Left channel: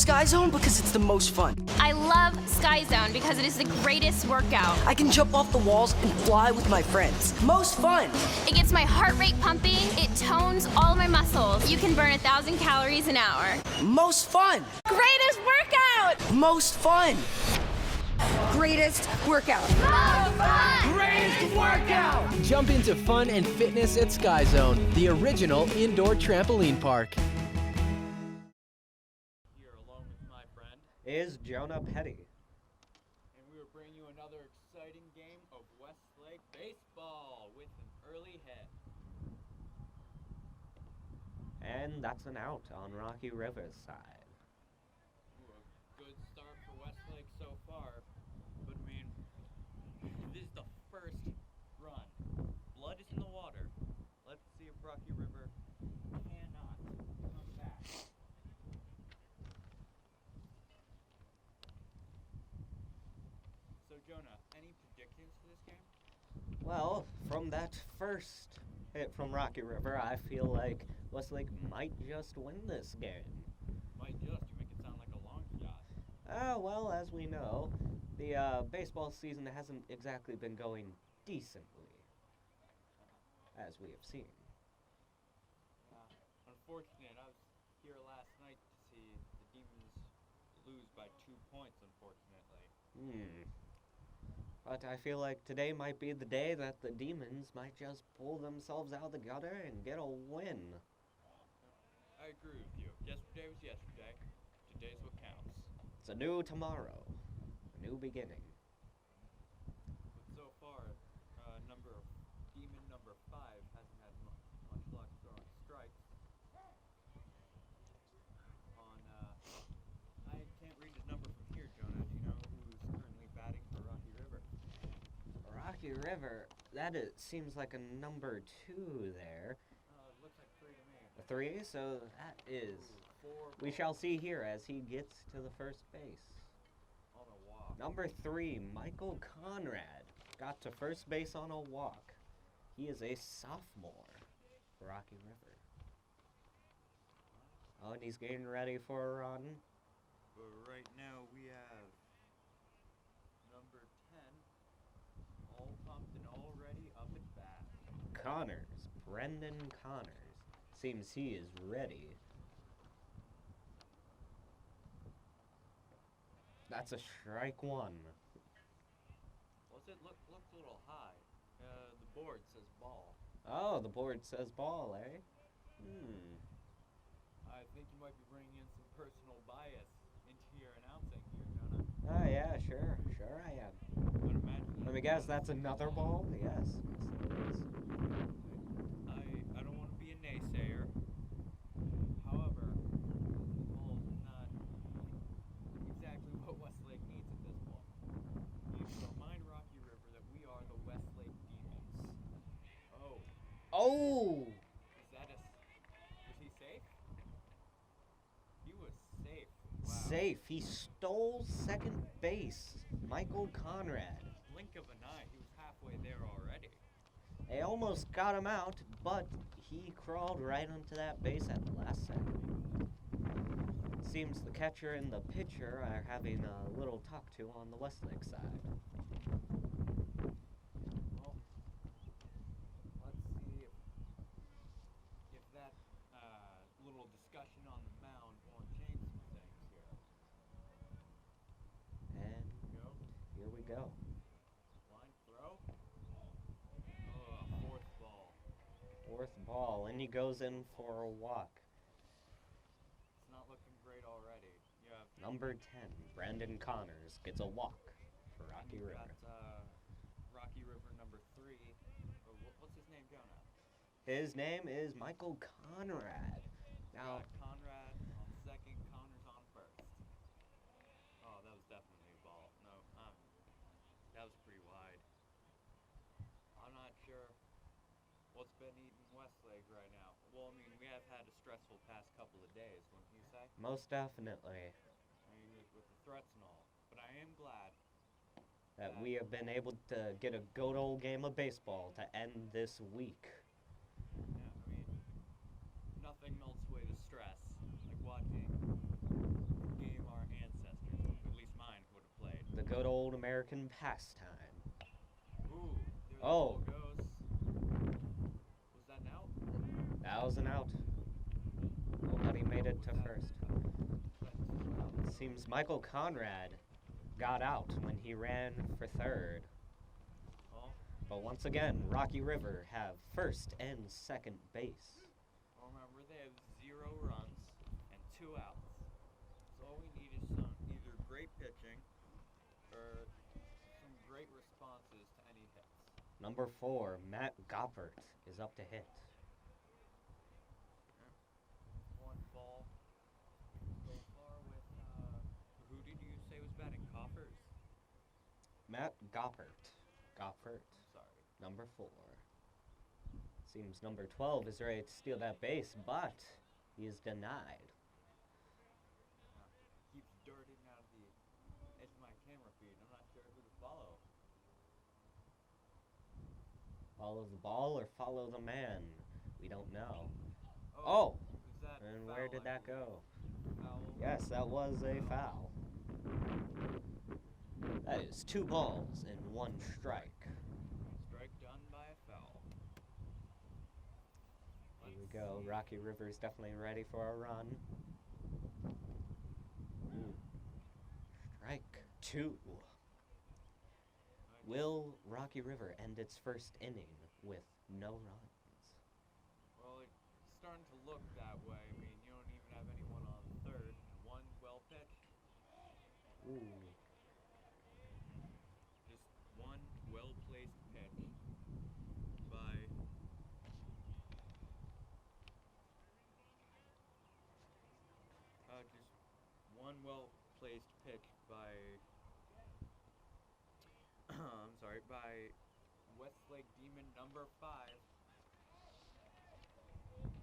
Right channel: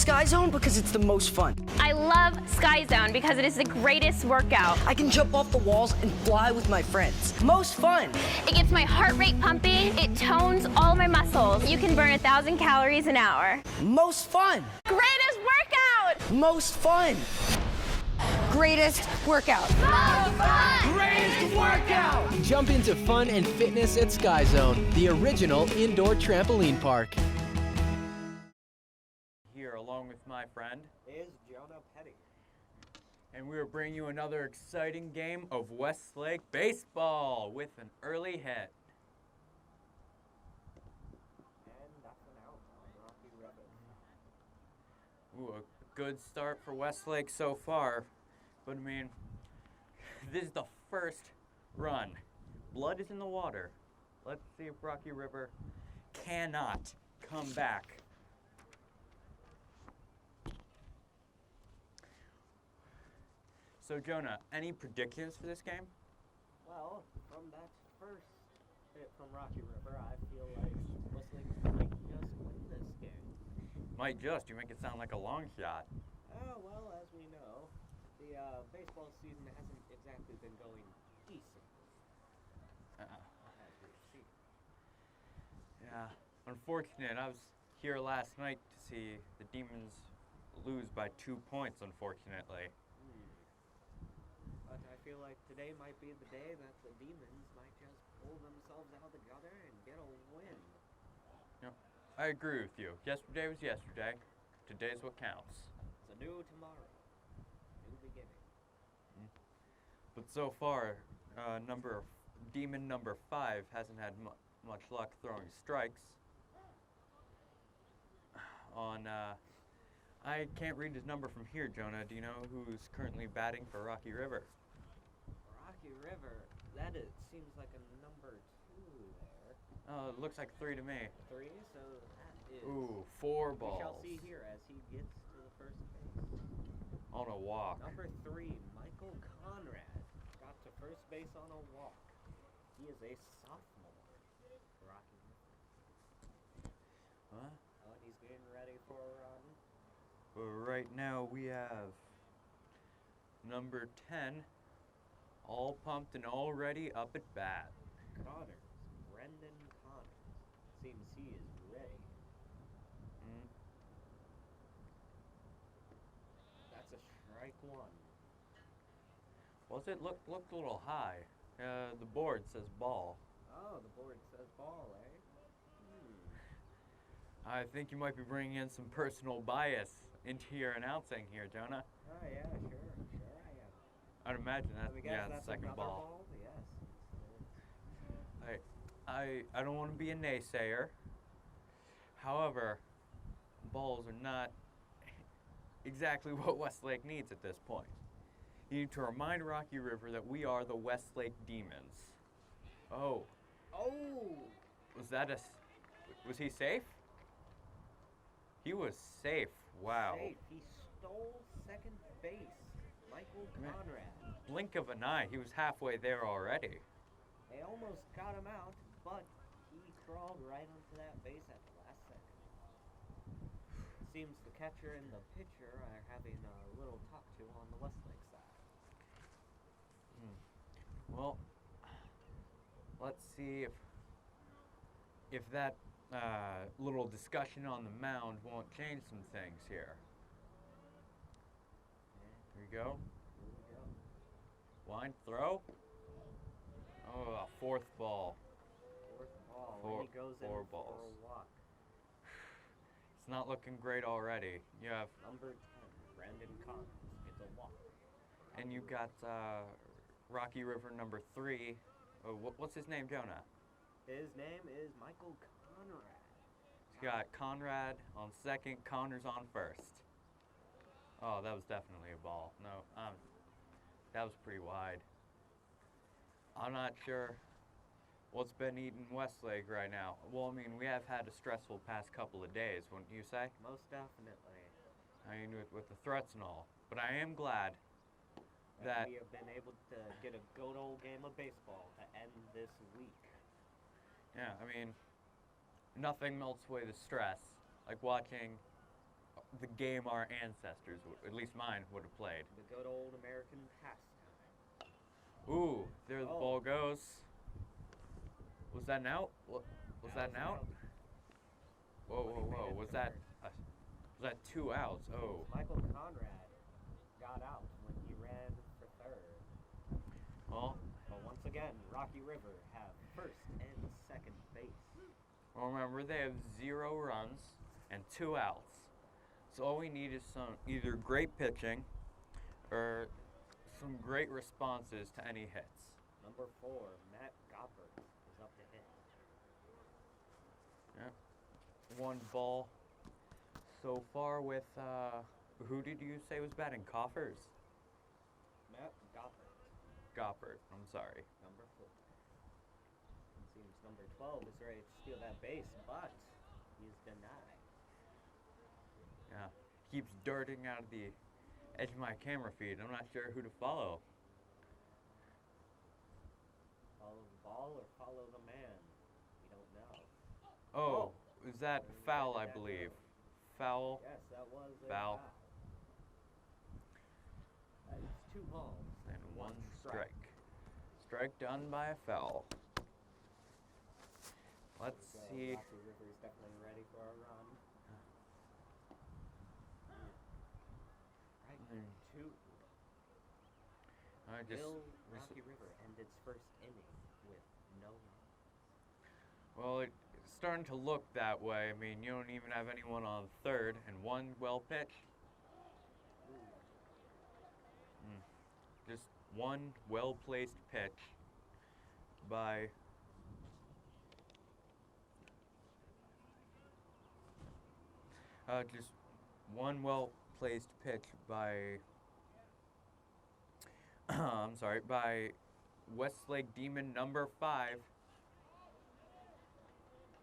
Sky Zone because it's the most fun. I love Sky Zone because it is the greatest workout. I can jump off the walls and fly with my friends. Most fun. It gets my heart rate pumping. It tones all my muscles. You can burn 1,000 calories an hour. Most fun. Greatest workout! Most fun. Greatest workout. Most fun! Greatest workout! Jump into fun and fitness at Sky Zone, the original indoor trampoline park. Here, along with my friend, is Jonah Petty. and we are bringing you another exciting game of Westlake baseball with an early hit. And that's an out on Rocky River's side. Ooh, a good start for Westlake so far, but I mean, this is the first run. Blood is in the water. Let's see if Rocky River cannot come back. So Jonah, any predictions for this game? Well, from that first hit from Rocky River, I feel like Westlake might just win this game. Might just, you make it sound like a long shot. Well, as we know, the baseball season hasn't exactly been going decently, as we have seen. Yeah, unfortunate. I was here last night to see the Demons lose by 2 points, unfortunately. But I feel like today might be the day that the Demons might just pull themselves out of the gutter and get a win. Yep, I agree with you. Yesterday was yesterday. Today's what counts. It's a new tomorrow, new beginning. But so far, Demon number 5 hasn't had much luck throwing strikes. I can't read his number from here, Jonah. Do you know who's currently batting for Rocky River? Rocky River, seems like a number 2 there. Oh, it looks like 3 to me. 3, so that is... Ooh, 4 balls. We shall see here as he gets to the first base. On a walk. Number 3, Michael Conrad, got to first base on a walk. He is a sophomore for Rocky River. What? Oh, and he's getting ready for a run. Right now we have number 10, all pumped and all ready up at bat. Connors, Brendan Connors. Seems he is ready. That's a strike 1. Was it? Looked a little high. The board says ball. Oh, the board says ball, eh? I think you might be bringing in some personal bias into your announcing here, Jonah. Oh, yeah, sure I am. I'd imagine that. Let me guess, yeah, that's second another ball? Yes, it is. I don't want to be a naysayer. However, balls are not exactly what Westlake needs at this point. You need to remind Rocky River that we are the Westlake Demons. Oh. Oh! Was he safe? He was safe. Wow. Safe. He stole second base. Michael Conrad. Blink of an eye. He was halfway there already. They almost got him out, but he crawled right onto that base at the last second. Seems the catcher and the pitcher are having a little talk-to on the Westlake side. Well, let's see if that little discussion on the mound won't change some things here. And Here we go. here we go. Line throw. Oh, fourth ball. Fourth ball, and he goes in for a walk. It's not looking great already. You have Number 10, Brandon Connors, gets a walk. and you got Rocky River number 3. What's his name, Jonah? His name is Michael Conrad. You got Conrad on second, Connors on first. Oh, that was definitely a ball. No, that was pretty wide. I'm not sure what's been eating Westlake right now. Well, I mean, we have had a stressful past couple of days, wouldn't you say? Most definitely. I mean, with the threats and all. But I am glad That we have been able to get a good old game of baseball to end this week. Yeah, I mean, nothing melts away the stress like watching the game our ancestors, at least mine, would have played. The good old American pastime. Ooh, there the ball goes. Was that an out? Was That was an out. Whoa, But he made it was to that, first. Was that 2 outs? Seems Michael Conrad got out when he ran for third. Oh. But once again, Rocky River have first and second base. Well, remember, they have 0 runs and 2 outs. So all we need is some either great pitching or some great responses to any hits. Number 4, Matt Goppert is up to hit. Yep. 1 ball so far with, who did you say was batting? Coffers? Matt Goppert. Goppert, I'm sorry. Number 4. Seems number 12 is ready to steal that base, but he is denied. Yeah. Keeps darting out of the edge of my camera feed. I'm not sure who to follow. Follow the ball or follow the man? We don't know. Oh! Is that And foul, where did I that believe? go? Foul? Yes, that was a foul. That is 2 balls and 1 strike. Strike done by a foul. Let's Here we see. go. Rocky River's definitely ready for a run. Strike 2. Will Rocky River end its first inning with no runs? Well, it's starting to look that way. I mean, you don't even have anyone on third and 1 well pitched. Just 1 well-placed pitch by just 1 well-placed pitch by I'm sorry, by Westlake Demon number 5.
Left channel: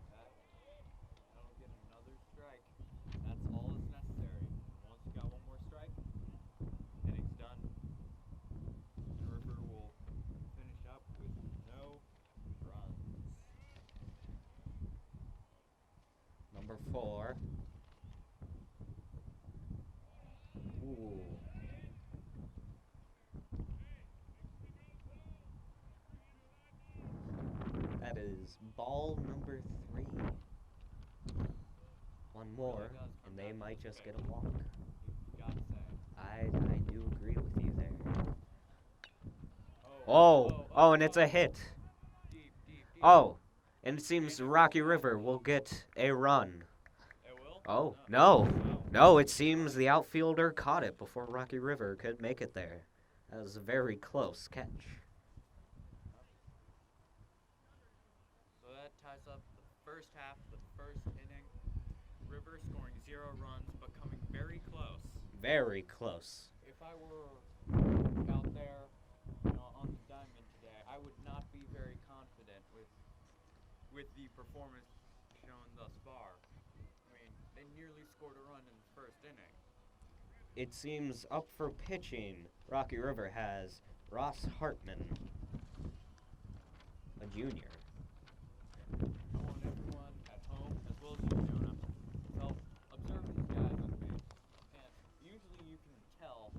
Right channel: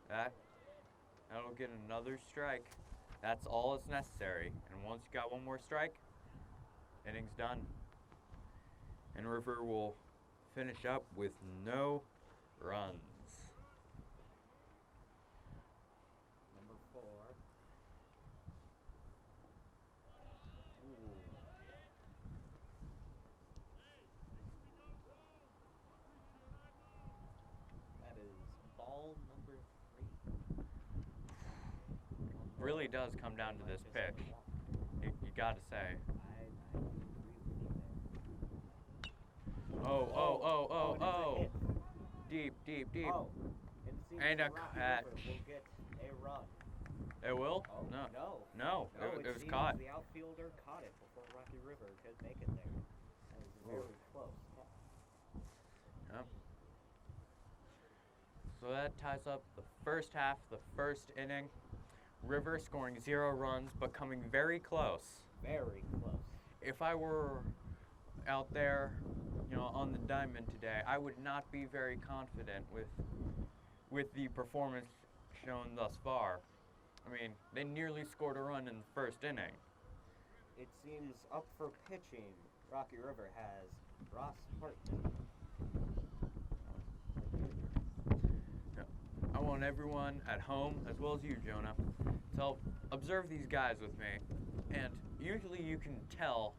That'll get another strike. That's all that's necessary. And once you got 1 more strike, inning's done. And River will finish up with no runs. Number 4. Ooh. That is ball number 3. 1 more. Really does come They down to might this just get pitch. a walk. You gotta say. I do agree with you there. Oh, and it's a hit. Deep. Oh, and it seems Ain't a Rocky catch. River will get a run. It will? Oh, No, no, it was seems caught. the outfielder caught it before Rocky River could make it there. That was a very close catch. Yep. So that ties up the first half, the first inning. River scoring 0 runs, but coming very close. Very close. If I were out there, on the diamond today, I would not be very confident with the performance shown thus far. I mean, they nearly scored a run in the first inning. It seems up for pitching, Rocky River has Ross Hartman, a junior. I want everyone at home, as well as you, Jonah, to observe these guys with me. And usually you can tell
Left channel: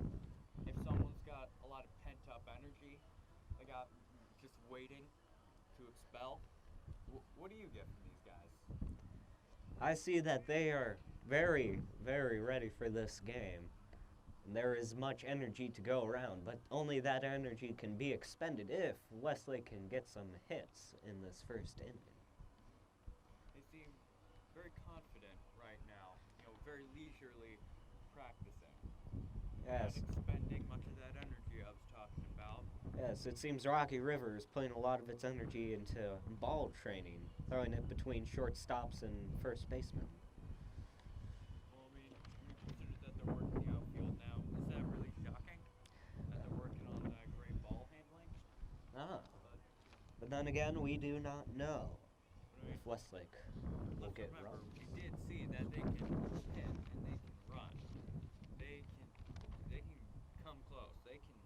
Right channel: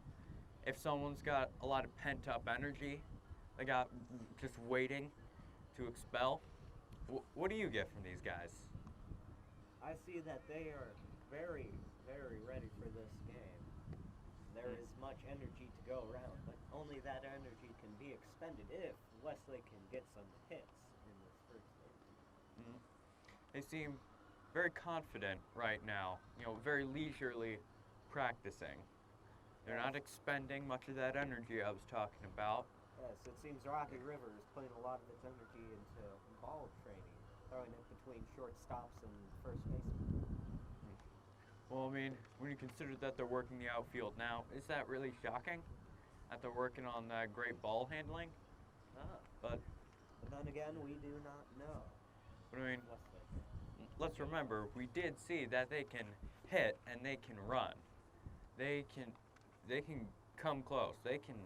if someone's got a lot of pent-up energy, they got just waiting to expel. What do you get from these guys? I see that they are very, very ready for this game. There is much energy to go around, but only that energy can be expended if Westlake can get some hits in this first inning. They seem very confident right now, very leisurely practicing. They're not expending much of that energy I was talking about. Yes, it seems Rocky River is putting a lot of its energy into ball training, throwing it between shortstops and first baseman. Well, I mean, when you consider that they're working the outfield now, is that really shocking? That they're working on that great ball handling? But then again, we do not know. But I mean, Westlake. let's remember, we did see that they can hit and they can run. They can come close. They can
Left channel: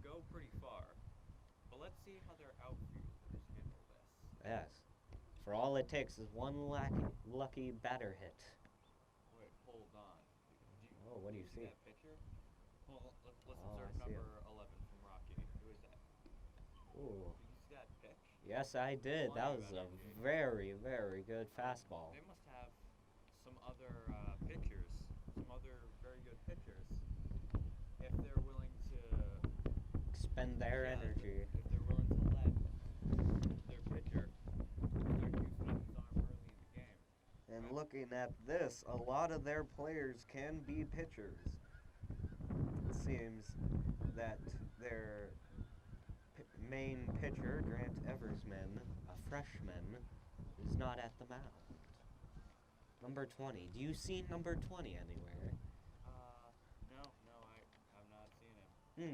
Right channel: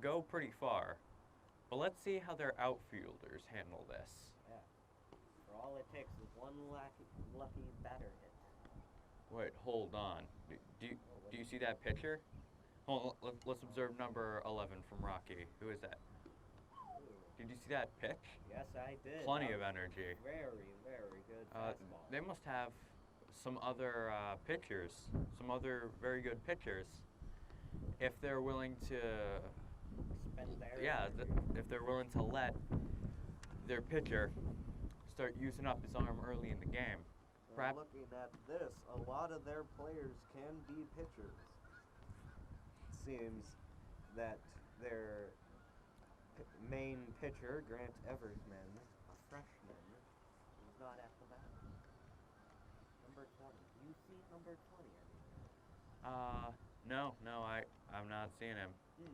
go pretty far. But let's see how their outfielders handle this. Yes. For all it takes is one lucky batter hit. Wait, hold on. Do you see that pitcher? Hold on, let's observe number 11 from Rocky. Who is that? Ooh. Did you see that pitch? Yes, I did. Plenty That of was a energy. very, very good fastball. They must have some other pitchers, some other very good pitchers, if they're willing to Expend their energy. if they're willing to let their pitcher start using up his arm early in the game. And looking at this, a lot of their players can be pitchers. It seems that their main pitcher, Grant Eversman, a freshman, is not at the mound. Number 20. Do you see number 20 anywhere? No, I'm not seeing him. Yes.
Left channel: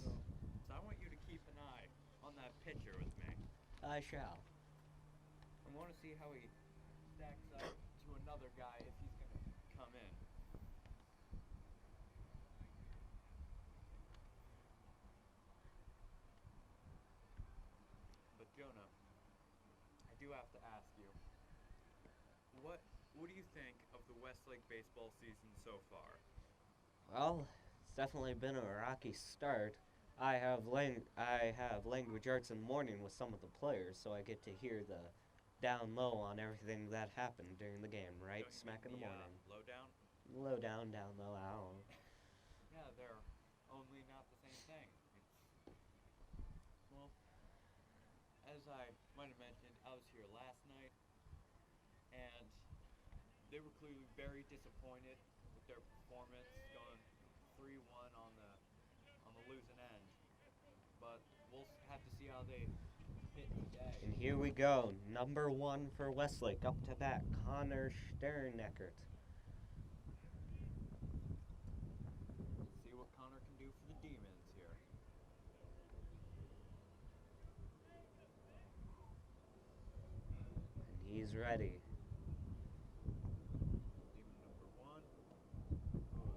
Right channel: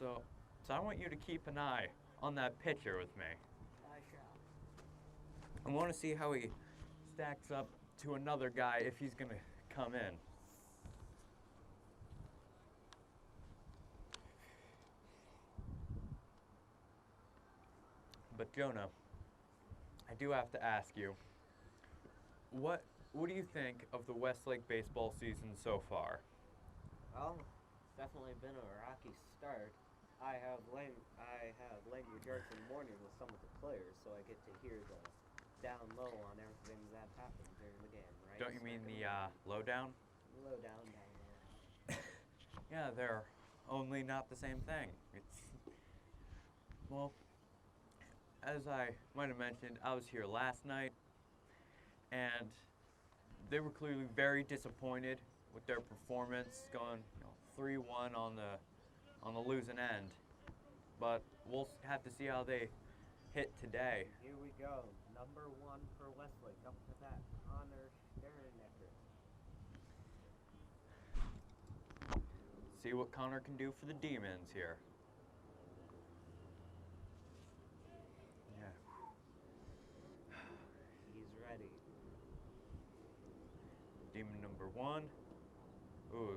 So I want you to keep an eye on that pitcher with me. I shall. I want to see how he stacks up to another guy if he's going to come in. But Jonah, I do have to ask you, what do you think of the Westlake baseball season so far? Well, it's definitely been a rocky start. I have language arts in the morning with some of the players, so I get to hear the down low on everything that happened during the game, right? Don't you mean Smack in the lowdown? low down, down low, ow. Yeah, they're only not the same thing. Well, as I might have mentioned, I was here last night, and they were clearly very disappointed with their performance, going 3-1 on the losing end. But we'll have to see how they hit today. And here we go. Number 1 for Westlake, up to bat, Connor Sterneckert. See what Connor can do for the Demons here. He's ready. Demon number 1. Ooh.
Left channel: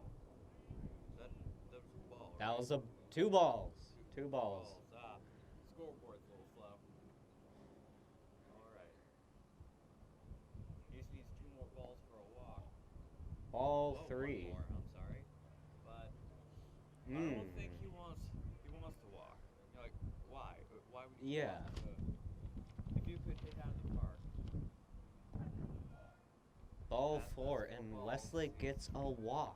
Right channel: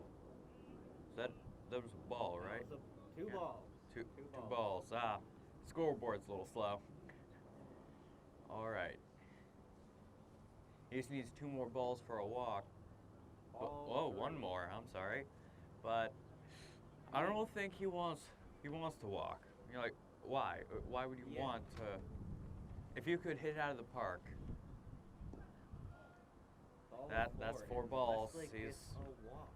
That was a ball, right? That was two balls. Two balls. Scoreboard's a little slow. All right. He just needs 2 more balls for a walk. Ball 3. 1 more. I'm sorry, but I don't think he wants to walk. You're like, why? Why would you want to? If you could hit it out of the park. Ball 4, That's 4 and balls. Westlake gets a walk.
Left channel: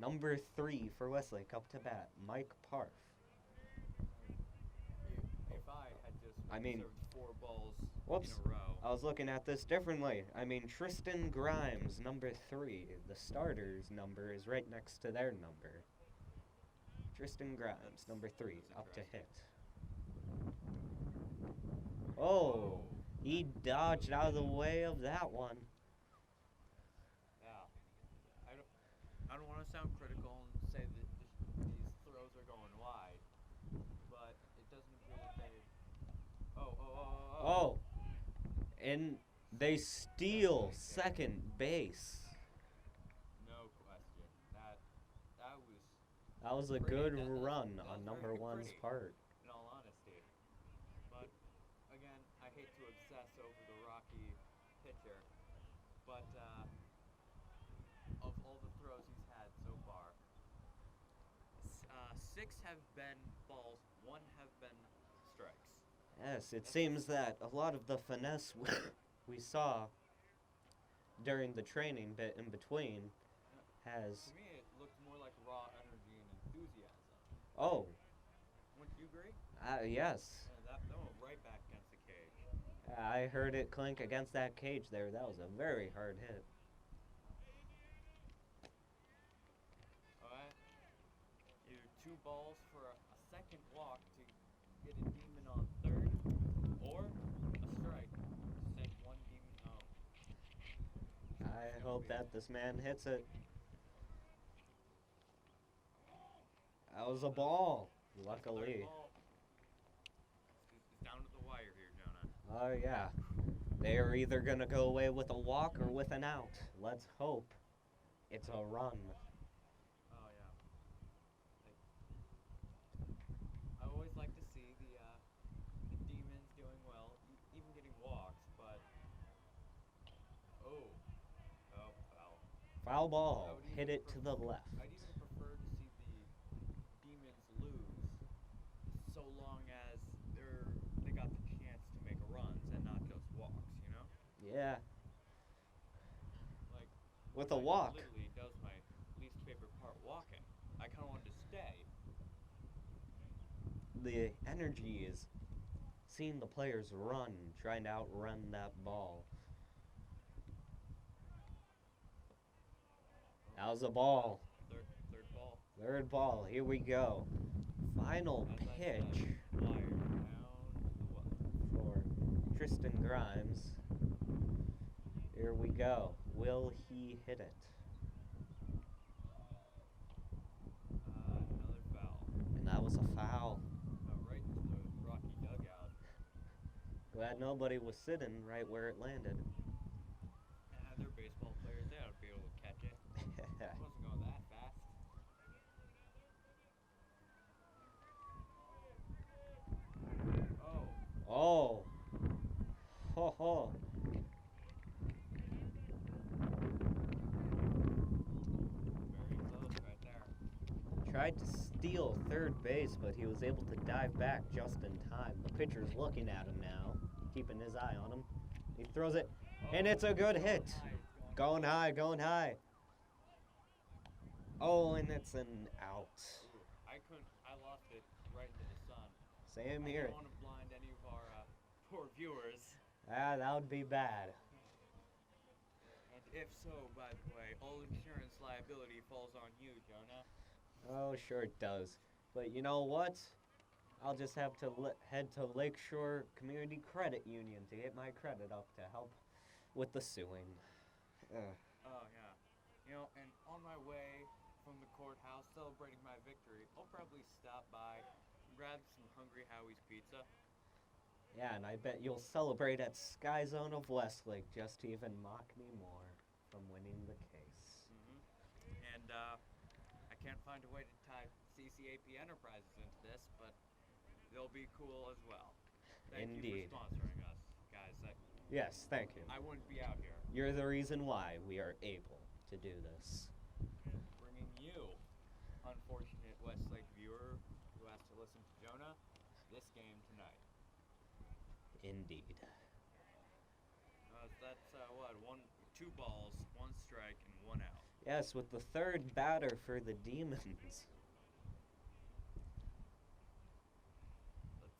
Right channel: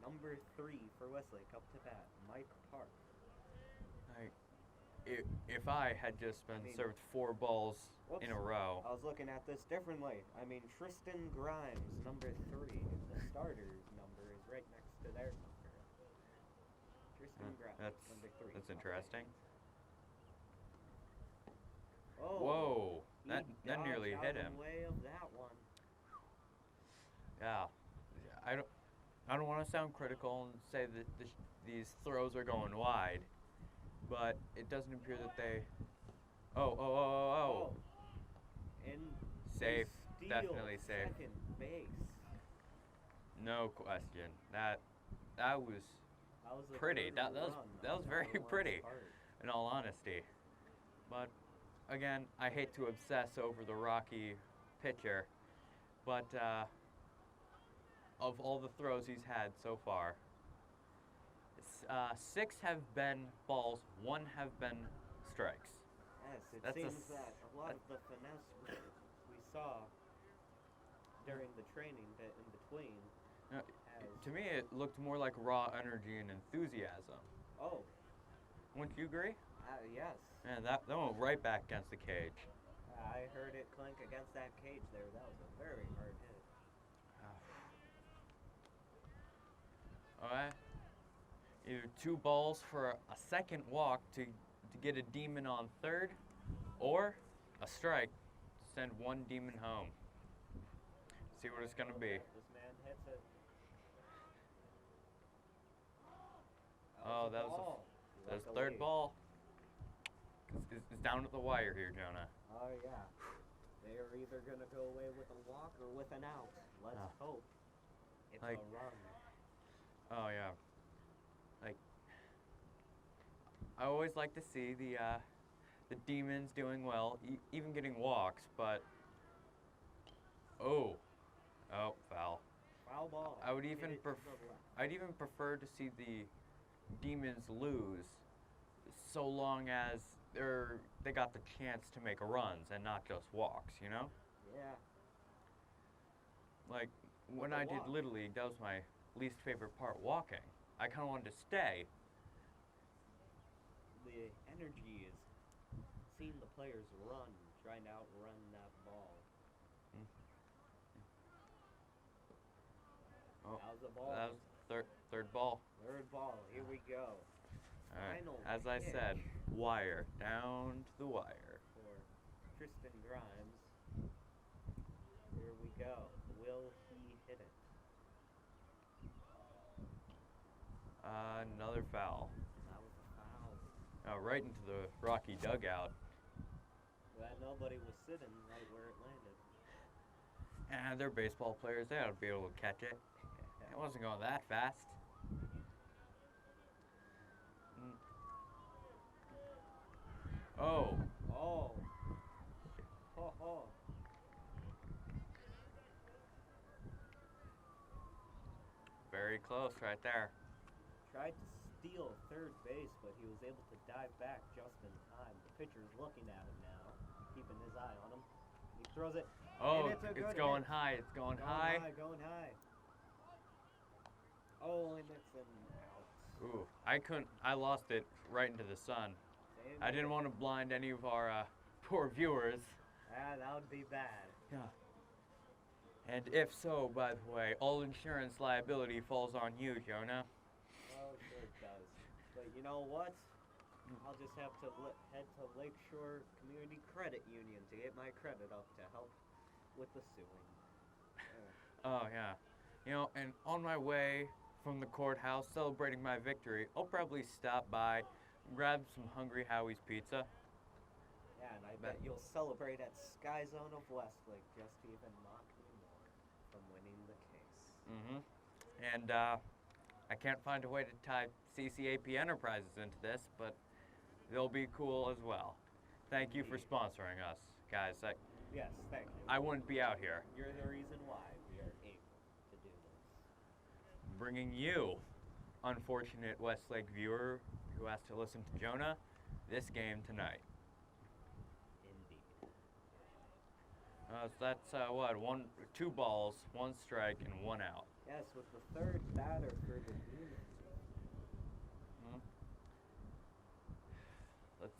Number 3 for Westlake, up to bat, Mike Parf. If I had just been served 4 balls in a row. I was looking at this differently. I mean, Tristan Grimes, number 3. The starter's number is right next to their number. Tristan Grimes, number 3. That's interesting. Oh, whoa! He That dodged nearly out of hit the him. way of that one. Yeah, I don't want to sound critical and say that these throws are going wide, but it doesn't appear that they. Oh! And they Safe. steal Definitely safe. second base. No question. That was a pretty. good That was run. that was on very number one's pretty. part. In all honesty, but again, I hate to obsess over the Rocky pitcher, but of all the throws he's had so far, 6 have been balls, 1 have been strikes. Yes, it That's seems that a lot of the finesse we saw during the training bit in between has. To me, it looked more like raw energy and enthusiasm. Oh, Wouldn't you agree? yes. Man, that went right back against the cage. I heard it clink against that cage there. That was a very hard hit. All right. Either 2 balls for a second walk to get a demon on third, or a strike to send 1 demon home. See what it's gonna be. I hope that this man hits it. That was a ball. That's the luckily. 3rd ball. It's down at the wire here, Jonah. Oh, yeah. They are either going to go away with a walk or with an out. Let's hope it's a run. Oh yeah. Like, I always like to see the demons doing well, even getting walks. But Oh, foul. Foul ball. I would even Hit it to the left. I'd even prefer to see the Demons lose, so long as they got the chance to make runs and not just walks. You know, Yeah. like With when a I walk. did Little League, that was my least favorite part. Walking. I kind of wanted to stay. The energy is seeing the players run, trying to outrun that ball. Oh, That was a ball. Third ball. Third ball. Here we go. Final As I pitch said, wire down to the wire. for Tristan Grimes. Here we go. Will he hit it? Another foul. And that was a foul. Right into the Rocky dugout. Glad nobody was sitting right where it landed. And they're baseball players. They ought to be able to catch it. It wasn't going that fast. Oh. Oh. Ho ho. Very close right there. Tried to steal third base, but he was able to dive back just in time. The pitcher's looking at him now, keeping his eye on him. He throws it, and it's a good it's going hit. high. It's going high. Going high. Oh, and it's an out. Ooh, I lost it right into the sun. Same I here. didn't want to blind any of our poor viewers. Ah, that would be bad. Yeah. And if so, by the way, all insurance liability falls on you, Jonah. Oh, sure it does. But you know what? I'll just have to head to Lakeshore Community Credit Union to get my credit up to help with the suing. Oh, yeah. You know, and on my way from the courthouse celebrating my victory, I'll probably stop by, grab some Hungry Howie's pizza. Yeah, and I bet you'll celebrate at Sky Zone of Westlake just to even mock me more from winning the case. Mm-hmm. And, I can't find a way to tie CCAP Enterprises into this, but they'll be cool as well. Thank you for Indeed. sponsoring us, guys. Yes, thank you. I wouldn't be out here You're the reason why we are able to do this. bringing you, unfortunate Westlake viewer who has to listen to Jonah, this game tonight. Indeed. So that's two balls, 1 strike, and 1 out. Yes, with the third batter for the Demons. Let's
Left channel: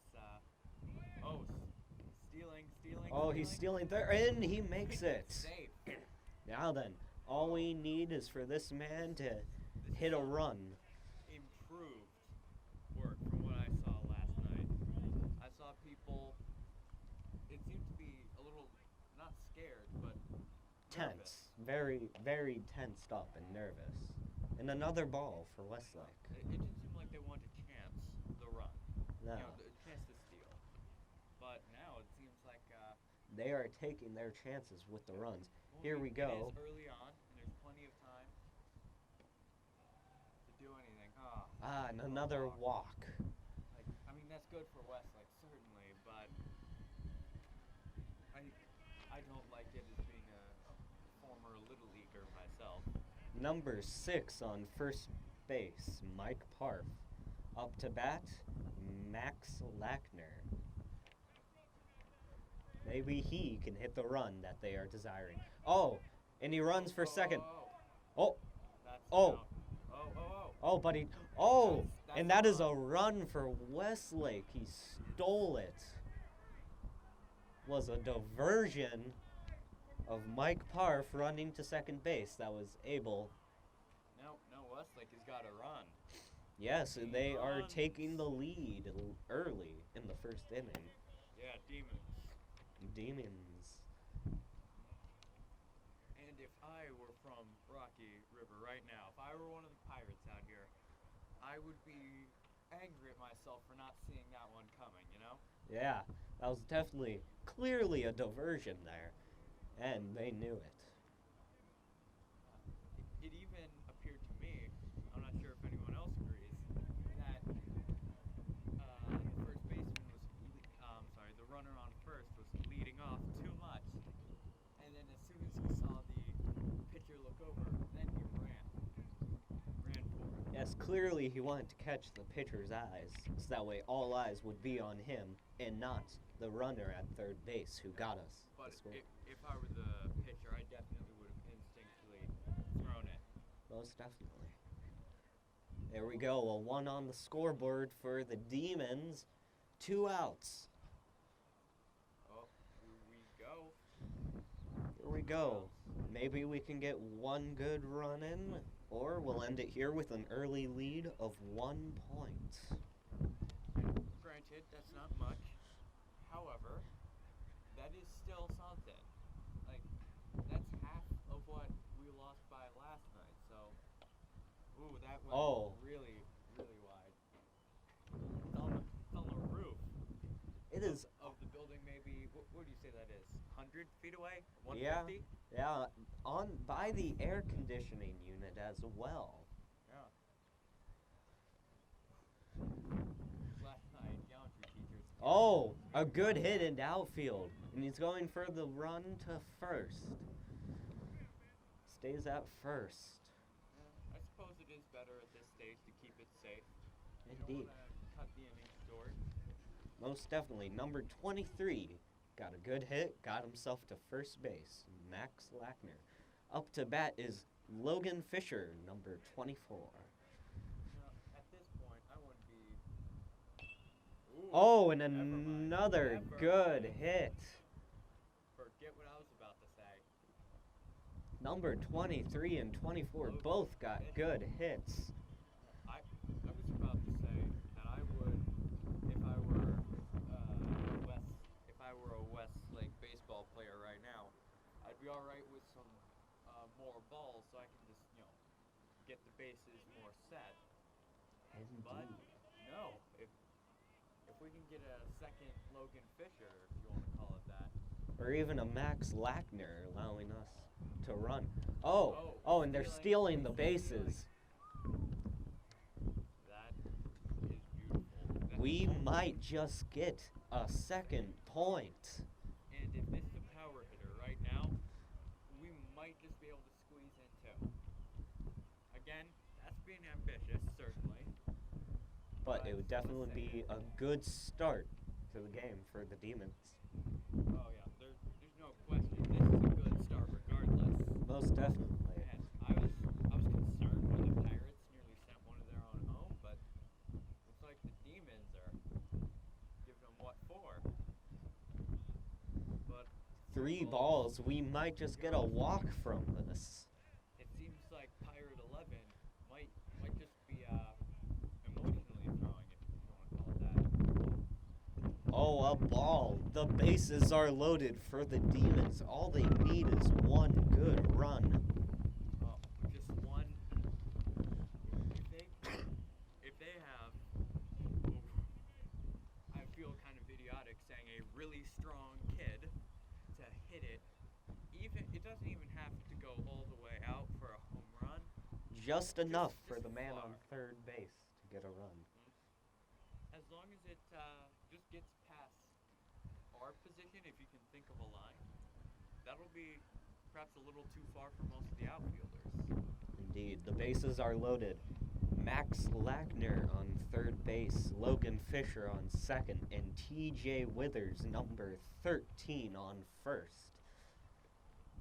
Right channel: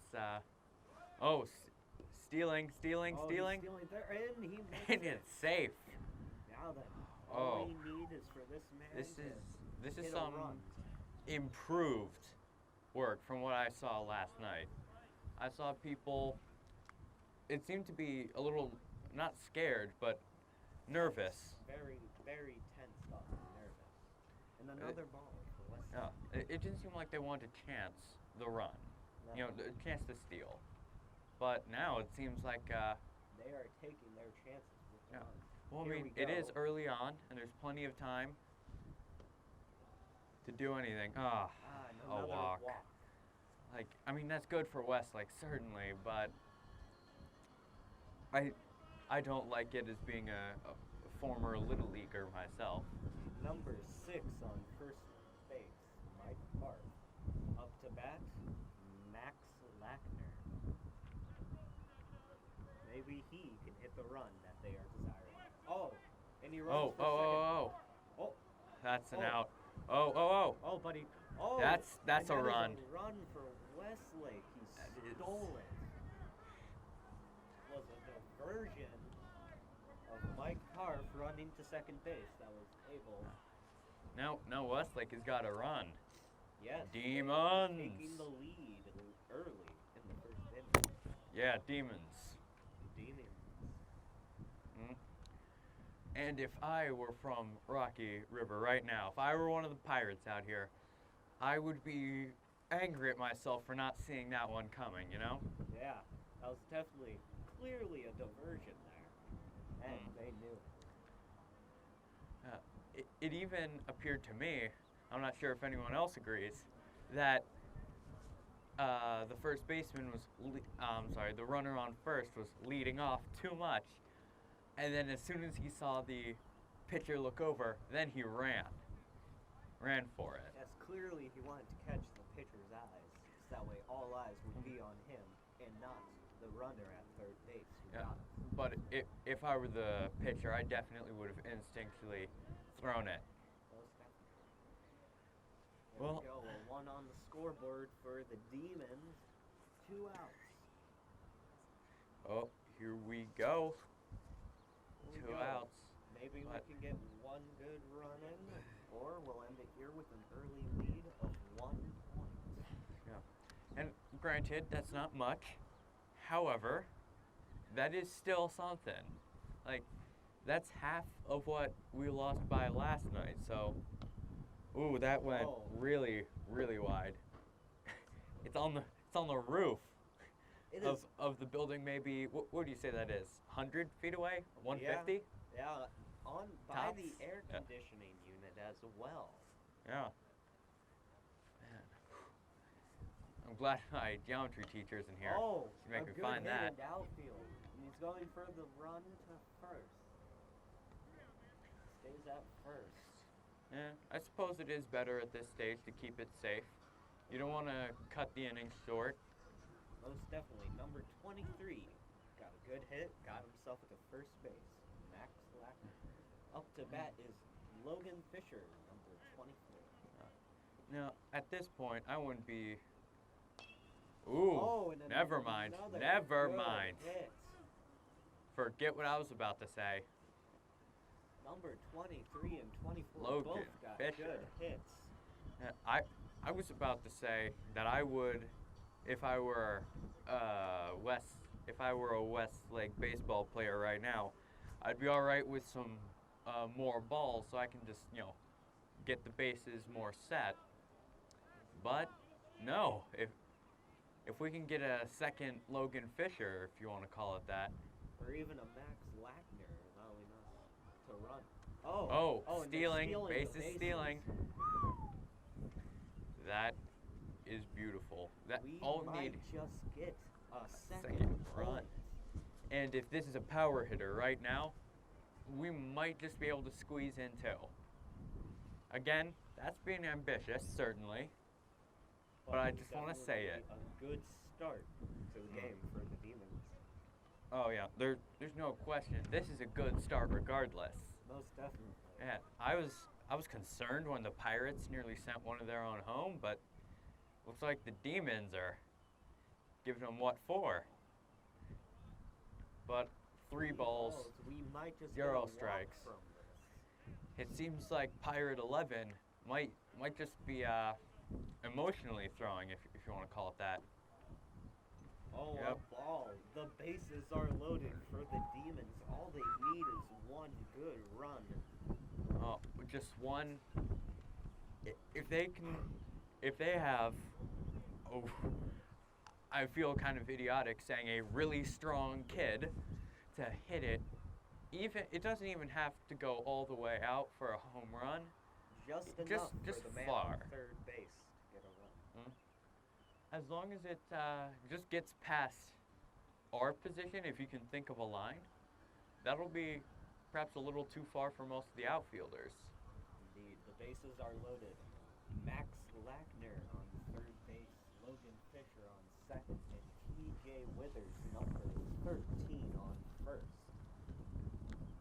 stealing. Oh, he's stealing third, and he makes And it. it's safe. Now then, all Oh. we need is for this man to This hit is a some run. improved work from what I saw last night. I saw people. It seemed to be a little not scared, but nervous. Tense. Very, very tensed up and nervous. And another ball for Westlake. No, it didn't seem like they wanted to chance the run. No. You know, the chance to steal. But now it seems like They are taking their chances with the Yeah. runs. well, Here I we mean, go. it is early on, and there's plenty of time to do anything. Ah, and a another walk. Like, I mean, that's good for Westlake, certainly, but I don't like it as being a former Little Leaguer myself. Number 6 on first base, Mike Parf. Up to bat, Max Lackner. Maybe he can hit the run that they are desiring. Oh, and he runs for second. Oh, That's Oh. an out. Oh. but he. Oh, That's and a that is a run. run for Westlake. He stole it. Was a diversion of Mike Parf running to second base that was able. Now Westlake has got to run. Yes, and they are Demons. taking the lead early in the first inning. Yeah, Demons. Demons. And if I were from Rocky River right now, if I were one of the Pirates out here, I would be angry at myself for not seeing that one coming, you know? Yeah, that was definitely, clearly a diversion there, and they knew it. It even appeared to me, I'm not sure if anyone else agrees, that the first baseman was, the runner on first was leading off too much. And then as soon as he saw the pitcher look over, then he ran for it. Yes, clearly he wanted to catch the pitcher's eyes, so that way all eyes would be on him and not the runner at third base who got us. But if I were the pitcher, I definitely would have instinctually thrown it. Most definitely. There we go, a 1 on the scoreboard for the Demons. 2 outs. Oh, here we go. Here we 2 go. outs. Maybe we can get 1 good run in, or we'll end it here with an early lead of 1 point. Yeah. And granted, that's not much. However, that is still something. Like, that's half of what we lost by last night. So, ooh, that went really, really wide. It's on the roof of the building. Maybe what do you say that is? 100 feet away? 150? Yeah, by the air conditioning unit as well. Yeah. Man. I'm glad my geometry teacher's in here. Oh, Make a me good find hit that. into outfield. And he's going for the run to first. Stays at first. Yeah, I suppose it is better at this stage to keep it safe. You don't want to cut the inning short. Most definitely. Number 23 got a good hit, got himself to first base. Max Lackner. Up to bat is Logan Fisher, number 24. Now, at this point, I wouldn't be... Ooh, Oh, and never mind. another Never good mind. hit. Forget what I was about to say. Number 23 and 24 Logan both got Fisher. good hits. I was about to say that I would, if I were a Westlake baseball player right now, I'd be all right with some more balls so I can just, get the bases more set. But no, if we can get a second Logan Fisher, if you want to call it that, Or even a Max Lackner allowing us to run. And they're stealing the bases. Stealing. That is beautiful. We might just get a second point. And if this is a power hitter right now, we might just be able to squeeze in 2. Again, that's being ambitious, certainly. But I just want to say it. A good start to the game for the Demons. Oh yeah, there's no question. This is a good start regardless. Most definitely. Yeah, I was concerned when the Pirates nearly sent one of their own home, but looks like the Demons are giving them what for. But 3 balls. We might just get a Zero walk strikes. from this. It seems like Pirate 11 might just be emotionally throwing, if you want to call it that. Oh, Yep. a ball. The bases are loaded for the Demons. All they need is 1 good run. Oh, just one. If they have, I feel kind of idiotic saying a really strong kid to hit it. It doesn't even have to go all the way out for a home run. Just enough just for the man far. on third base to get a run. As long as it just gets past our position, if you can think of a line, that'll be perhaps a little too far for most of the outfielders. Indeed, the bases are loaded. Max Lackner on third base, Logan Fisher on second, and TJ Withers, number 13, on first.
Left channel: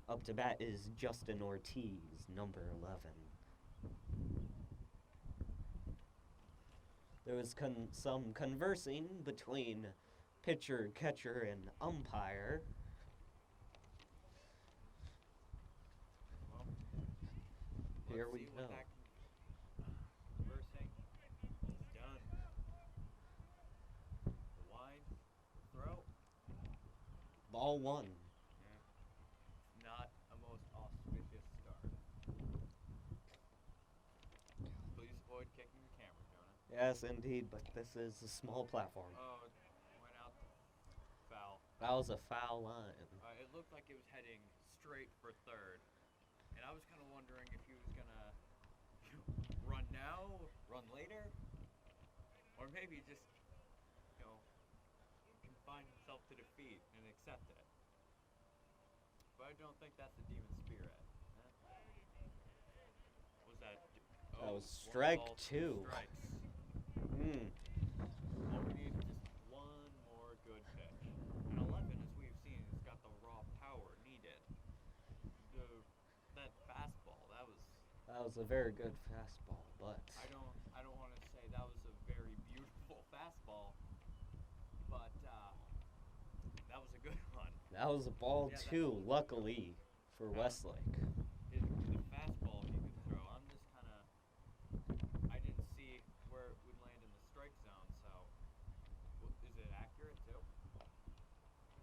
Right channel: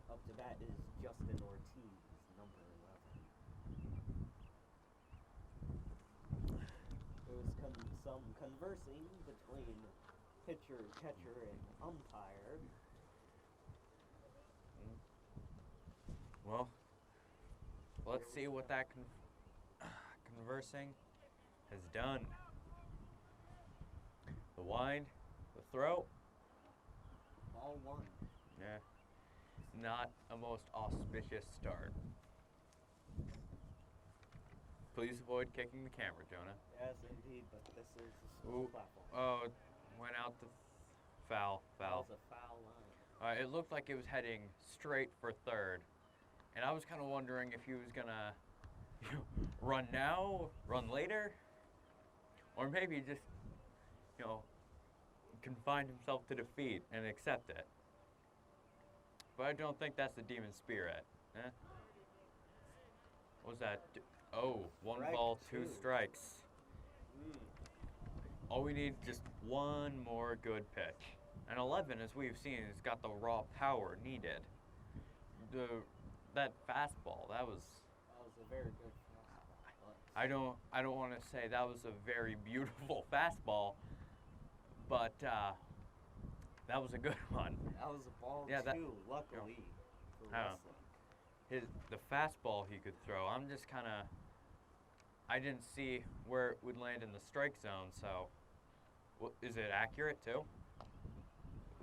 Up to bat is Justin Ortiz, number 11. There was some conversing between pitcher, catcher, and umpire. Well, let's Here we see what go. that conversing has done. The wind, the throw. Ball 1. Yeah, not a most auspicious start. Please avoid kicking the camera, Jonah. Yes, indeed, but this is a small platform. Oh, it went out the foul. Foul's a foul line. It looked like it was heading straight for third. And I was kind of wondering if he was going to run now, run later, or maybe just, confine himself to defeat and accept it. But I don't think that's the demon spirit. Eh? What was that? Oh, one strike ball, two two. strikes. Hmm. All we need is just one more good pitch. And 11, as we've seen, has got the raw power needed. That fastball, that was a very good fastball, but I don't want to say that was a very beautiful fastball, but that was a good one. that was a ball Yeah, too. Luckily for Westlake. The fastball he could throw. I'm just kind of I didn't see where it would land in the strike zone, so is it accurate too?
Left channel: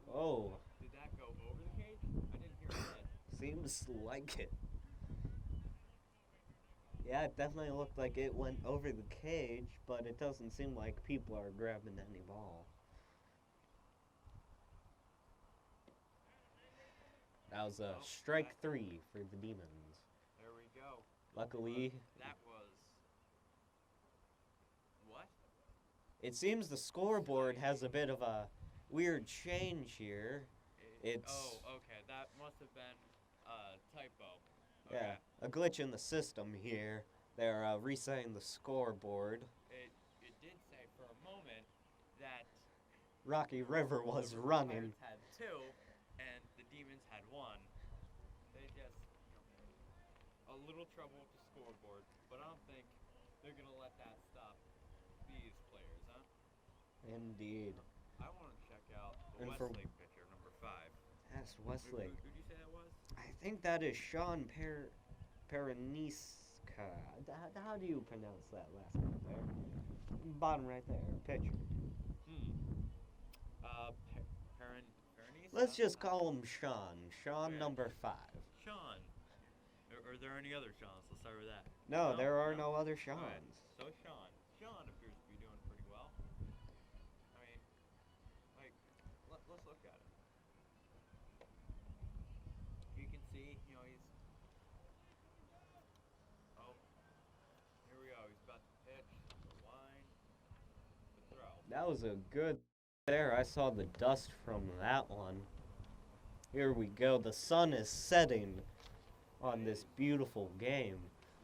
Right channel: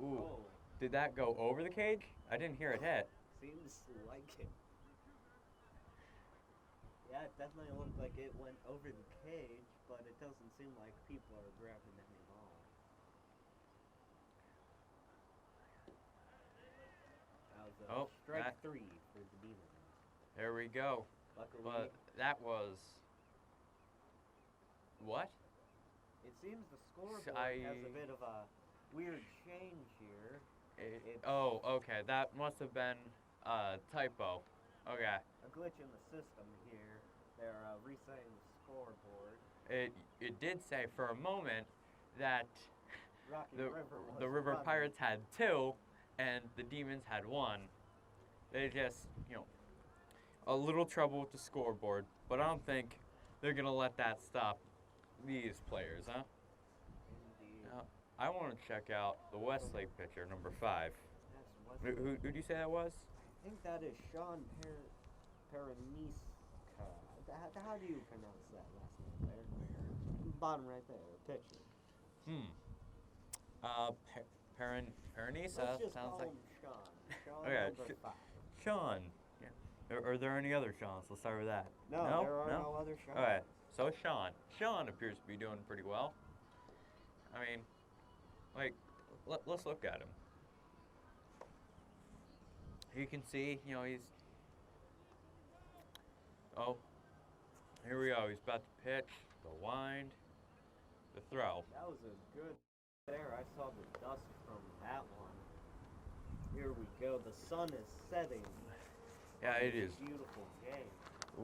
Ooh. Whoa. Did that go over the cage? I didn't hear it hit. Seems like it. Yeah, it definitely looked like it went over the cage, but it doesn't seem like people are grabbing any ball. That was a strike 3 for the Demons. There we go. Luckily, that was what? it seems the scoreboard has a bit of a weird change here. Oh, okay. That must have been a typo. Okay. Yeah, a glitch in the system here. They're resetting the scoreboard. It did say for a moment that Rocky River was the River running. Pirates had 2 and the Demons had 1. They just, a little trouble with the scoreboard, but I don't think they're going to let that stop these players, huh? Indeed. I want to check out the Westlake pitcher, number 5. That's Westlake. Who do you say that was? I think that is Sean Peroniska. How do you pronounce that last name? Bottom right there, pitcher. Peronice? Let's just call him Sean. Sean Okay, number 5. Sean. Yeah. Are there any other Seans? Let's start with that. No, there are no other Seans. All right. So Sean. Sean appears to be doing pretty well. I mean, let's look at him. You can see, he's. Oh, here we go. He's about to pitch, the wind, the throw. That was a good there. I saw the dust from that one. Here we go. The sun is setting on Yeah, it this is. beautiful game.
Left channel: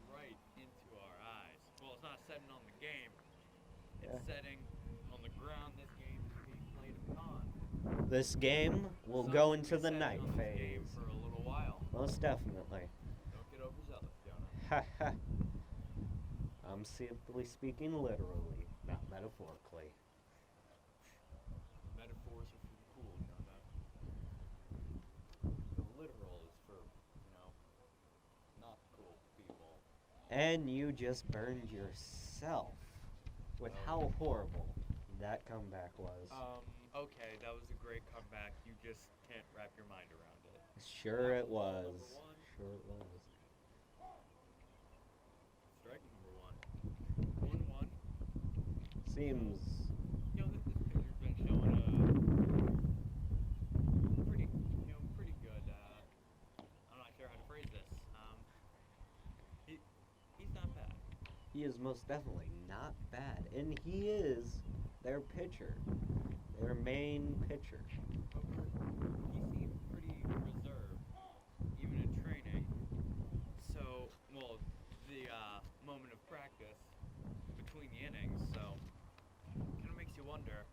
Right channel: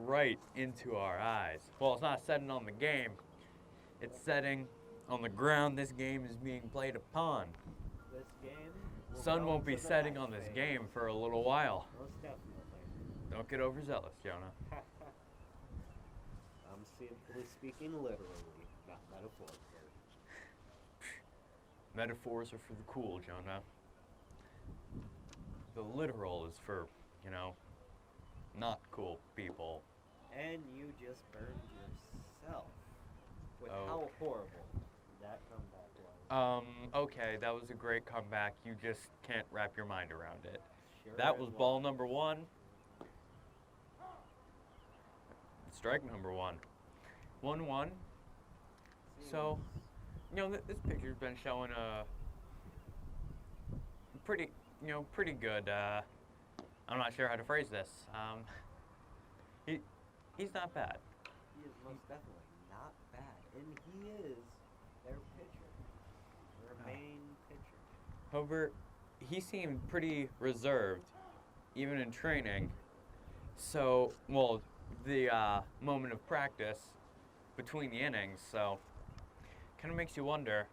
Right into our eyes. Well, it's not setting on the game. It's setting on the ground this game is being played upon. This game will Sun go won't into be the setting night on this phase. game for a little while. Most definitely. Don't get overzealous, Jonah. I'm simply speaking literally, not metaphorically. Metaphors are for the cool, Jonah. The literal is for, not cool people. And you just burned yourself with how horrible that comeback was. Okay, that was a great comeback. You just can't wrap your mind around it. Sure That it was ball number 1. Sure it was. Strike number 1. 1-1. Seems So, this picture's been showing a pretty good, I'm not sure how to phrase this. He's not bad. he is most definitely not bad, and he is their pitcher, their main pitcher. However, he seemed pretty reserved, even in training. So, the moment of practice between the innings, so kind of makes you wonder,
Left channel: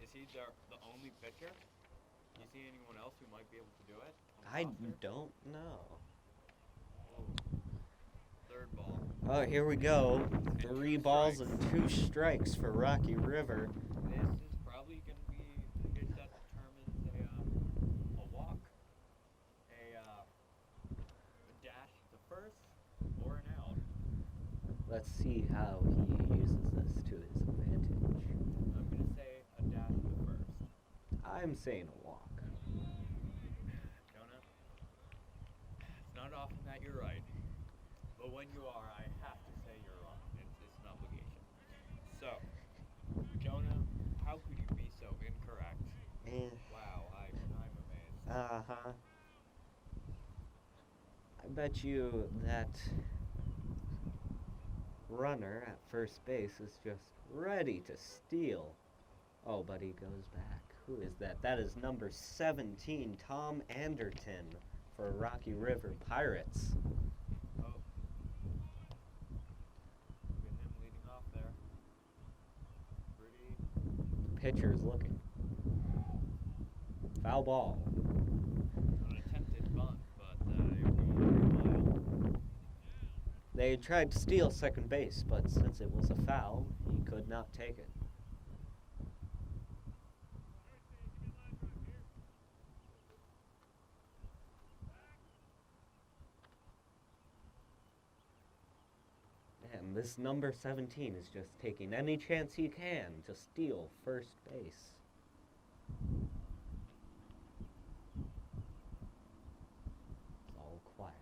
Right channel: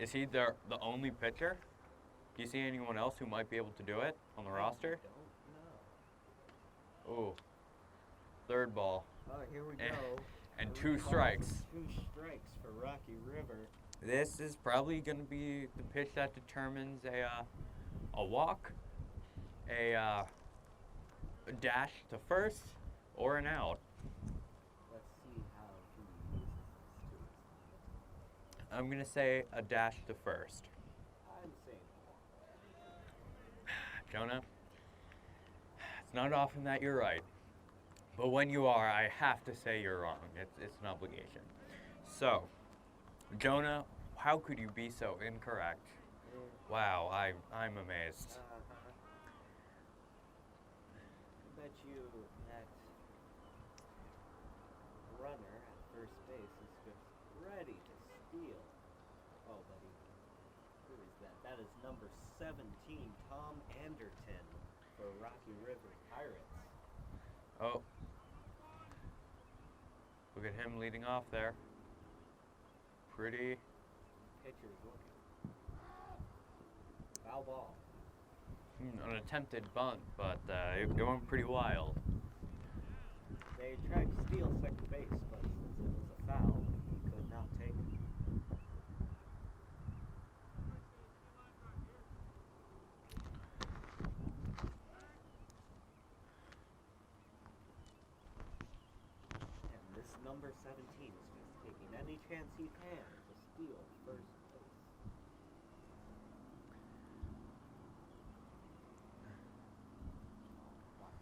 is he the only pitcher? Do you see anyone else who might be able to do it on the roster? I don't know. Ooh. Third ball. Oh, here we go. And 3 2 balls strikes. and 2 strikes for Rocky River. This is probably going to be the pitch that determines a walk, a dash to first, or an out. Let's see how he uses this to his advantage. I'm going to say a dash to first. I'm saying a walk. Jonah, it's not often that you're right, but when you are, I have to say you're wrong. It's an obligation. So, Jonah, how could you be so incorrect? Wow, I'm amazed. Uh-huh. I bet you that runner at first base is just ready to steal. Oh, but he goes back. Who is that? That is number 17, Tom Anderton for Rocky River Pirates. Oh, at him leading off there. Pretty. Pitcher's looking. Foul ball. An attempted bunt, but it went pretty wild. They tried to steal second base, but since it was a foul, he could not take it. And this number 17 is just taking any chance he can to steal first base. It's all quiet.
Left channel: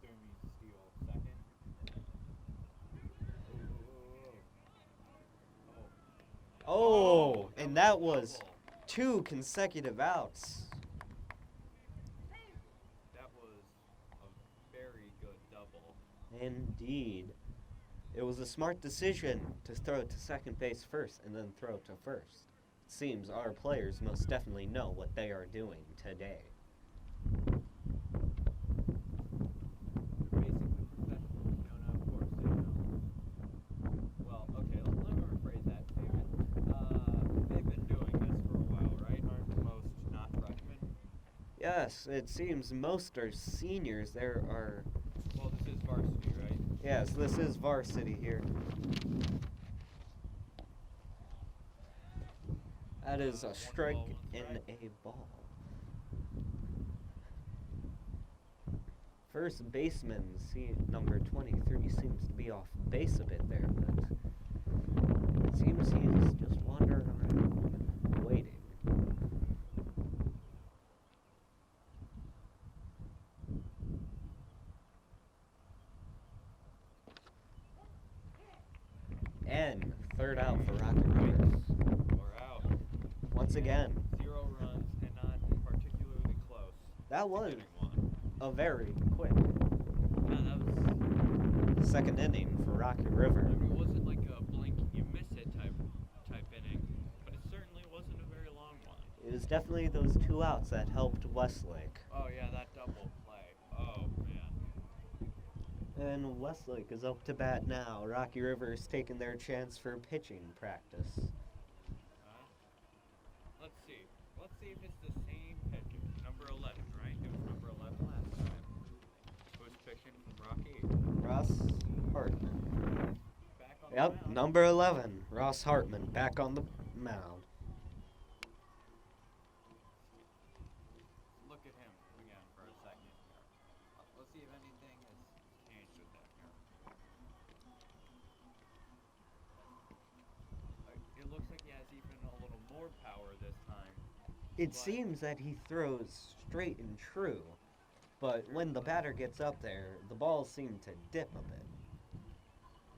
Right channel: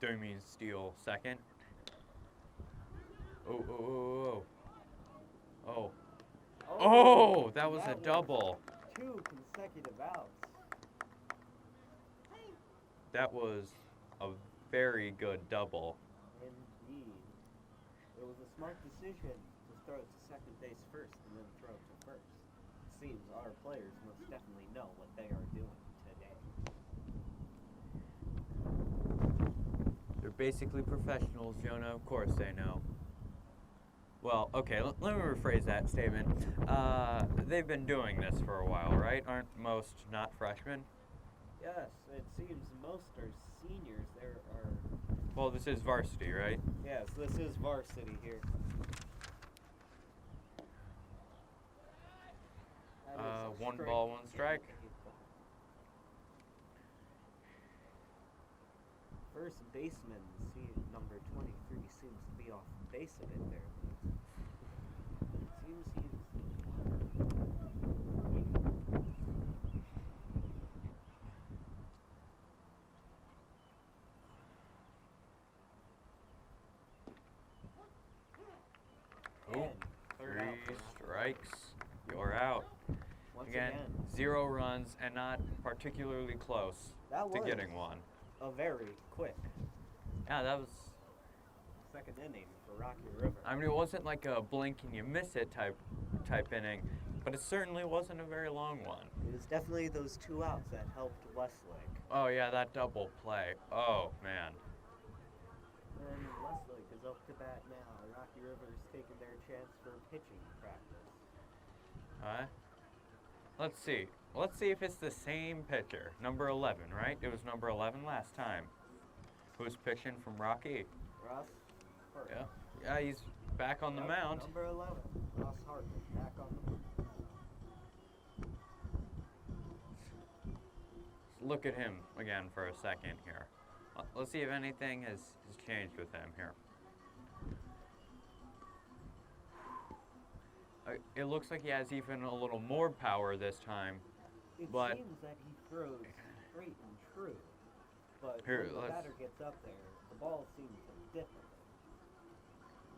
Do you mean steal second? Oh, oh, oh, oh. Oh. Oh, that was a double. 2 consecutive outs. That was a very good double. Indeed. It was a smart decision to throw it to second base first and then throw it to first. It seems our players most definitely know what they are doing today. They're basically professionals, Jonah. Of course they know. Well, okay, let me rephrase that statement. They've been doing this for a while, right? Aren't most not freshmen? Yes, it seems most are seniors. There are... Well, this is varsity, right? Yes, this is varsity here. That is a one strike ball, one strike. and a ball. First baseman, number 23, seems to be off base a bit there, but it seems he's just wandering around, waiting. And third out for Rocky. Strikes. You're out. Once again. 0 runs and not particularly close That to was getting one. a very quick Yeah, that was. second inning for Rocky River. I mean, it wasn't like a blink and you miss it type inning, but it certainly wasn't a very long one. It was definitely those 2 outs that helped Westlake. Oh yeah, that double play. Oh man. And Westlake is up to bat now. Rocky River is taking their chance for pitching practice. Alright. Let's see. Let's see if it's the same pitcher. Number 11, right? It was number 11 last time. Who's pitching from Rocky? Ross Hartman. Yeah, he's back on the Yep, mound. number 11, Ross Hartman, back on the mound. Look at him again for a second here. Let's see if anything has changed with him here. It looks like he has even a little more power this time. It but seems that he throws straight and true, but Here, when the let's- batter gets up there, the balls seem to dip a bit.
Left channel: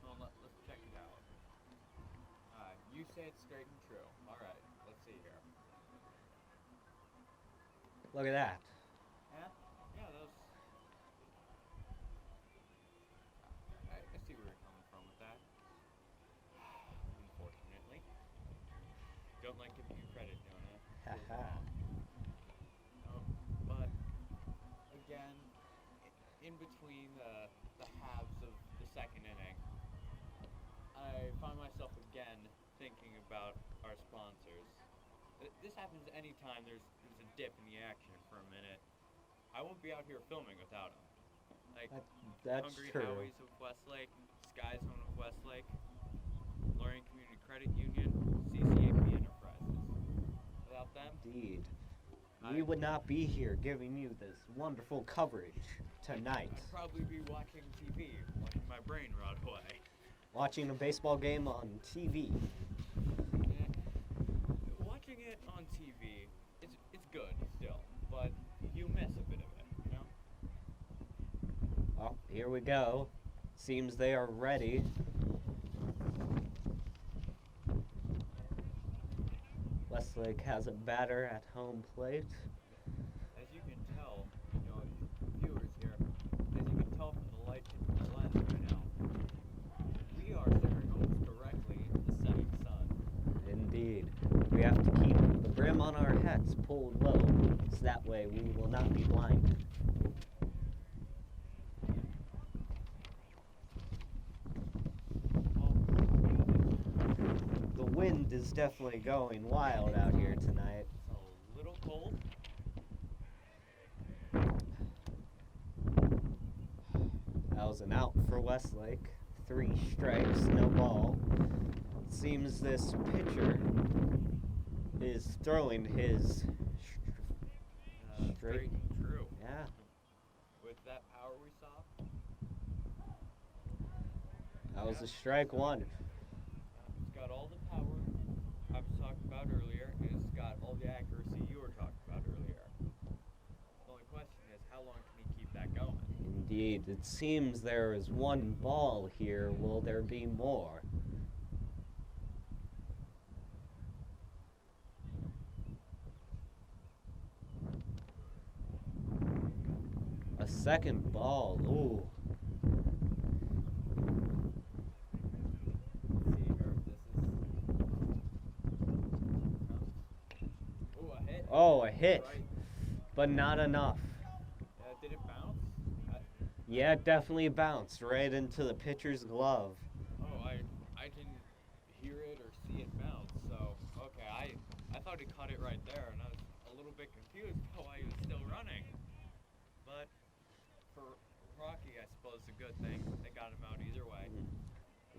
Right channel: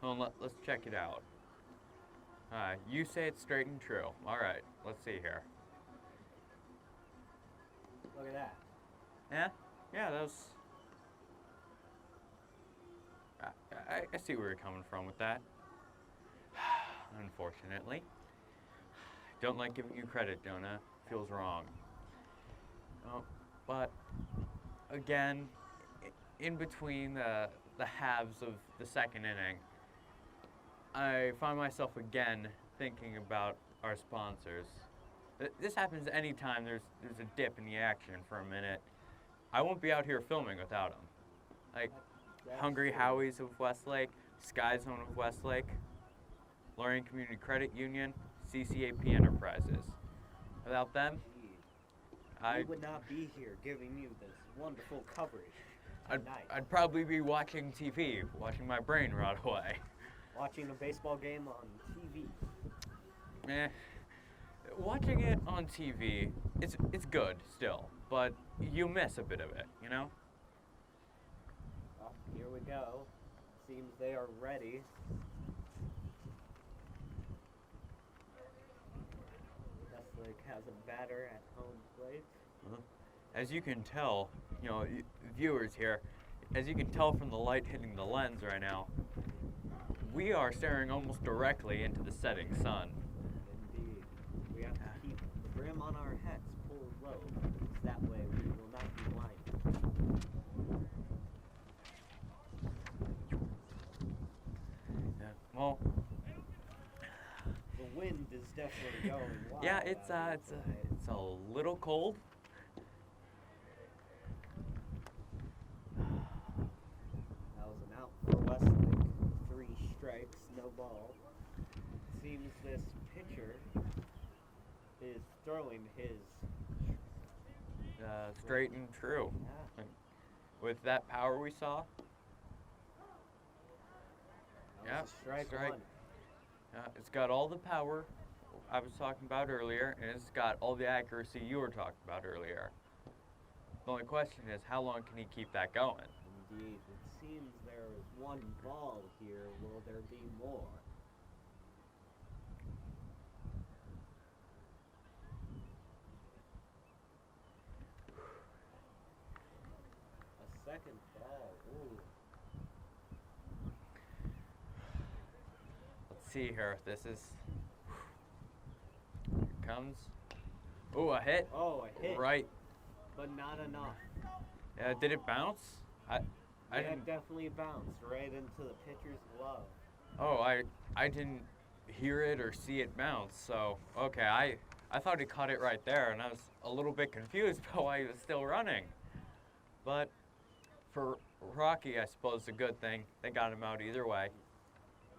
Well, let's check it out. You say it's straight and true. All right, let's see here. Look at that. Yeah, that was. I see where you're coming from with that. Unfortunately, don't like giving you credit, Jonah. Feels wrong. But again, in between the halves of the second inning, I find myself again thinking about our sponsors. This happens anytime there's a dip in the action for a minute. I won't be out here filming without them. Like That's Hungry true. Howie's of Westlake, Sky Zone of Westlake, Lorraine Community Credit Union, CCAP Enterprises. Without them, Indeed. I We would not be here giving you this wonderful coverage tonight. I'd probably be watching TV, watching my brain rot away. Watching a baseball game on TV. Watching it on TV, it's good still, but you miss a bit of it, you know? Oh, here we go. Seems they are ready. Westlake has a batter at home plate. As you can tell, you know, viewers here, as you can tell from the light hitting the lens right now, we are staring almost directly into the setting sun. Indeed. We have to keep the brim on our hats pulled low, so that way we will not be blinded. It's definitely going wild Yeah, it's out here tonight. it's a little cold. That was an out for Westlake. 3 strikes, no ball. Seems this pitcher is throwing his Straight and true. Yeah. With that power we saw. That was Yeah, a strike one. It's got all the power I was talking about earlier, and it's got all the accuracy you were talking about earlier. The only question is, how long can he keep that going? Indeed. It seems there is 1 ball here. Will there be more? A second ball. Ooh. Let's see here. This is comes. Ooh, a hit. Oh, a hit. Right. But not enough. Did it bounce? Yeah, it definitely bounced right into the pitcher's glove. Oh, I didn't hear it or see it bounce. So okay, I thought he caught it right there, and I was a little bit confused about why he was still running. But for Rocky, I suppose it's a good thing. They got him out either way.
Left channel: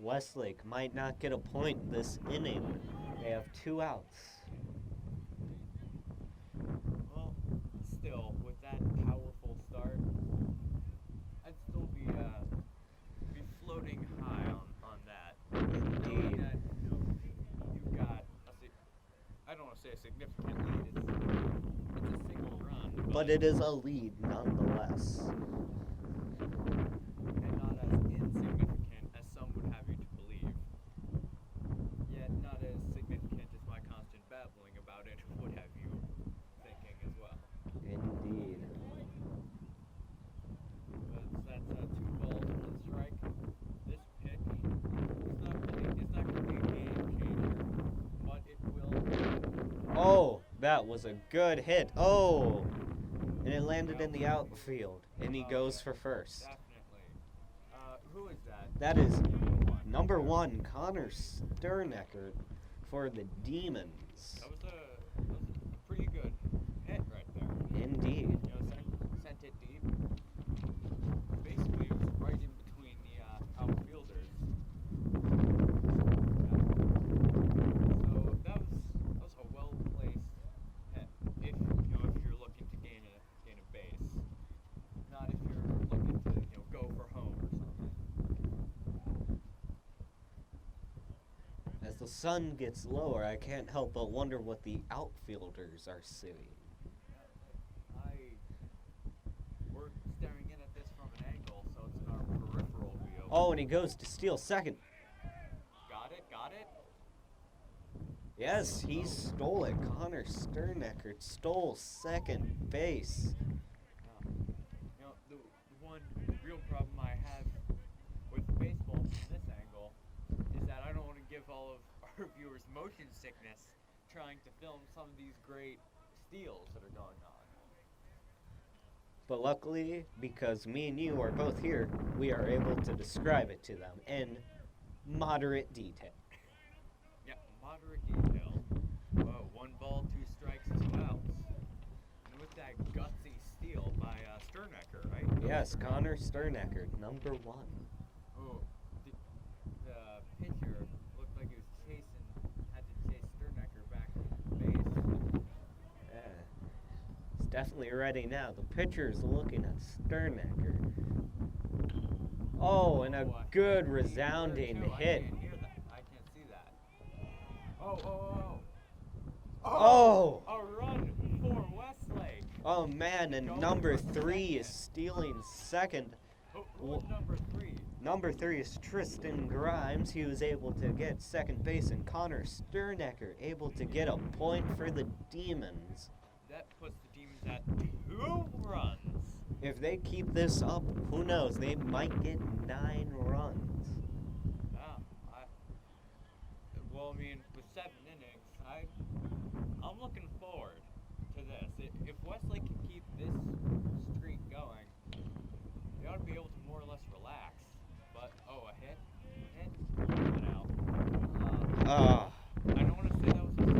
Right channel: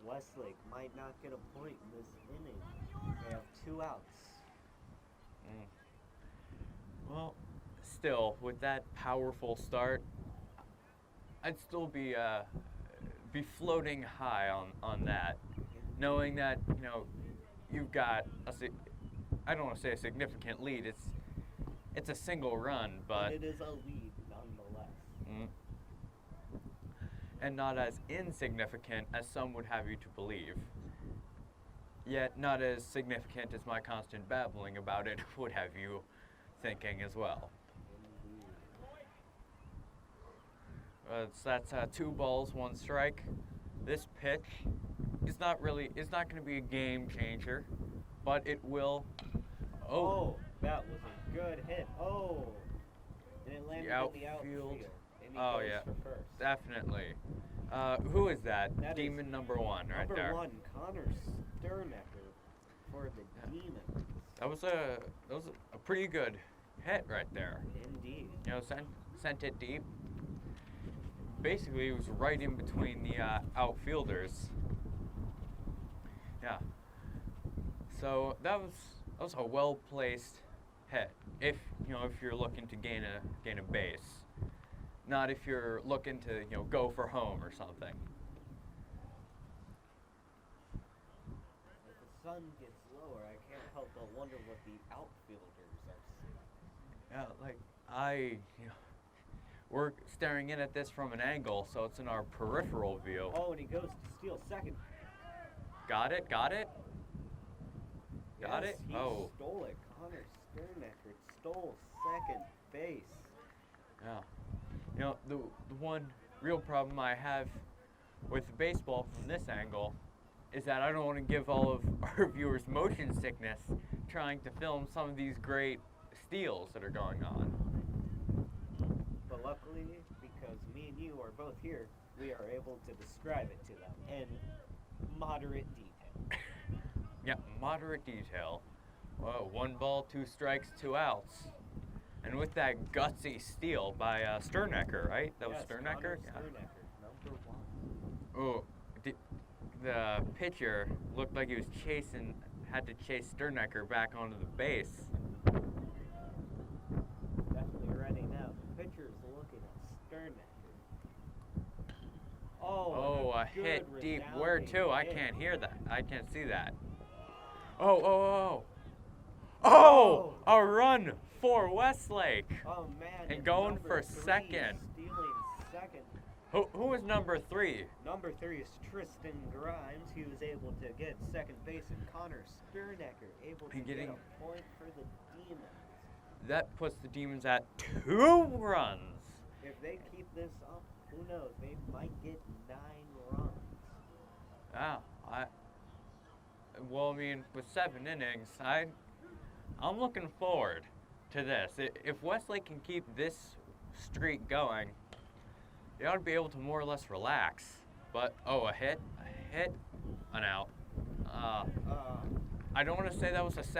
Westlake might not get a point this inning. They have 2 outs. Well, still, with that powerful start, I'd still be floating high on that, knowing that you've got I don't want to say a significant lead. It's a single run, But it is a lead nonetheless. And not as insignificant as some would have you to believe. Yet not as significant as my constant babbling about it would have you thinking as well. Indeed. That's 2 balls, 1 strike. This pitch is not going to be a game changer, but it will. Oh, that was a good hit. Oh, and it landed in the outfield. outfield, and he Oh, goes yeah. for first. Definitely. Who is that? That is Demon number 1. Right Number there. 1, Connor Sternecker for the Demons. That was a pretty good hit right there. Indeed. Sent it deep. Basically, it was right in between the outfielders. Yeah. So that was a well placed hit. If you're looking to gain a base, not if you're looking to go for home or something. As the sun gets lower, I can't help but wonder what the outfielders are seeing. Yeah, we're staring in at this from an angle, so it's in our peripheral view. Oh, and he goes to steal second. Got it? Yes, he Oh. stole it. Connor Sternecker stole second base. Yeah. The one real problem I have with baseball from this angle is that I don't want to give all of our viewers motion sickness trying to film some of these great steals that are going on. But luckily, because me and you are both here, we are able to describe it to them in moderate detail. Yeah, moderate detail. 1 ball, 2 strikes, 2 outs. And with that gutsy steal by Sternecker, right? That Yes, was Sternecker? Connor Sternecker, number 1. Oh, the pitcher looked like he was had to chase Sternecker back onto the base. He's definitely ready now. The pitcher's looking at Sternecker. Oh, and a good hit deep. resounding Where to? hit. I can't hear that. I can't see that. Oh! A run for Westlake. Oh man, and going number for 3 is second. stealing second. Who was number 3? Number 3 is Tristan Grimes. He was able to get second base, and Connor Sternecker able to get a point for the Demons. That puts the Demons at 2 runs. If they keep this up, who knows? They might get 9 runs. Well, I mean, with 7 innings, I'm looking forward to this. If Westlake can keep this streak going, they ought to be able to more or less relax. But a hit, an out. I don't want to say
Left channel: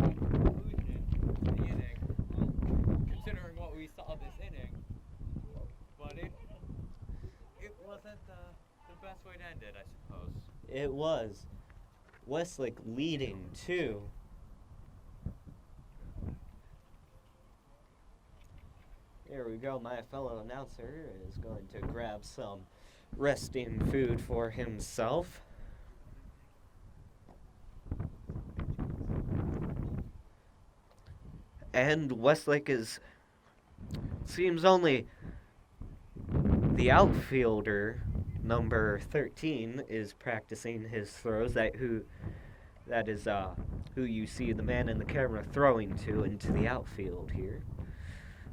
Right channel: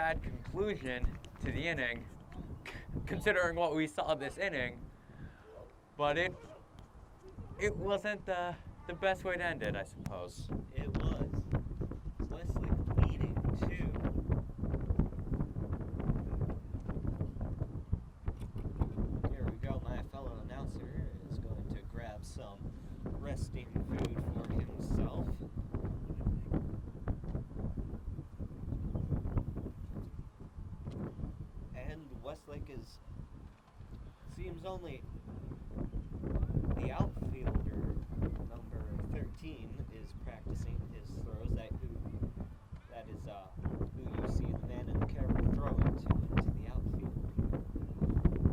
sad conclusion to the inning, considering what we saw this inning. But it wasn't the best way to end it, I suppose. It was. Westlake leading 2. Here we go. My fellow announcer is going to grab some resting food for himself. And Westlake seems only the outfielder, number 13, is practicing his throws. That is who you see the man in the camera throwing to into the outfield here.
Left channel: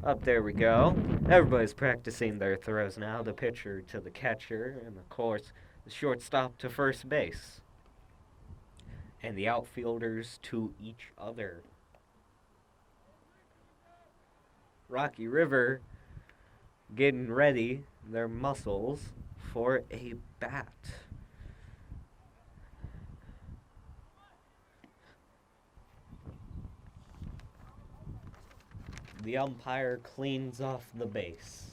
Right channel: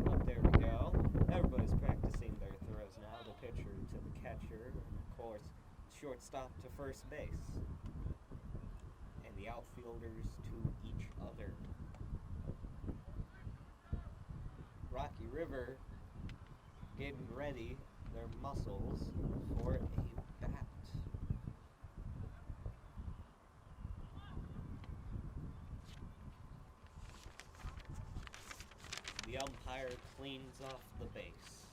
Up there we go. Everybody's practicing their throws now. The pitcher to the catcher, and of course the shortstop to first base. And the outfielders to each other. Rocky River getting ready their muscles for a bat. The umpire cleans off the base.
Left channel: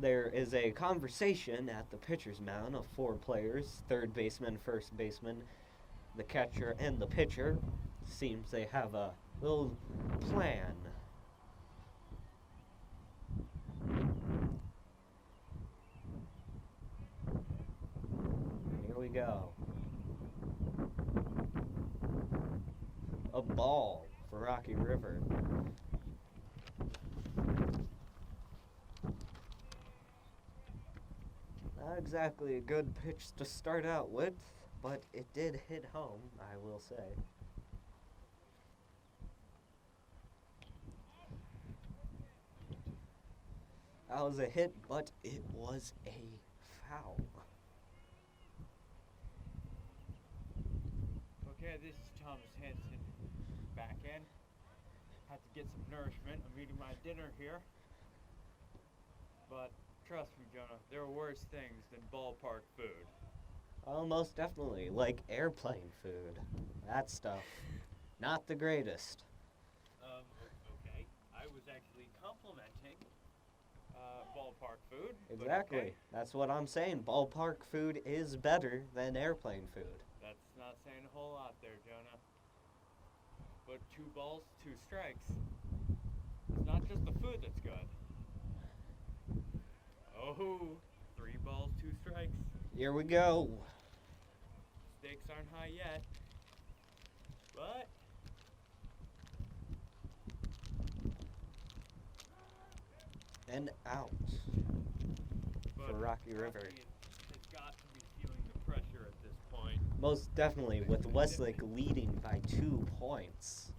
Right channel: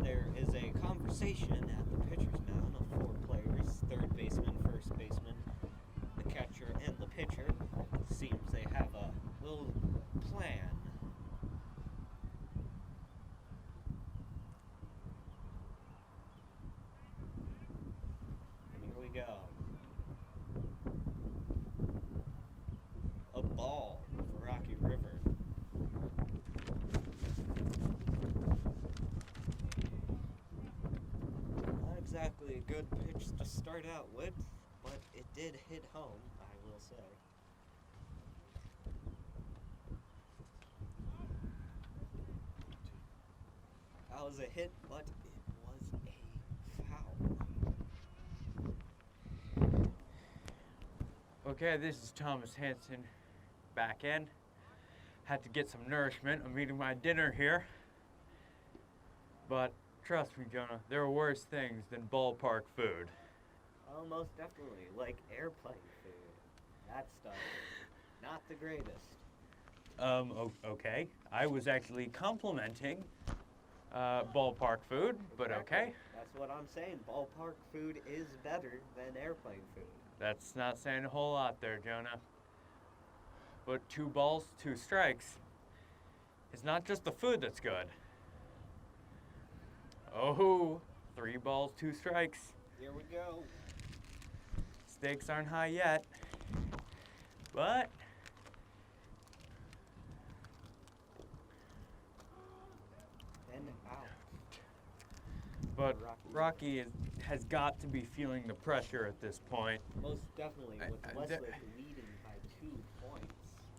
There is a conversation at the pitcher's mound of 4 players, third baseman, first baseman, the catcher, and the pitcher. Seems they have a little plan. Here we go. A ball for Rocky River. Not exactly a good pitch to start out with, but it did hit home, I will say. That was a hit, but it was a foul. Okay, this is Thomas Hansen back in. Had to get some nourishment. I'm eating my dinner here. But trust me, Jonah, there are worse things than ballpark food. Oh, most definitely. Like airplane food. That stuff. Not the greatest. Okay. I was actually complimenting ballpark food, but Exactly. okay. That's what I'm saying. Ballpark food is better than airplane food. That's not saying a whole lot there, Jonah. But 2 balls, 2 strikes. It's not just the food that's good. Oh, 3 balls, 2 strikes. Here we go. Stakes aren't high yet. But And out. But for Rocky Rocky has got to be feeling the pressure at this point. Most definitely, with Westlake leading by 2 points.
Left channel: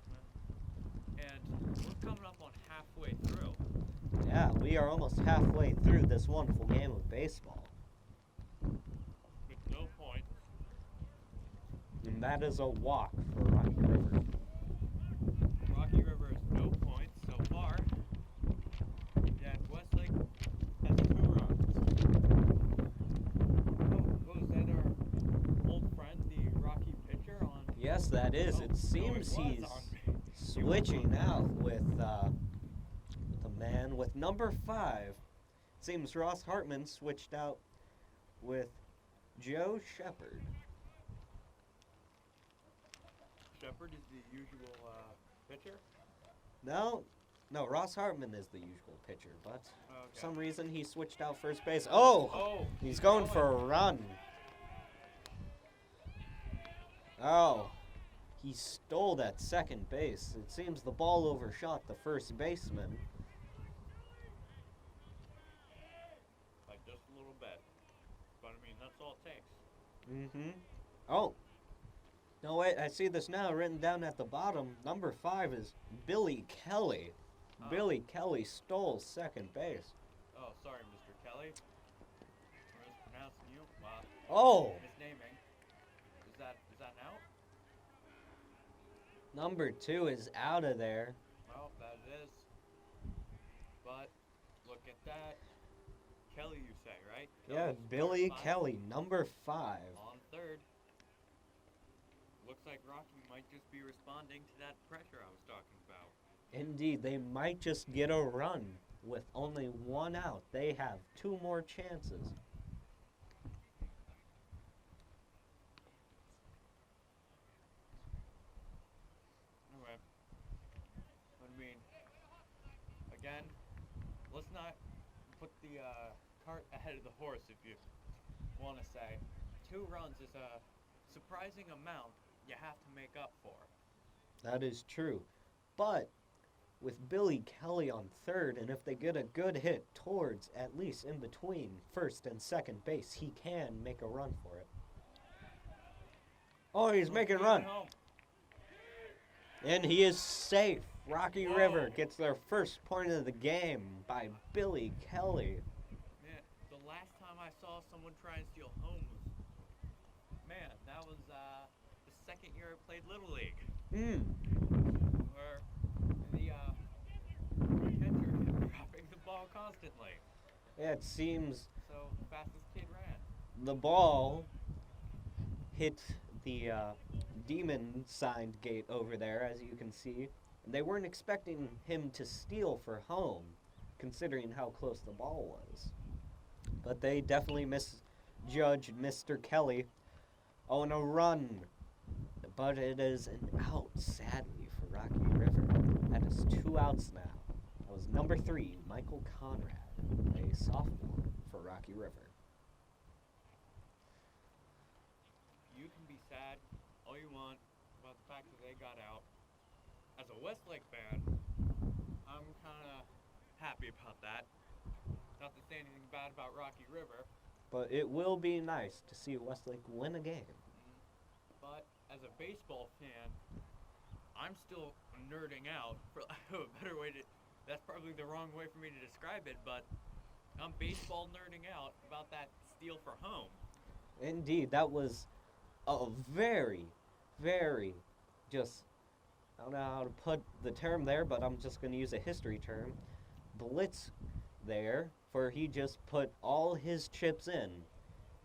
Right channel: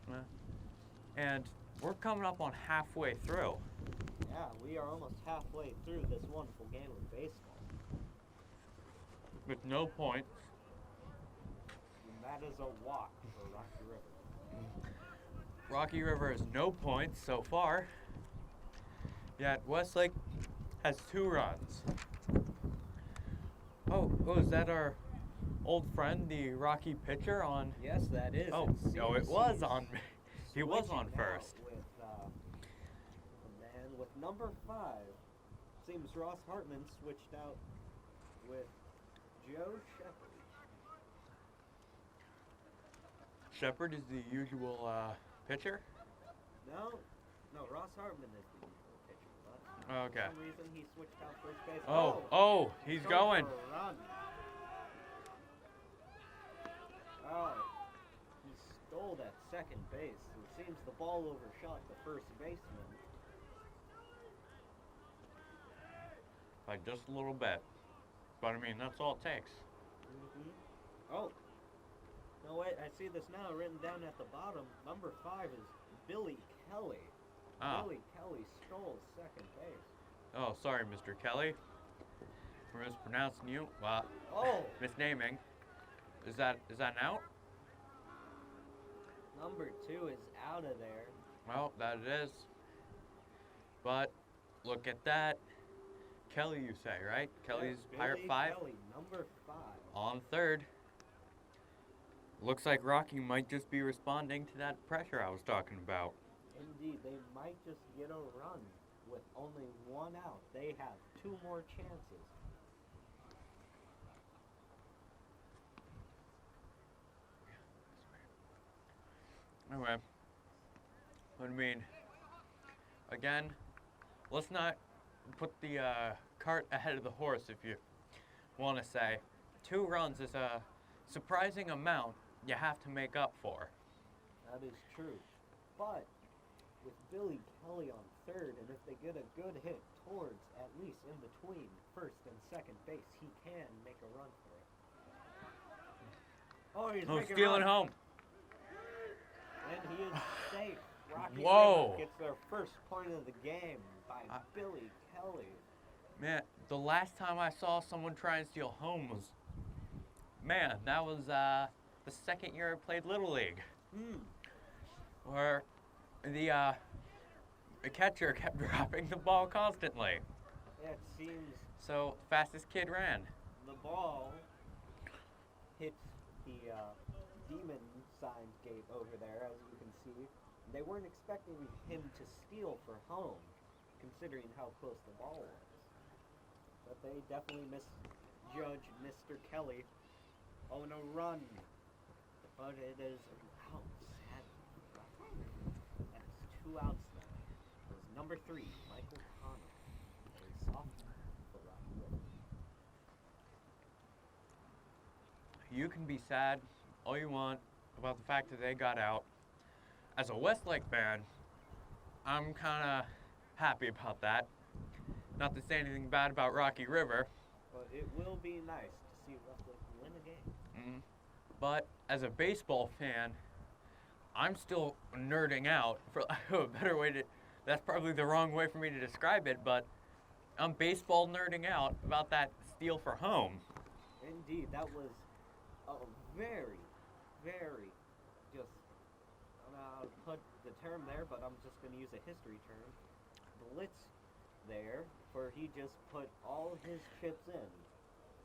And we're coming up on halfway through. Yeah, we are almost halfway through this wonderful game of baseball. With no points. And that is a walk for Rocky River. Rocky River has no points so far. Yet Westlake has 2 runs. Oh, is that our old friend, the Rocky pitcher on? Yes, that is. Oh, it seems no, it was he's on. He was switching on now first. with the man with number 5. Seems Ross Hartman switched out with Joe Shepard. Shepard is the usual pitcher. No, Ross Hartman is the usual pitcher, but Okay. for some reason he switched out first base. Oh, he's going for a run. Oh, he stole that second base. It seems the ball overshot the first baseman. By just a little bit. But I mean, that's all it takes. Mm-hmm. Oh. No, wait, I see this now written down at the bottom. Number 5 is Billy Kelly. Oh. Billy Kelly stole second base. Oh, sorry, Mr. Kelly. We're mispronouncing you. Oh! Misnaming. Is that an out? Number 2 is out of there. Well, that it is. But look at that. Kelly, you say, right? Yeah, Kelly's Billy Pirate 5 Kelly, number 5. on third. Looks like Rocky might just be responding to that pressure I was talking about. Indeed, they might just get a run with only 1 out. They have 2 more chances. Anyway, I mean, again, let's not put the cart ahead of the horse, if you want to say. 2 runs is a surprising amount you have to make up for. That is true. But with Billy Kelly on third, and if they get a good hit towards, at least in between first and second base, he can make a run for it. Oh, he's making a run. Home. And he is safe. Rocky Whoa. River gets their first point of the game by Billy Kelly. Man, the last time I saw someone try and steal home was, man, that was the second year I played Little League. Where the catcher kept dropping the ball constantly. Yeah, it seems So fastest kid ran. the ball hit the demon signed gate over there, as you can see. They weren't expecting him to steal for home, considering how close the ball was. But they definitely misjudged Mr. Kelly. Oh, and a run. But it is an out, sadly, for Rocky River. That is 2 outs now. That was number 3, Michael Conrad, a sophomore for Rocky River. You can be sad all you want about the fact that they got out. As a Westlake fan, I'm kind of happy about that. Not to say anything bad about Rocky River, But it will be nice to see Westlake win a game. but as a baseball fan, I'm still nerding out, for lack of a better way to, that's probably the wrong way for me to describe it, but I'm baseball nerding out about that steal for home. Indeed, that was a very, very just, I don't know how to put the term there, but I'm just going to use a history term. Blitz there, for he just put all his chips in,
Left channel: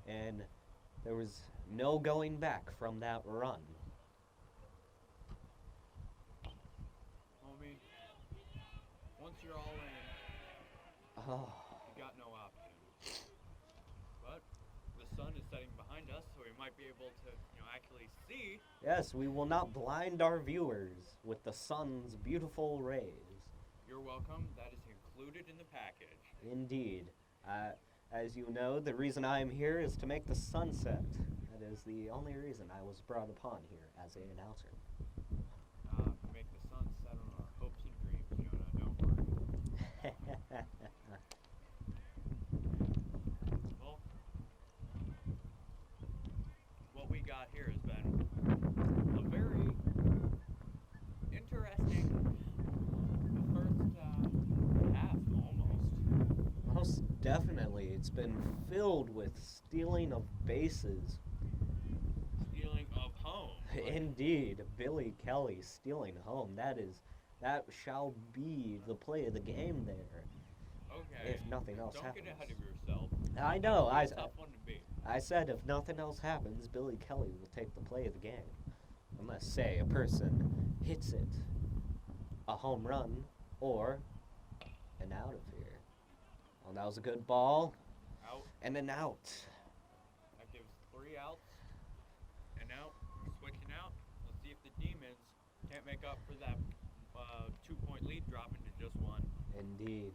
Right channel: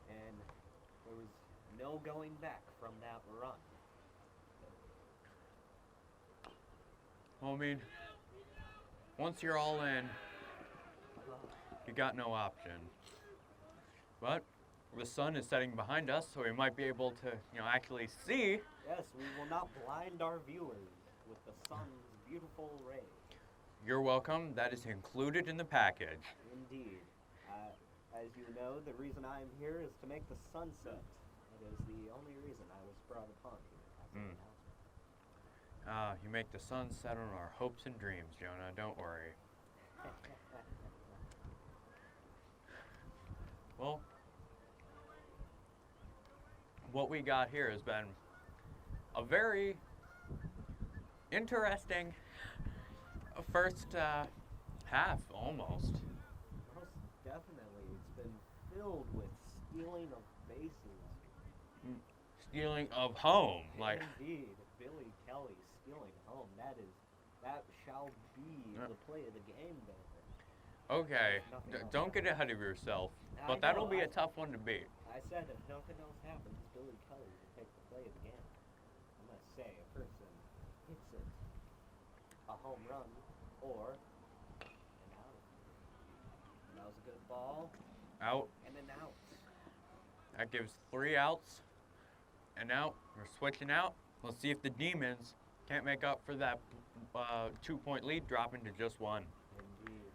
and there was no going back from that run. Well, I mean, once you're all in, Oh, you got no option. But the sun is setting behind us, so we might be able to, actually see. yes, we will not blind our viewers with the sun's beautiful rays. You're welcome. That is included in the package. Indeed. As you know, the reason I'm here is to make the sunset. That is the only reason I was brought upon here as an announcer. You make the sun set on our hopes and dreams, Jonah. Don't worry. Well, what we got here has been a very interesting first half, almost. Most definitely. It's been filled with stealing of bases. Stealing of home. Like, Indeed. Billy Kelly stealing home. That shall be the play of the game there. okay, If nothing else don't get ahead of yourself. I But that'll know, be I- a tough one to beat. I said if nothing else happens, Billy Kelly will take the play of the game. Unless, say, a person hits it, a home run, or an out of here. Well, that was a good ball, Out. and an out. That gives 3 outs. And now we're switching out. Let's see if the Demons can't make up for that 2-point lead, dropping to just 1. Indeed.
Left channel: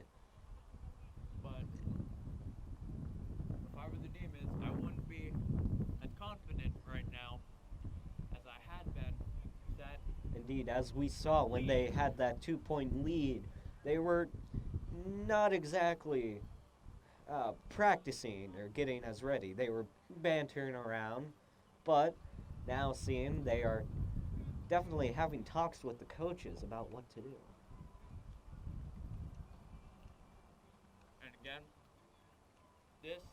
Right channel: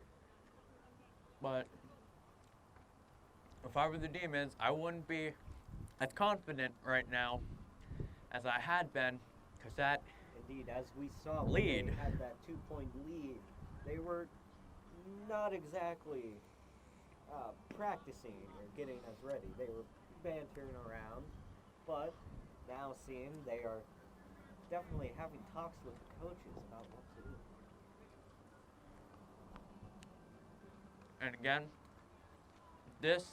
But if I were the Demons, I wouldn't be as confident right now as I had been, because that Indeed, as we saw when they Lead. had that 2-point lead, they were not exactly practicing or getting as ready. They were bantering around, but now seeing they are definitely having talks with the coaches about what to do. And again, this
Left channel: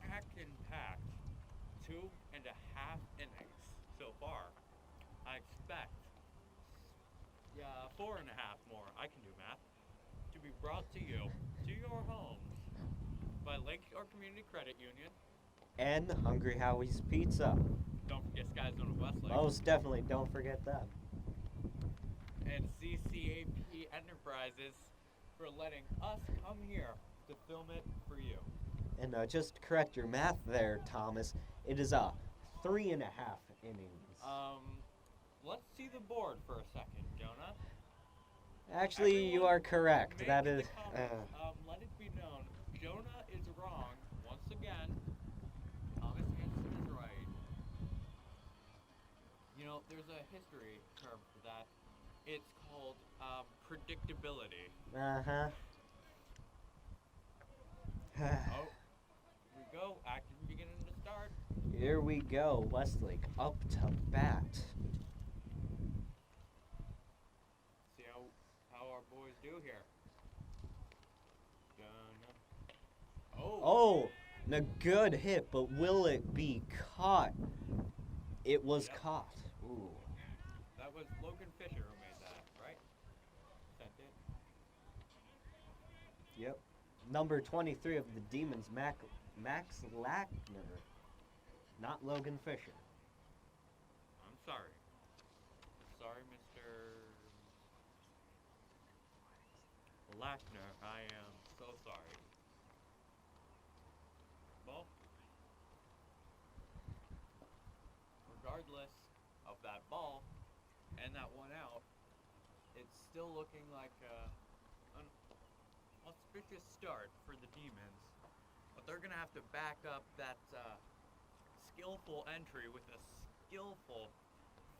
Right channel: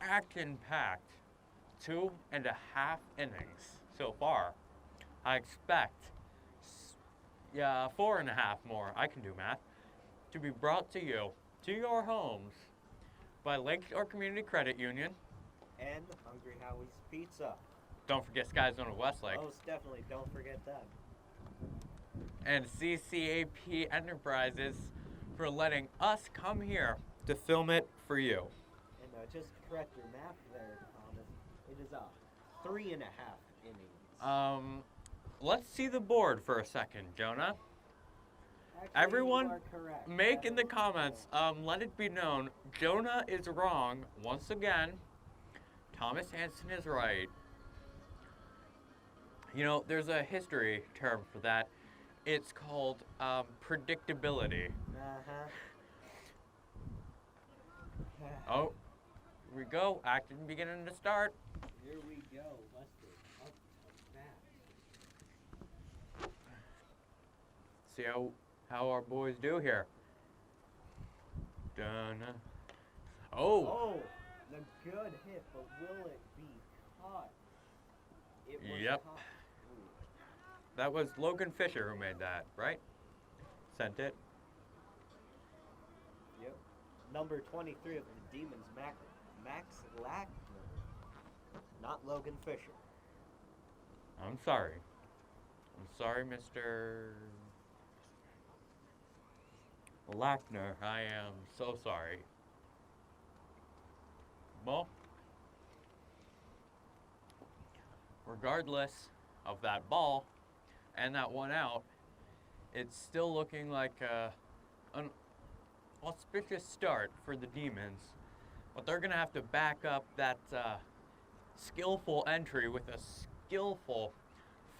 action-packed 2.5 innings so far. I expect 4.5 more, I can do math, to be brought to you, to your homes, by Lakeshore Community Credit Union. And Hungry Howie's Pizza. Don't forget Sky Zone of Westlake. Most definitely, don't forget that. And CCAP Enterprises for letting us come here to film it for you. And just to correct your math there, Thomas, it is 3.5 innings. Let's see the board for a second, Jonah. Actually, Everyone you are correct. Make That in the is, comments, let it be known, Jonah is wrong once again. Thomas Hansen is right. You know, there's a history term for that. It's called predictability. Uh-huh. Oh, here we go. Action beginning to start. Here we go. Westlake up to bat. See how our boys do here. Dun. Oh. Oh, a good hit, but will it be caught? It was Yep. caught. Ooh. That was Logan Fisher who made that, right? Sent it. Yep. Number 23 of the Demons, Max Lackner. Not Logan Fisher. I'm sorry. I'm sorry, Mr. Lackner. I am so sorry. Well, regardless of that ball and that one out, it's still looking like an auspicious start for the Demons. But they're going to have to back up that skillful entry with a skillful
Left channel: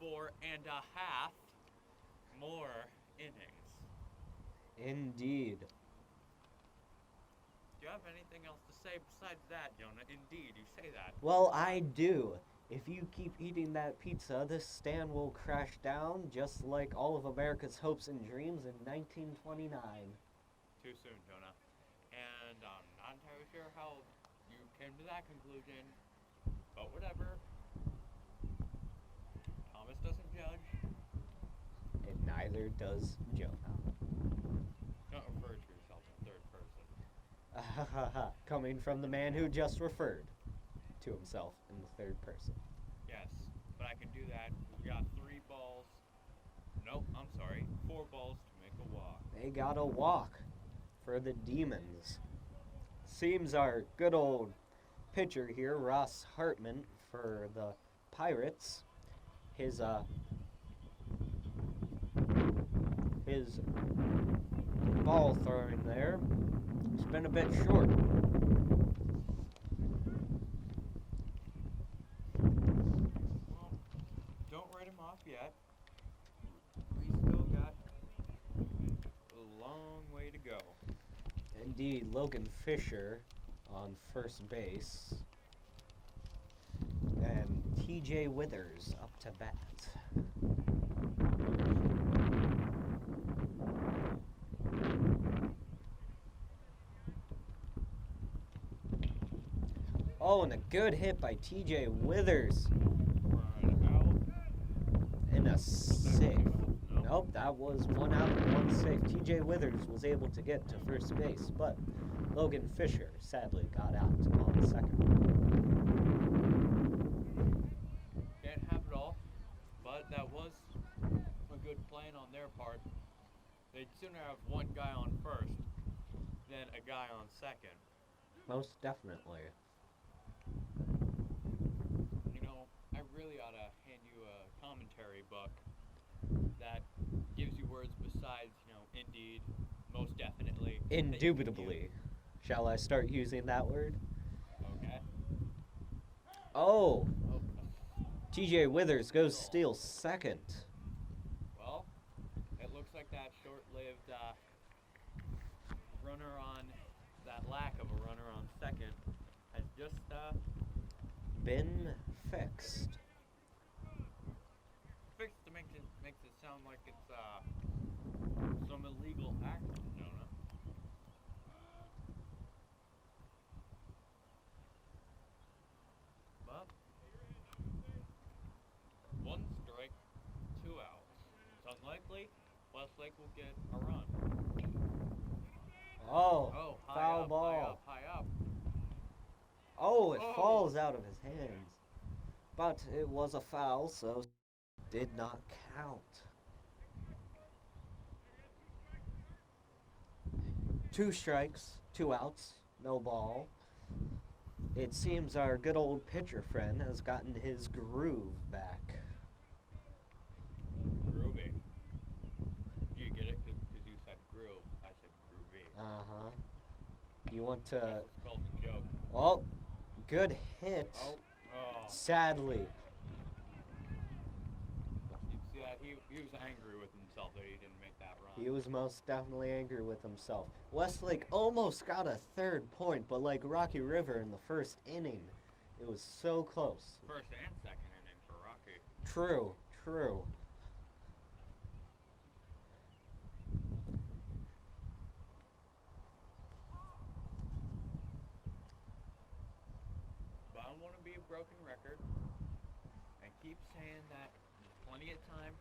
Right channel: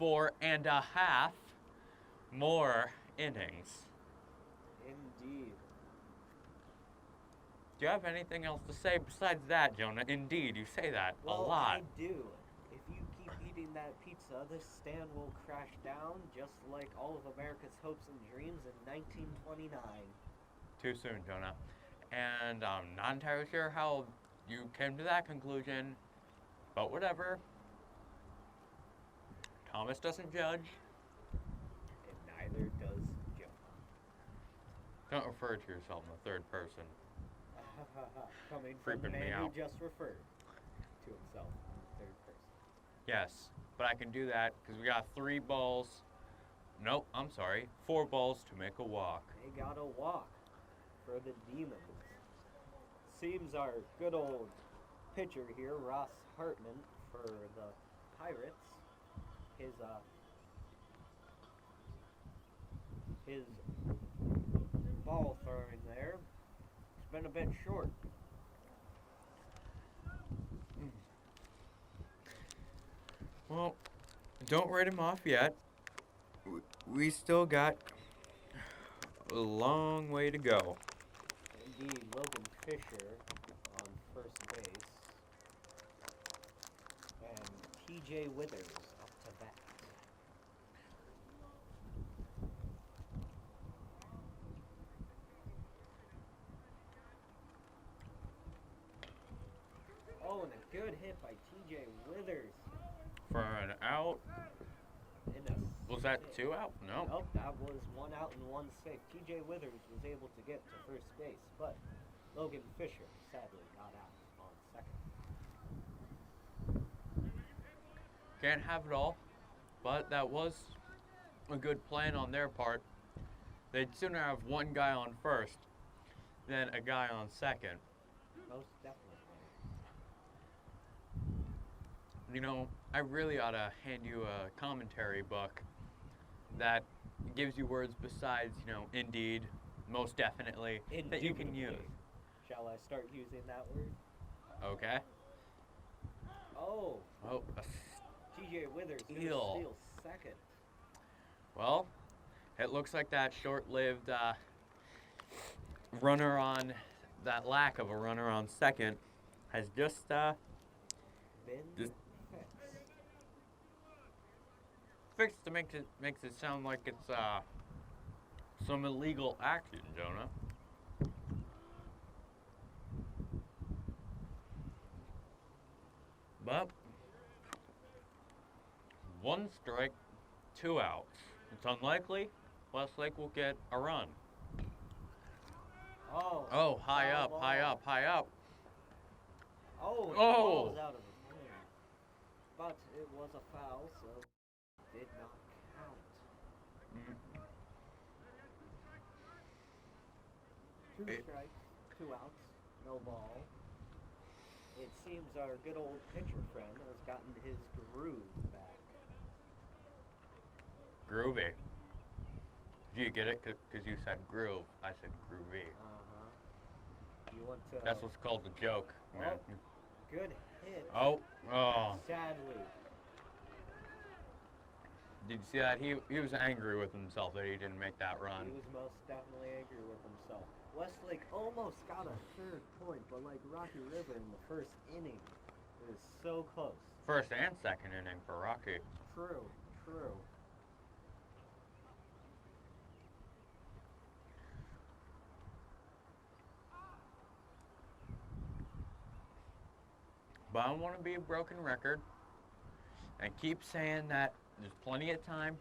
4.5 more innings. Indeed. Do you have anything else to say besides that, Jonah? Indeed, you say that a Well, lot. I do. If you keep eating that pizza, this stand will crash down just like all of America's hopes and dreams in 1929. Too soon, Jonah. And I'm not entirely sure how you came to that conclusion, but whatever. Thomas doesn't judge. And neither does Jonah. Don't refer to yourself in the third person. Coming from the Freaking man me who out. just referred to himself in the third person. Yes, but I can do that because we got 3 balls. Nope, I'm sorry. 4 balls to make a walk. They got a walk for the Demons. Seems our good old pitcher here, Ross Hartman, for the Pirates, his ball throwing there has been a bit short. Well, don't write him off yet. We still got a long way to go. Indeed, Logan Fisher on first base. And TJ Withers up to bat. Oh, and a good hit by TJ Withers. For an out. And a Was that save. 2 out? No. Nope, that was 1 out and 1 save. TJ Withers was able to get to first base, but Logan Fisher sadly got out on second. Can't have it all, but that was a good plan on their part. They'd sooner have one guy on first than a guy on second. Most definitely. You know, I really ought to hand you a commentary book that gives you words besides, you know, indeed, most definitely. that you can Indubitably. use. Shall I start using that word? Okay. Oh, Oh, TJ Withers goes Steal. steal second. well, it looks like that short-lived runner on, that lack of a runner on second has just Been Just- fixed. fixed to makes it sound like it's some illegal action, Jonah. But 1 strike, 2 outs. It's unlikely Westlake will get a run. Oh. Oh, high foul up, ball. high up, high up. Oh, it Oh. falls out of his hands. But it was a foul, so did not count. 2 strikes, 2 outs, no ball. It seems our good old pitcher friend has gotten his groove back. Groovy. Do you get it? Because you said groove. I said groovy. Uh-huh. You want to... That's what's called the joke. Oh, good hit. Oh. Sadly. Did you see that? He was angry with himself that he didn't make that run. He was most definitely angry with himself. Westlake almost got a 3rd point, but like Rocky River in the 1st inning, it was so close. First and second inning for Rocky. True, true. But I don't want to be a broken record and keep saying that there's plenty of time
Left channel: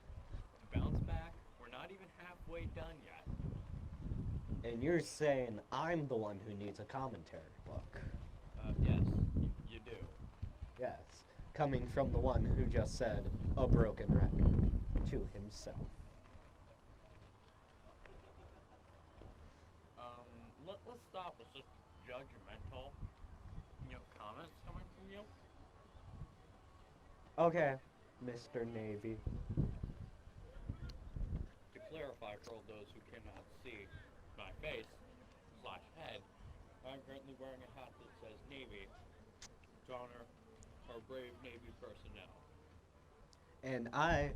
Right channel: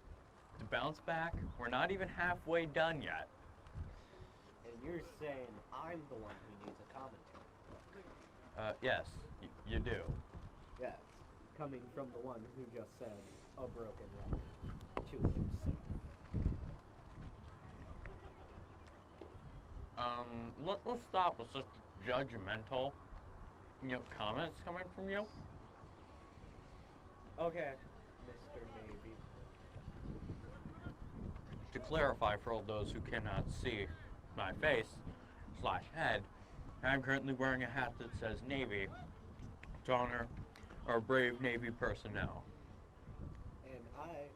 to bounce back. We're not even halfway done yet. And you're saying I'm the one who needs a commentary book. Yes, you do. Yes. Coming from the one who just said a broken record to himself. Let's stop with such judgmental, comments coming from you. Okay, Mr. Navy. To clarify for all those who cannot see my face/head, I'm currently wearing a hat that says Navy to honor our brave Navy personnel. And I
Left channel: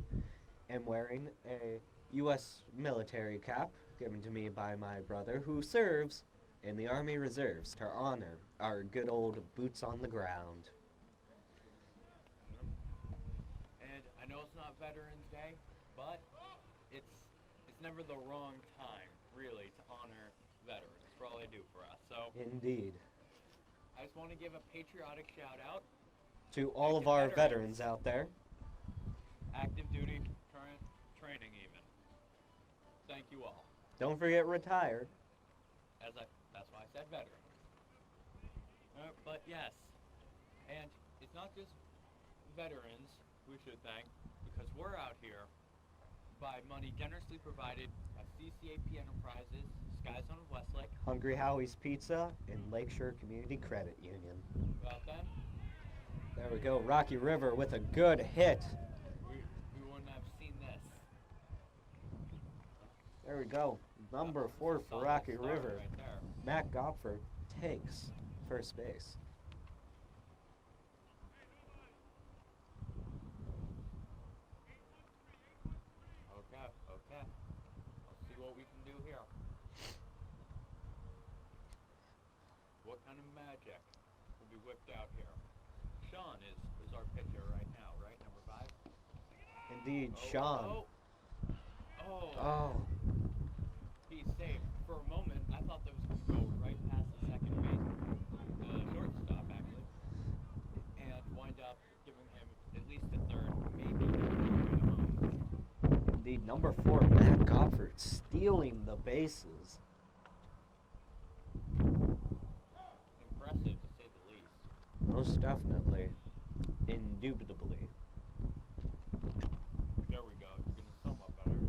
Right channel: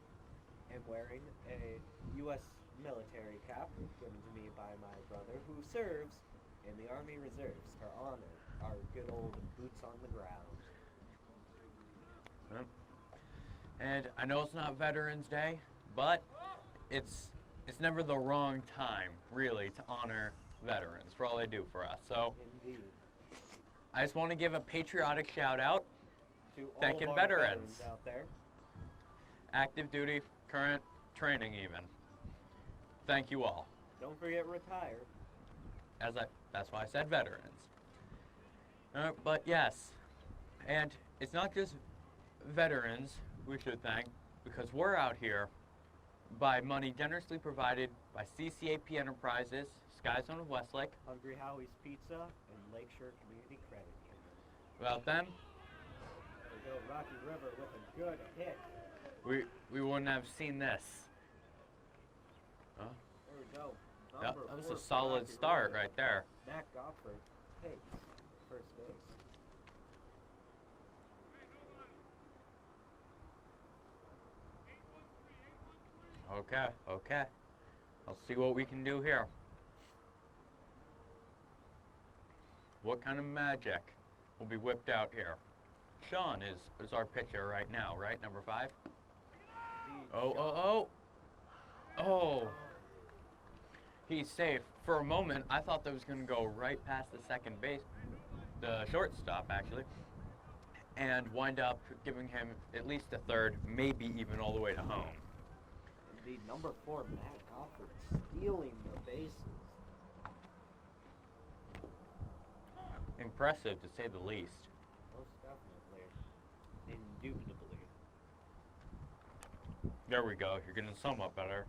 am wearing a U.S. military cap given to me by my brother who serves in the Army Reserves to honor our good old boots on the ground. And I know it's not Veterans Day, but it's never the wrong time, really, to honor veterans for all they do for us. So Indeed. I just want to give a patriotic shout out To all Thanking of our veterans. veterans out there. active duty, current, training even. Thank you all. Don't forget retired. That's why I said veterans. But yes, and it's not just veterans we should thank, because we're out here by money generously provided by CCAP Enterprises, Sky Zone of Westlake. Hungry Howie's Pizza and Lakeshore Community Credit Union. Without them, There we go. Rocky River with a good hit. we wouldn't have seen this. There we go. Number that 4 was a for solid Rocky start River. right there. Matt Gopford takes first base. Okay. I'll see what we can do here. What kind of magic will be whipped out here? Sean is our pitcher right now, right? Number 5? Indeed, Oh, Sean. oh. He's safe. For a moment, I thought that was going to go right past the second base, the shortstop, actually, and wind up giving him at least a third, maybe even all the way to home. Indeed, number 4, Matt Gopford stealing the bases. Impressive, to say the least. Most definitely. Indubitably. There we go. You're going to sum up better.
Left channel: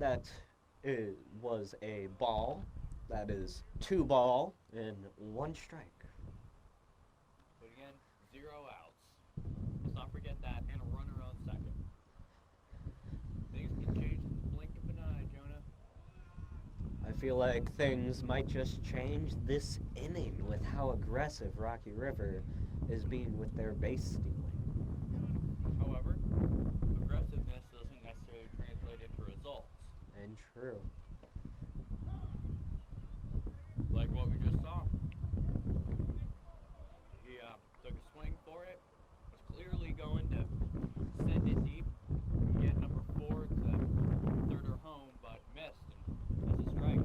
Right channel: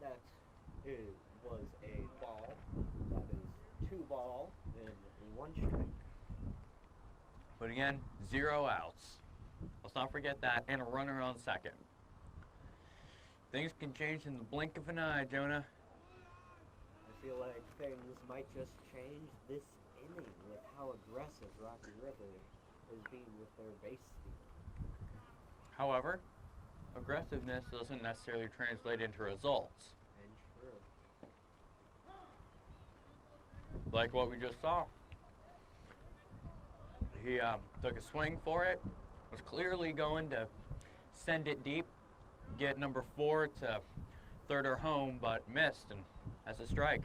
That was a ball. That is 2 ball and 1 strike. But again, 0 outs. Let's not forget that, and a runner on second. Things can change in the blink of an eye, Jonah. I feel like things might just change this inning with how aggressive Rocky River is being with their base stealing. However, aggressiveness doesn't necessarily translate into results. And true. Like what we just saw. He took a swing for it, was clearly going to send it deep, get number 4 to third or home, but missed, and that's a strike.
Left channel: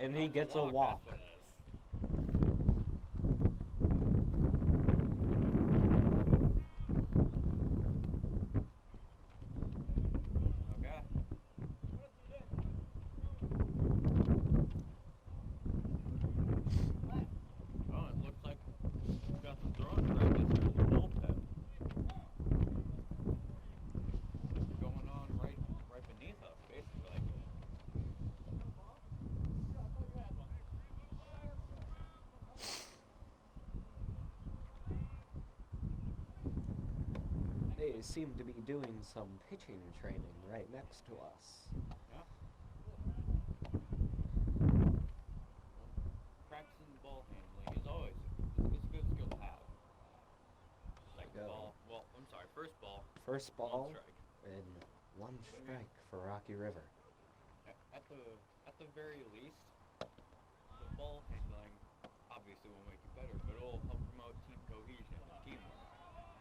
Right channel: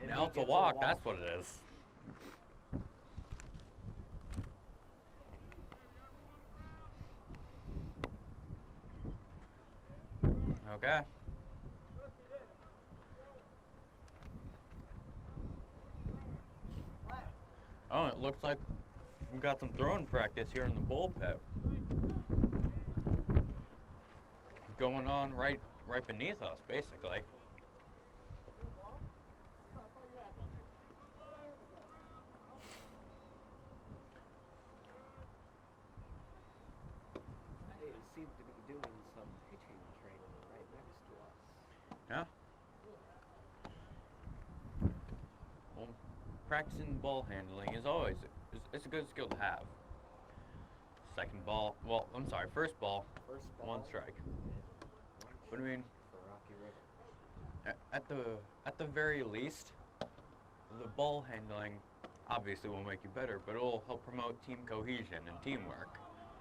And Now he it's gets a walk, a walk. that's what it is. Okay. Oh, it looks like we've got some throwing practice here in the bullpen. Going on right beneath us, basically. They seem to be doing some pitching training right next to us. Yeah. Well, practicing ball handling is always it's a good skill to have. Second ball. Well, I'm sorry. First ball. First ball. One strike. And one What do you mean? strike for Rocky River. At the very least, the ball handling obviously will make you better, but it'll help promote team cohesion and teamwork.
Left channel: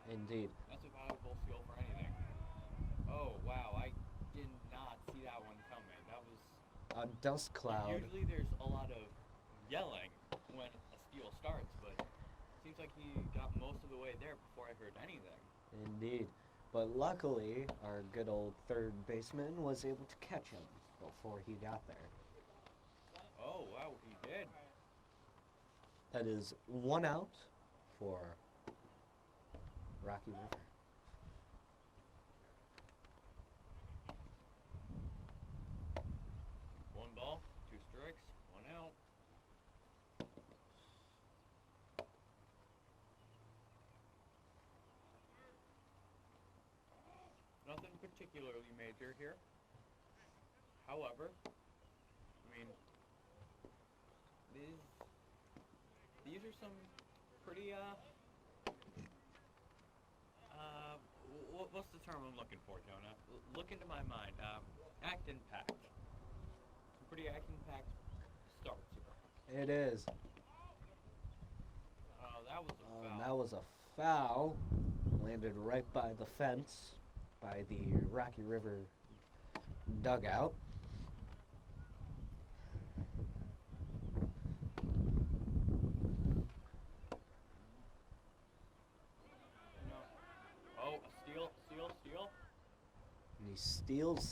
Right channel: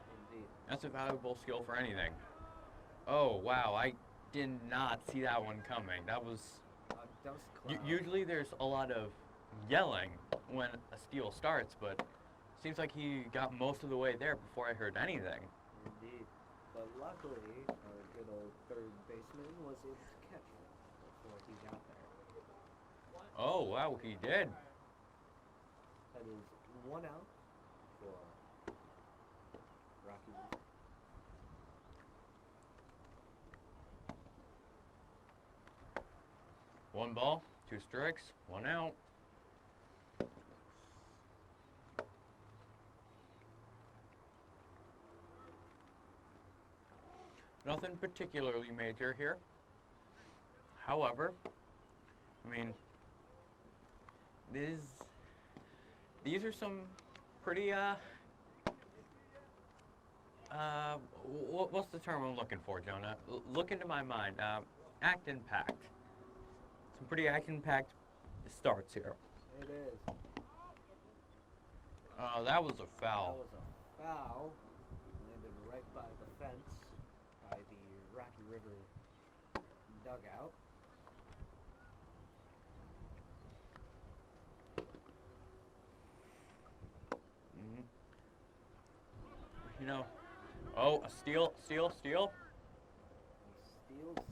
Indeed. That's a valuable skill for anything. Oh wow, I did not see that one coming. That was A dust cloud. usually there's a lot of yelling when a steal starts, but seems like he got most of the way there before I heard anything. Indeed. But luckily, our good old third baseman was able to catch him before he got there. Oh wow, he did. That is 1 out for Rocky River. One ball, 2 strikes, 1 out. Nothing particularly major here. However, I mean, these are some pretty what's the term I'm looking for, Jonah? Look into my mind. Action-packed. Some pretty action-packed starts here. It is. That was a foul. That was a foul. Landed right by the fence, by the Rocky River dugout. You know, oh, a steal. And he steals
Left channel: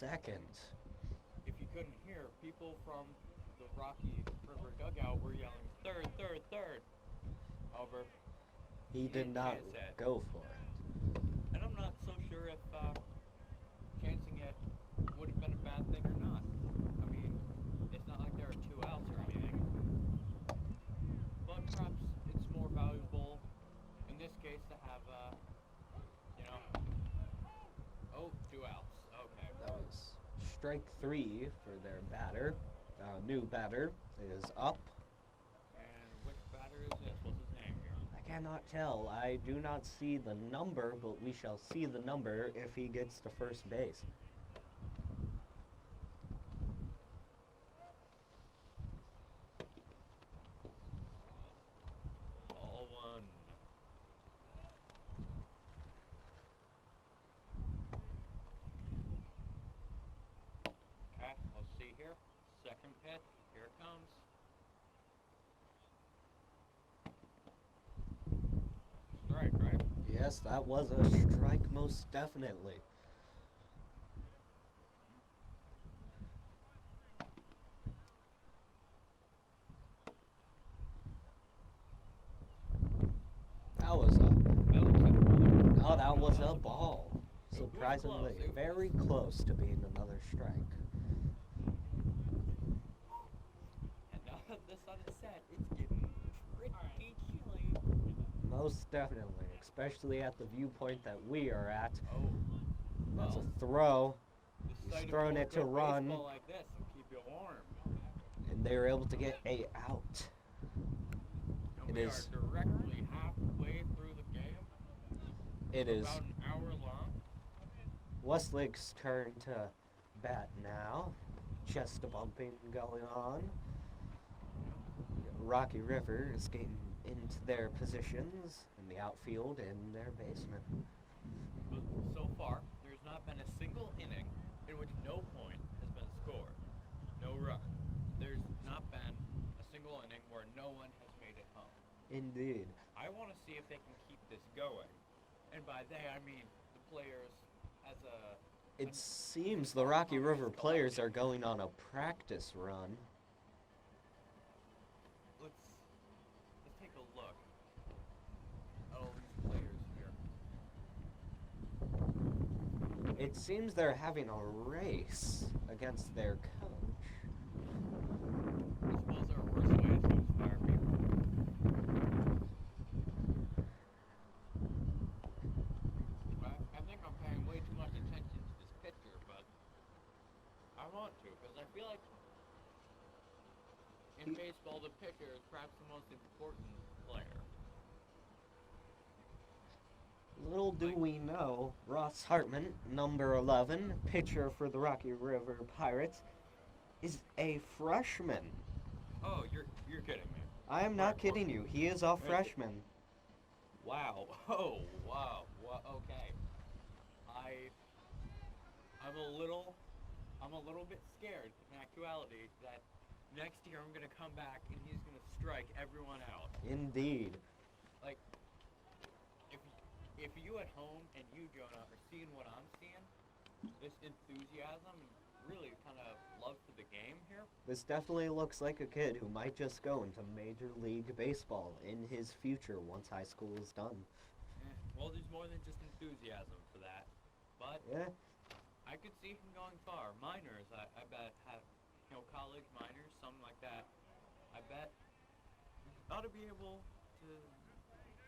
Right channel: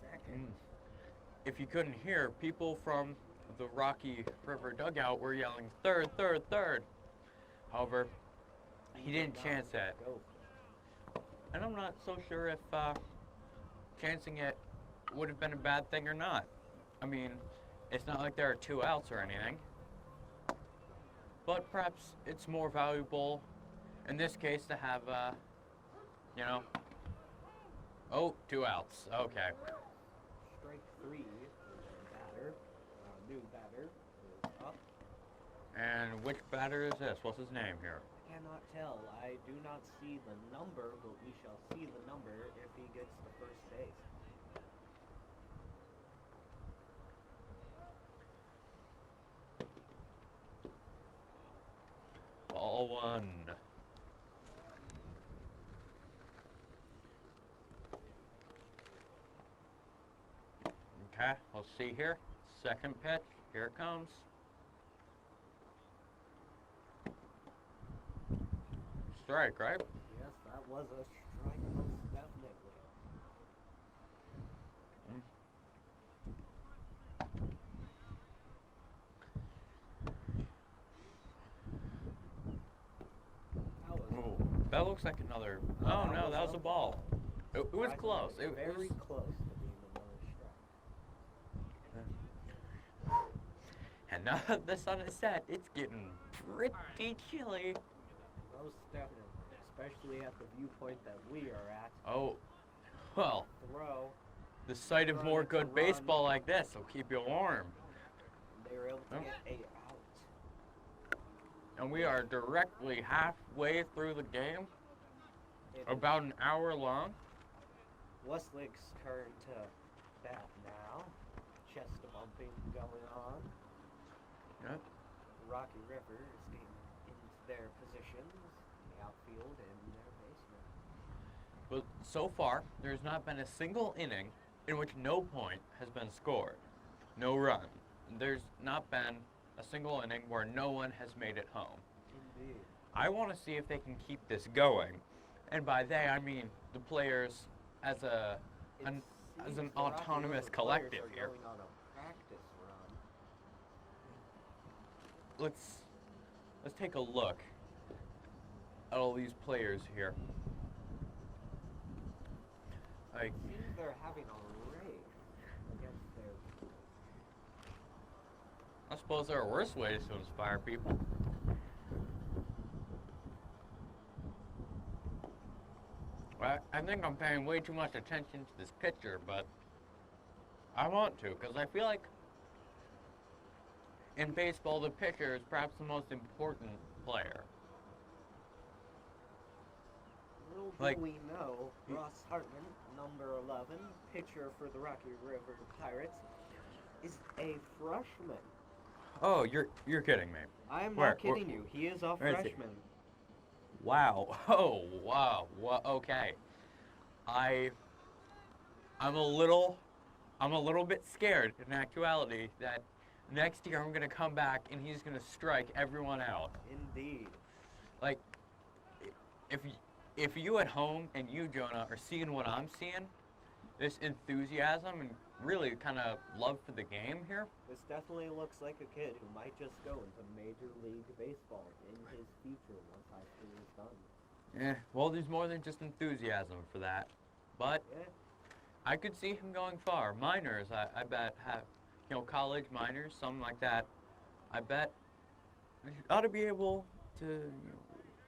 second. If you couldn't hear, people from the Rocky River dugout were yelling, third. However, he didn't did not chance that. Go for it. And I'm not so sure if chancing it would have been a bad thing or not. I mean, it's not like there are 2 outs or anything. But perhaps it's more valuable in this case to have, you know, oh, 2 outs. Okay. Nice. Strike 3 for their batter. New batter is up. And which batter is this? What's his name here? I cannot tell. I do not see the number, but we shall see the number if he gets to first base. Ball 1. Okay, let's see here. Second pitch. Here it comes. Strike, right? Yes, that was a strike, most definitely. That looks like another. No, Oh, that no, was that was a a ball. It was Surprisingly, close. It very was- close to being another strike. And now that the sun is set, it's getting pretty chilly. Most definitely, especially at the viewpoint that we are at. Oh, well, Throw, the sight of throwing more it to good run. baseball like this will keep you warm. and they were able to get a out. And It we are is- directly halfway through the game, It is about an hour long. Westlake's turn to bat now. Chest bumping going on. Yeah. Rocky River is getting into their positions in the outfield and their basement. But so far, there's not been a single inning in which no point has been scored. No run. There's not been a single inning where no one has made it home. Indeed. I want to see if they can keep this going. And by they, I mean the players as a It seems the Rocky River players are going on a practice run. Let's take a look at all these players here. It seems they're having a race against their coach. I suppose there are worse ways to inspire people. Well, I think I'm paying way too much attention to this picture, but I want to, because I feel like in baseball, the pitcher is perhaps the most important player. Little do we know, Ross Hartman, number 11, pitcher for the Rocky River Pirates, is a freshman. Oh, you're kidding me. I am not kidding you. He is a freshman. Wow. Oh, wow. Okay. I'm a little bit scared in actuality that next year I'm gonna come back and he's gonna strike everyone out. Indeed. Like, if you at home and you, Jonah, are seeing what I'm seeing, this enthusiasm and really kind of love for the game here. This definitely looks like a kid who might just go into Major League Baseball in his future once high school is done. Yeah, well, there's more than just enthusiasm for that. But I could see him going far. Minors, I bet, have, college minors, something like that. I bet you ought to be able to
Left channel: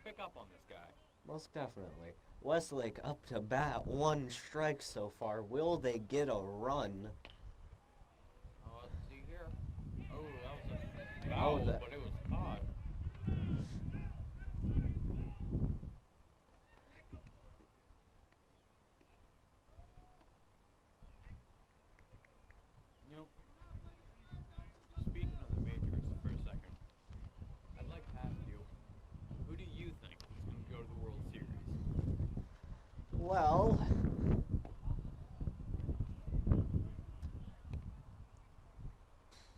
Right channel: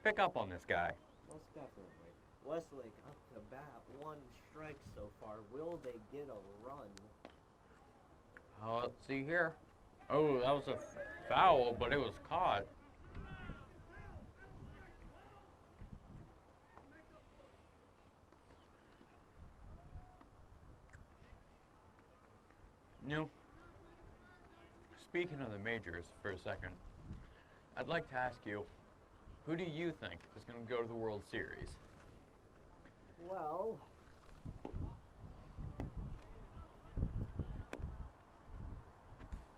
pick up on this guy. Most definitely. Westlake up to bat, 1 strike so far. Will they get a run? Oh, let's see here. Oh, that was a foul, but it was caught. Speaking of the majors for a second, I'd like to ask you, who do you think is going to go to the World Series? Well,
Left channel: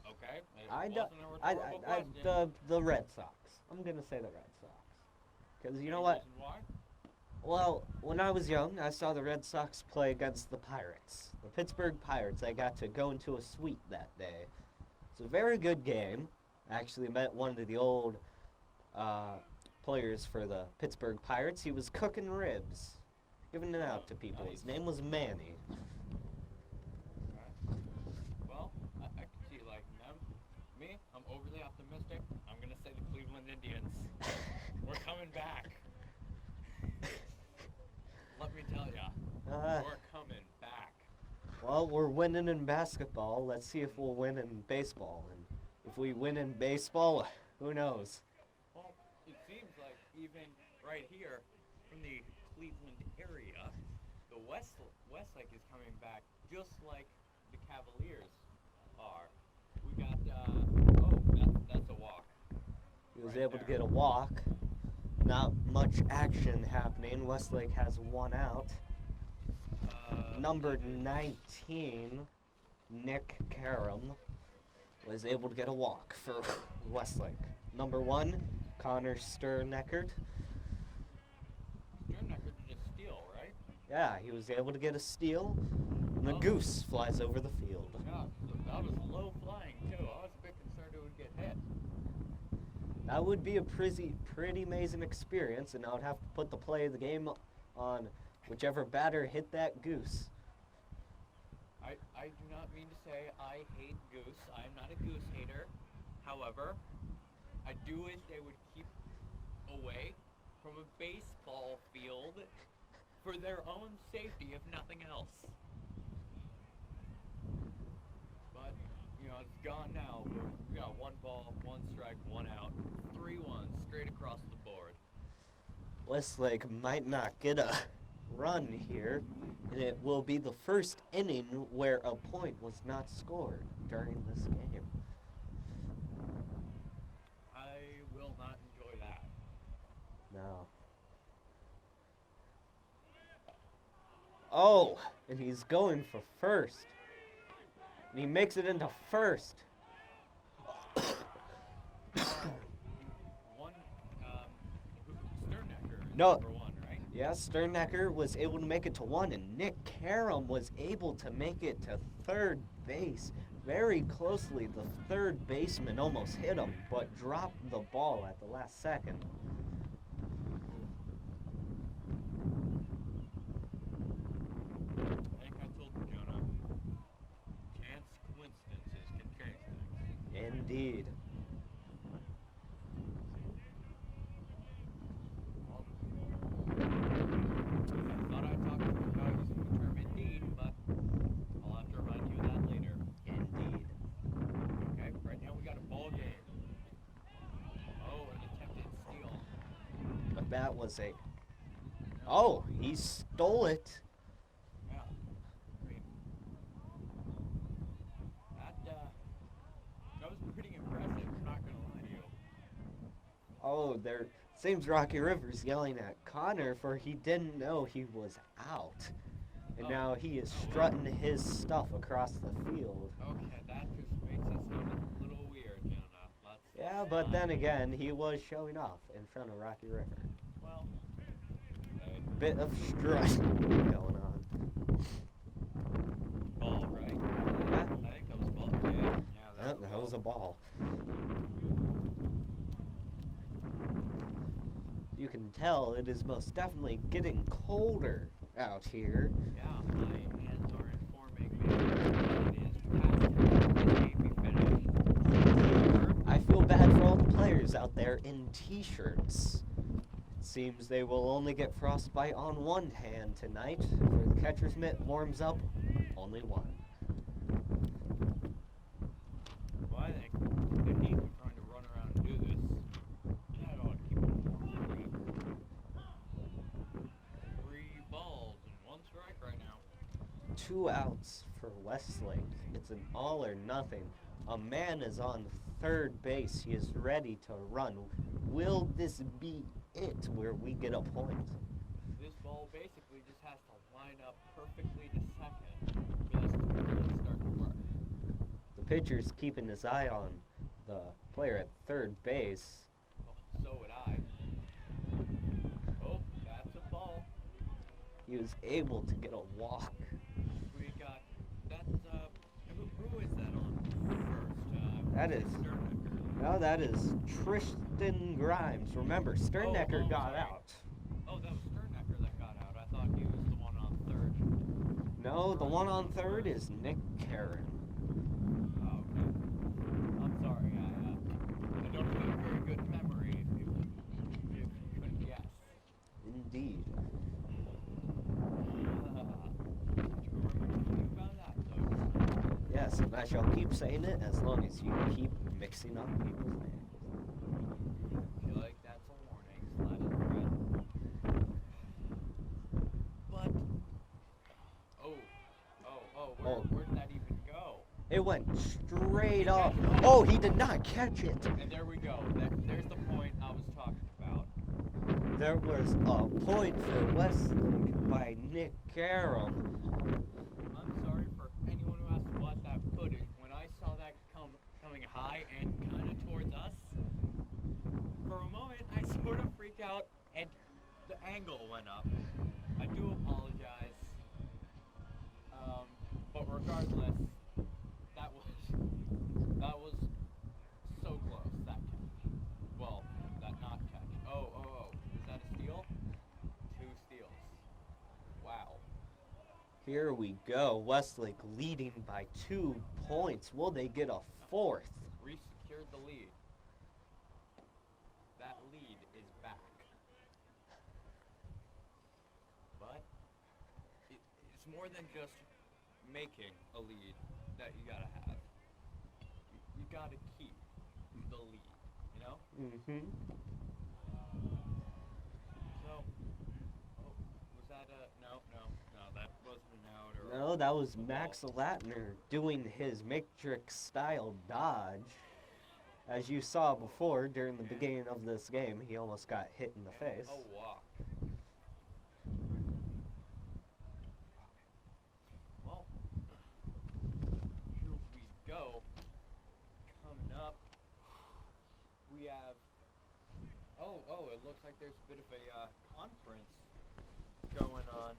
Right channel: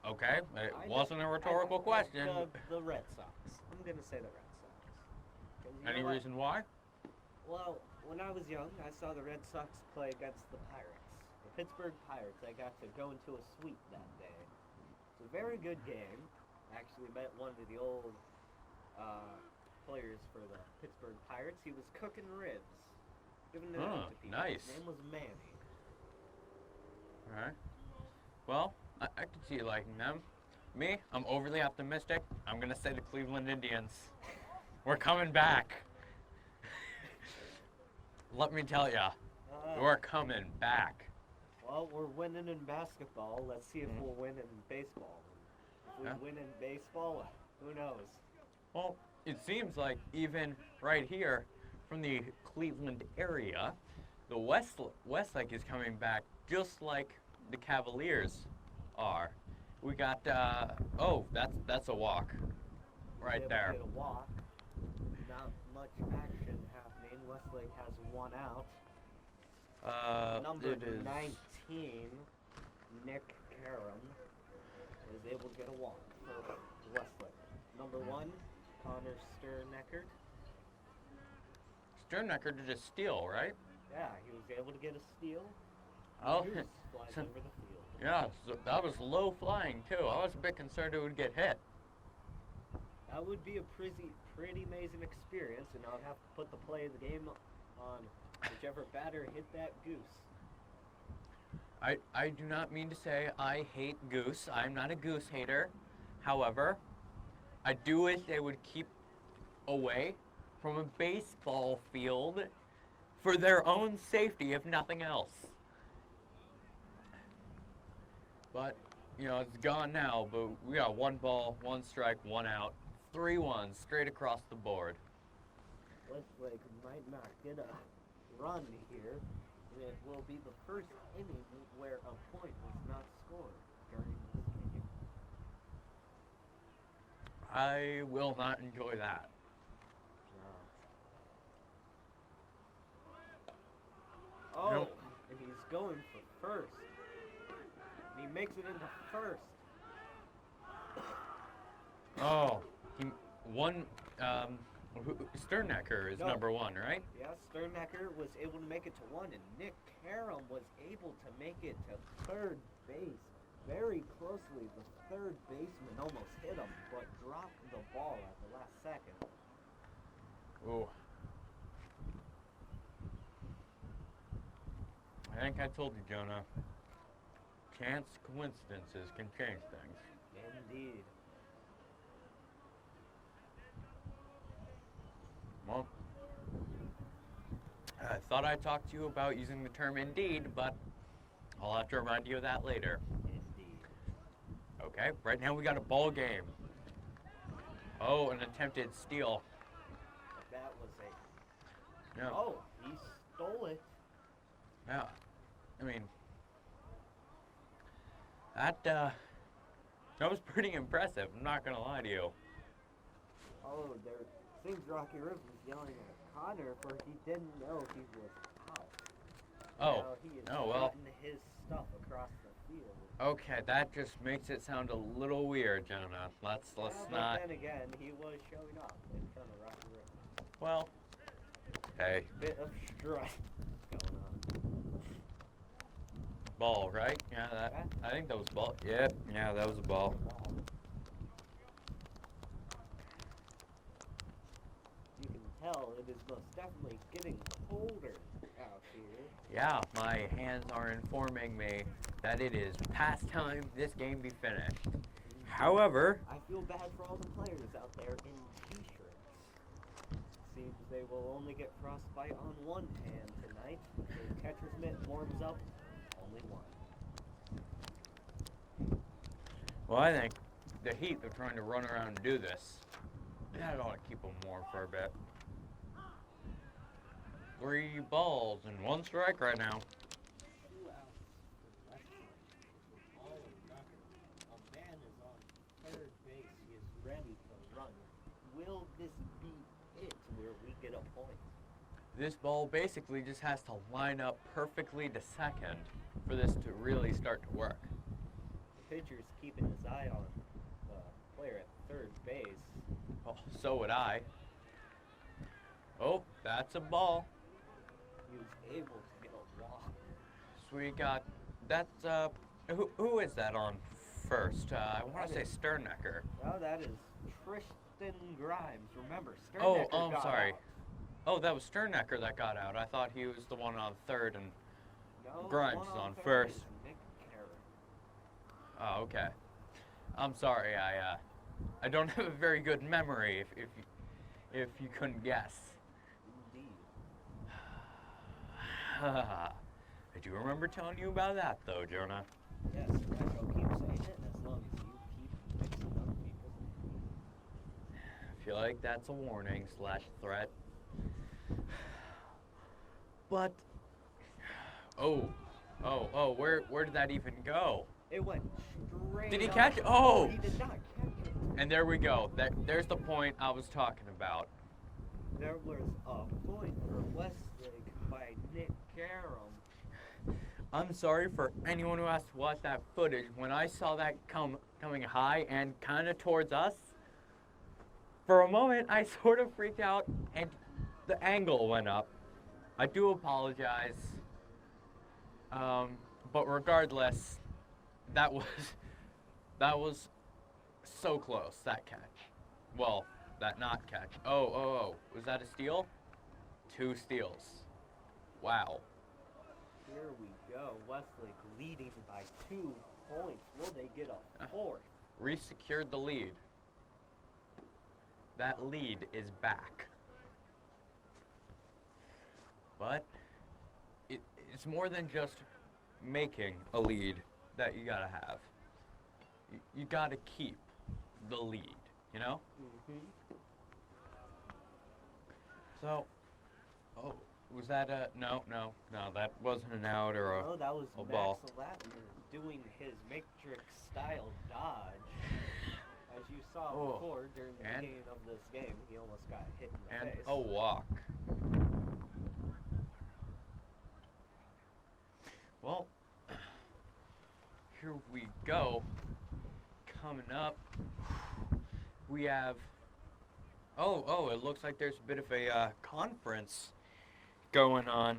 okay, it wasn't a rhetorical question. The Red Sox. I'm going to say the Red Sox. Because you know what? Any reason why? Well, when I was young, I saw the Red Sox play against the Pirates. The Pittsburgh Pirates. I got to go into a suite that day. It's a very good game. I actually met one of the old players for the Pittsburgh Pirates. He was cooking ribs, giving it out to people. Nice. His name was Manny. All right. Well, I can see you liking them. Me, I'm overly optimistic. I'm going to say the Cleveland Indians. We're coming back. Let me tell ya, we're coming back. Well, we're winning in basketball. Let's see if we'll win in baseball. And if we win in baseball, who knows? Well, it seems like even right here from the Cleveland area, the Westlake is coming back just like the Cavaliers are. We got, that's a walk right able there. to get a walk. Not much action happening. Westlake has 1 out. Number 19, Nick Karam, was able to get a walk for Westlake. Number 1, Connor Sterneckert. Sterneckert did a steal, right? Yeah, he was able to get a steal. The goose flies over the field. Yeah, so that was low flying too. I was a bit concerned it would get hit. That would be a pretty amazing experience, and I would have to put the play of the game on whichever batter hit that goose. I do not mean to say I hate goose. I'm not a goose hater. However, I do wish they would keep away from a baseball field for their own safety, if nothing else. But, it's gone now, but we got 1 ball, 1 strike, 1 out, 3-1 straight across the board. Westlake might not get a run here, and it will be the first inning where a point was not scored during this game. I will not enjoy that. No. Oh, and he's going for first. And he makes it into first. Oh, one Sternecker is No. number 1, right? Yeah, Sternecker was able to make it to 1, and Nick Karam was able to make it to third base. Very closely, the third baseman almost hit him, but dropped the ball at the last second. Ooh. I think I told you, Jonah. Chance coincidences can change things. Indeed. Well, I thought I talked to you about using the term indeed, but I'll have to remind you of that later. Indeed. Okay, right now we got a ball game. Oh, an attempted steal. But that was a... No. Oh, he stole it. Yeah. I mean, that was pretty impressive. I'm not gonna lie to you. Oh, there seems Rocky Rivers yelling at Connor for he didn't know he was out. And now he is strutting his stuff across the field. Okay, that just makes it sound a little weird, Jonah. Let's But then again, he was showing off in front of Rocky Rivers. Well, hey. Bit of strut going on. Ball, right? Yeah, I think that was a ball. Yeah, that was a ball. That was a ball. You can tell it is most definitely getting colder out here. Yeah, my hands are informing me that it is past time this game be finished. However, I feel bad for all the players out there in t-shirts. It seems they will only get frostbite on one hand tonight. The catcher's mitt warms up only one. well, I think the Heat are trying to run around and do this. I don't want to keep them warm for a bit. 3 balls and 1 strike right now. 2 outs for Westlake. It's an all or nothing. A man is on third base. He is ready to run. Will this be it where we get a point? This ball basically just has to line up perfectly to second for this to really start to work. The pitcher's keeping his eye on the player at third base. Oh, so would I. Oh, that's a ball. He was able to get a walk. So we got, that's, who is that on first? I want to say Sternecker. No, that is Tristan Grimes. Remember, Sternecker got sorry. out. Oh, that was Sternecker that got out. I thought he was the one on third and No, Grimes the one on third first. is Nick Karam. Oh, okay. I'm sorry, I don't have a very good memory if you couldn't guess. Indeed. I do remember telling you about that though, Jonah. Yes, and I shall keep saying it as long as you keep mixing up people's names. I feel like that's a warning / threat. But where did that even go? It went straight Did he up. catch it? Oh, Oh! he did not catch it. And there we go. There's the point I was talking about. There was a point for Westlake by Nick Karam. I'm sorry for anyone who has to watch that footage. When I saw that coming high and kind of towards us, for a moment I sort of freaked out and the angle went up. I do apologize. But regardless, that was so close, that catch. Well, that not catch. Oh, was that a steal? 2 steals. Wow. Here we go. Westlake leading by 2 points. Will they get a 4th? Re-secured the lead. That lead is back. But it's more than just making a lead that you gotta have. You gotta keep the lead, you know? Mm-hmm. So, was that no, that wasn't an out or a Oh, that was a Max ball. Latner doing his Matrix style dodge. As you saw before during the And- beginning of this game, he almost got hit in the And face. a walk. Well, here we go. Coming up, we have Oh, it looks like there's a bit of a conference going on.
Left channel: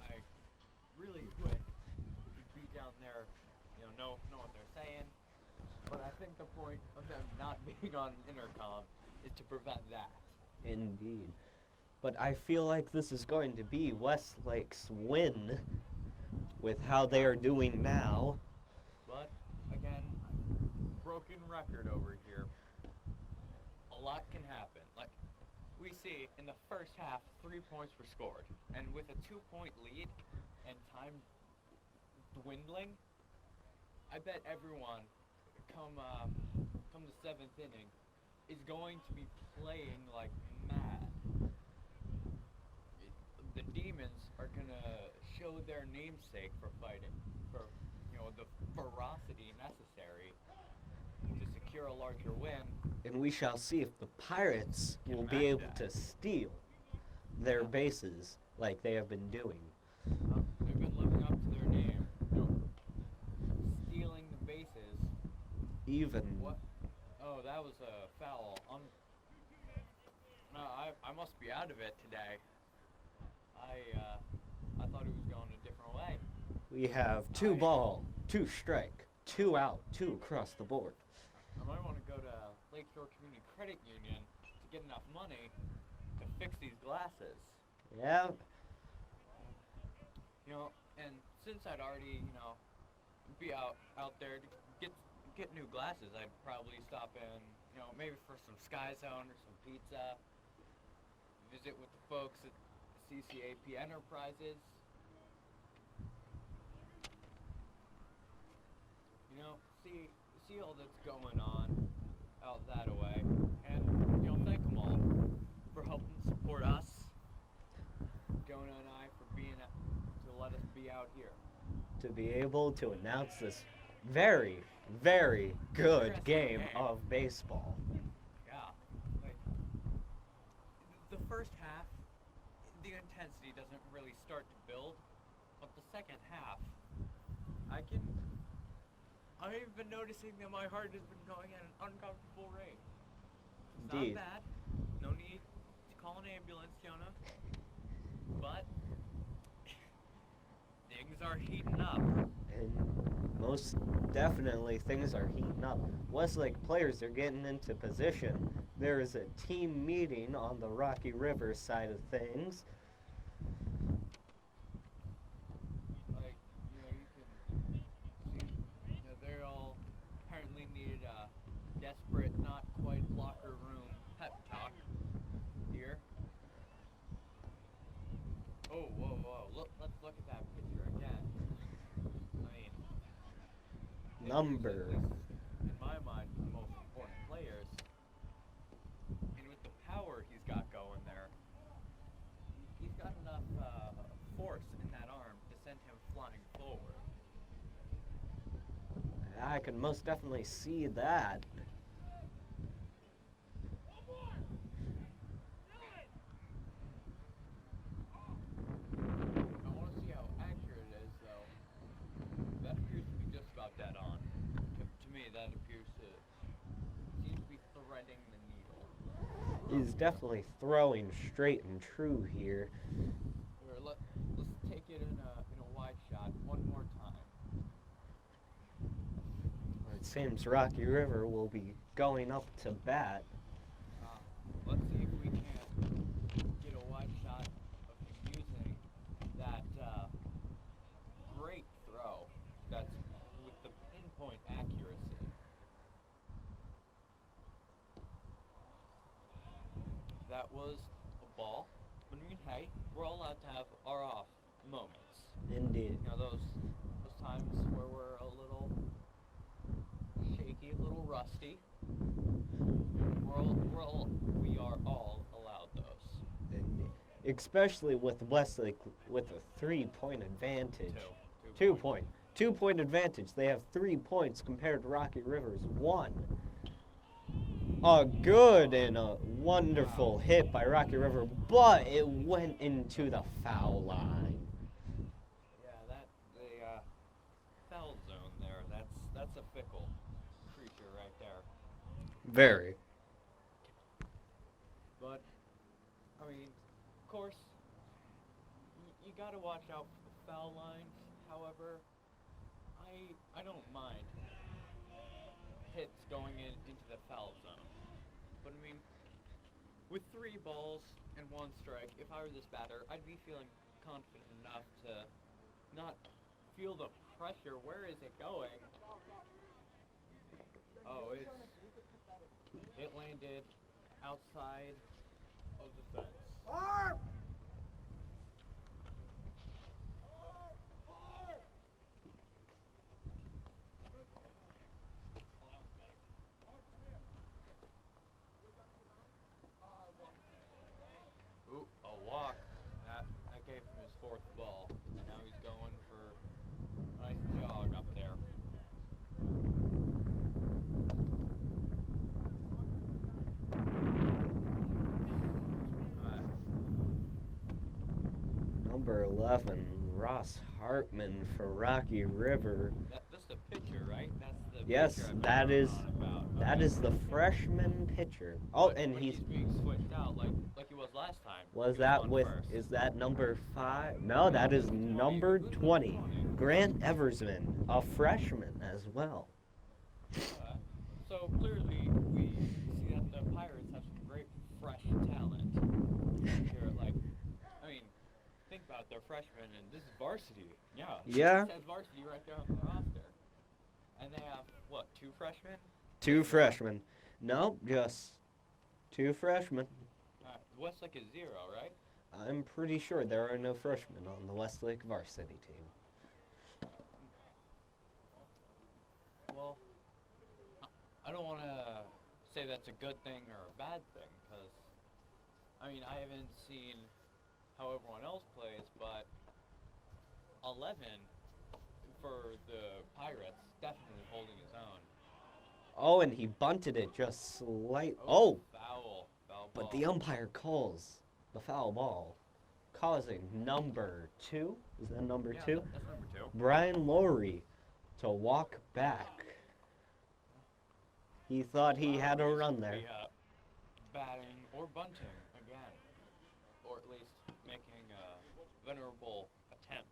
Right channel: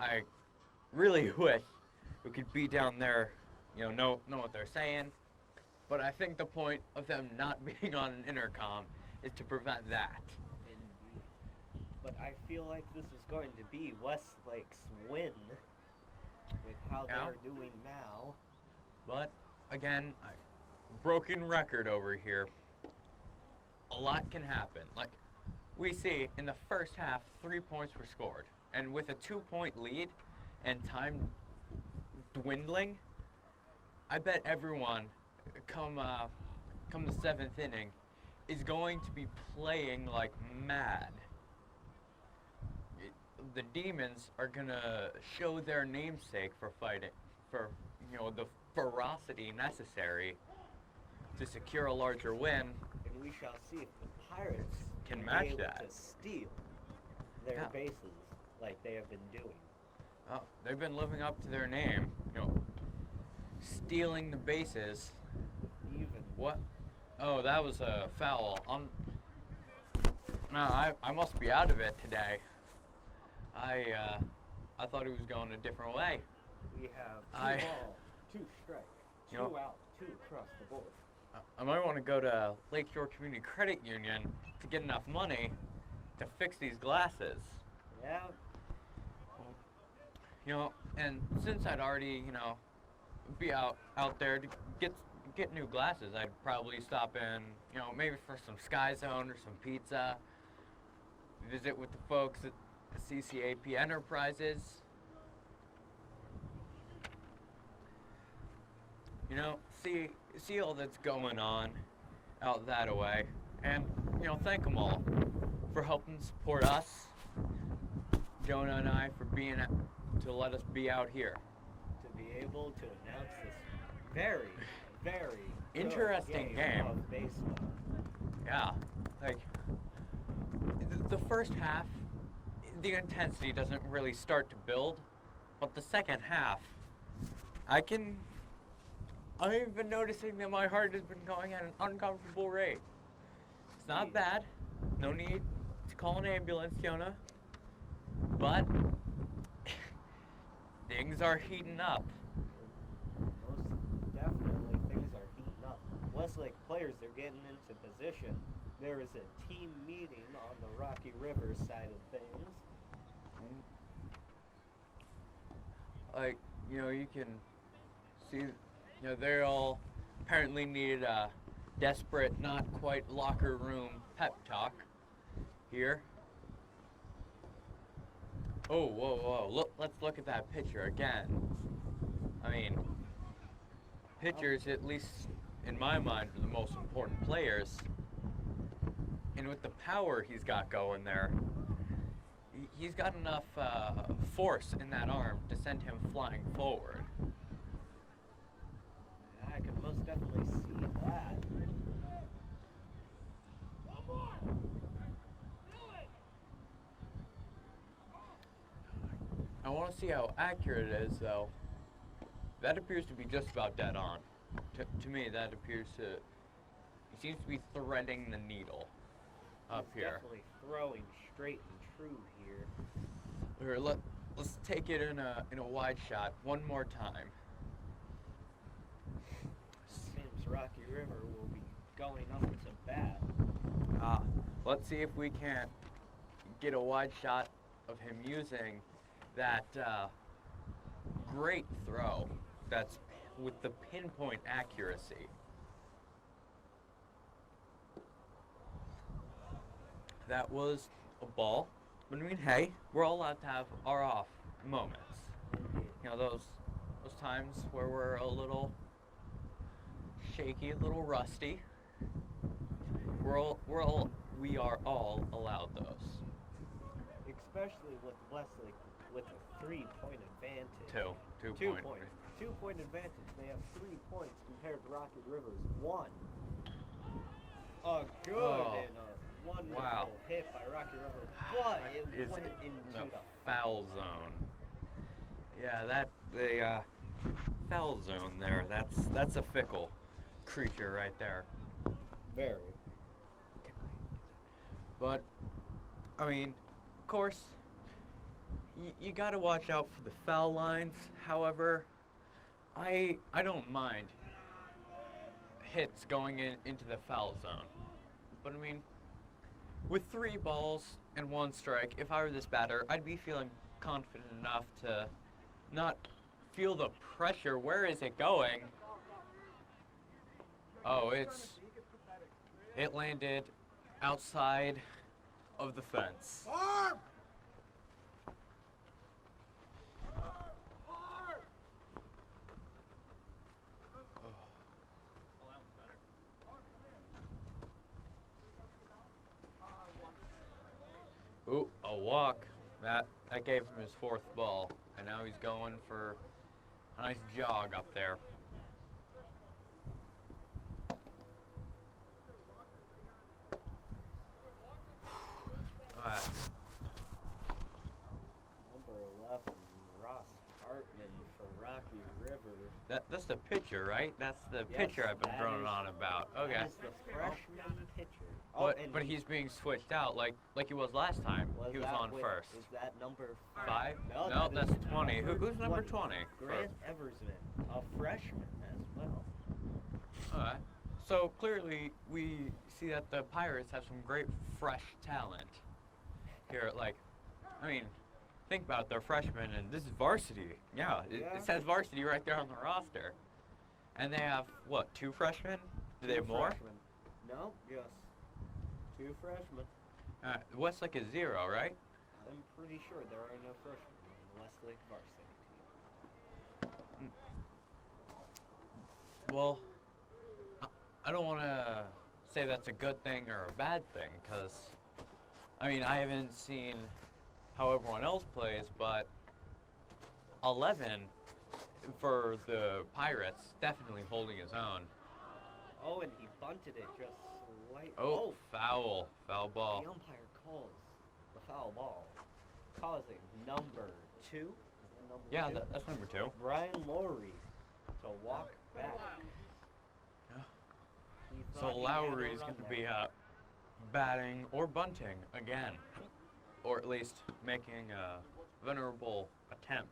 I really wish we could be down there, know what they're saying. But I think the point of them not being on an intercom is to prevent that. Indeed. But I feel like this is going to be Westlake's win with how they are doing now. But, again, broken record over here. A lot can happen. Like, we see in the first half, 3 points were scored. And with a 2-point lead and time dwindling, I bet everyone come the 7th inning is going to be playing like mad. The Demons are gonna show their namesake for fighting, for the ferocity necessary to secure a larger win. And we shall see if the Pirates Can will match be able that. to steal their bases like they have been doing. They've been living up to their name, stealing the bases. Even What? Oh, that was a foul. No, I must be out of it today. I thought he was going a different way. we have 2 ball, 2 strike, 2 out, 2 across the board. I might want to go to Lakeshore Community Credit Union to get enough money to fix these glasses. Yeah, And since I'd already, be out there to get new glasses, I'd probably stop in, maybe for some Sky Zone or some pizza, visit with the folks at the CCAP Enterprises. See all that's going on out that way, and thank them all for helping support us, Jonah and I, for being to let us be out here. to be able to announce this very, very good Interesting game game. of baseball. Yeah, like the first half, the intensity doesn't really start to build, but the second half, I've been noticing that my heart has been going at an uncomfortable rate. It's not Indeed. bad. No need to call an ambulance, Jonah. But things are heating up. And most definitely things are heating up. Westlake players are getting into position. There is a team meeting on the Rocky River side of things. Like, you can see, they all apparently need a desperate, not quite locker room pep talk here. Oh, whoa. Let's look at that pitcher again. I mean, pitchers, at Number. least in my mind, are the most important players. And with the power he's got going there, he's got enough force in that arm to send him flying forward. I can most definitely see that. I want to see how accurate it is, though. That appears to be just about dead on. To me, that appears to... He seems to be threading the needle. up He's here. definitely throwing straight and true here. Here, let's take it in a wide shot one more time. It seems Rocky River will be going up to bat. Let's see if we can't get a wide shot of him using that great throw that's with the pinpoint accuracy. That was a ball. But I mean, hey, we're all allowed to have our off moments. Indeed. Those times where we're a little shaky, a little rusty. We are all allowed those. Especially with Westlake with a 3-point advantage. Two 2-point advantage. They have 3 points compared to Rocky River's 1. A good and a wonderful hit by Rocky River, but it went into the foul line. Yeah, the foul zone there. That's a fickle creature right there. Very. But, I mean, of course, you gotta watch out for the foul lines. However, I don't mind hits going into the foul zone. But I mean, with 3 balls and 1 strike, if I were this batter, I'd be feeling confident enough to not feel the pressure. Where is it going? Oh, it landed outside of the fence. Ooh, a walk. That gave him his 4th ball, and now he's going for a nice jog up there. Number 11, Ross Hartman for Rocky River. That's the pitcher, right? That's the Yes, pitcher I've that been is on about. that Okay. is the freshman pitcher. Oh, but, and but he's being switched out like he was last time. was He that on with? first. Is that number 5? Five. No, No, that is that's 20. number Who's number 20. 20? Grant Eversman, a freshman as well. Alright. So clearly we see that the Pirates have some great fresh talent here. Like, I mean, think about it, they're freshmen and this is varsity. Yeah. Yeah. It says varsity right there on the roster. And they have what, 2 freshmen? Is 2 there more? freshmen. No, just 2 freshmen. Westlake is 0, right? I'm pretty sure there are no freshmen on the Westlake varsity team. Well, I don't want to say that's a good thing or a bad thing, because, I mean, I haven't seen how everyone else plays, but 11 for the Pirates, definitely holding his own. Oh, and he bunted it just slight. Oh, foul But ball. the umpire calls the foul ball, causing number 2. Is that number 2? Yeah, that's number 2. Brian Lowry to walk back. He thought So he had a Lowry's run gonna there. Be, batting or bunting again, or at least making a venerable attempt.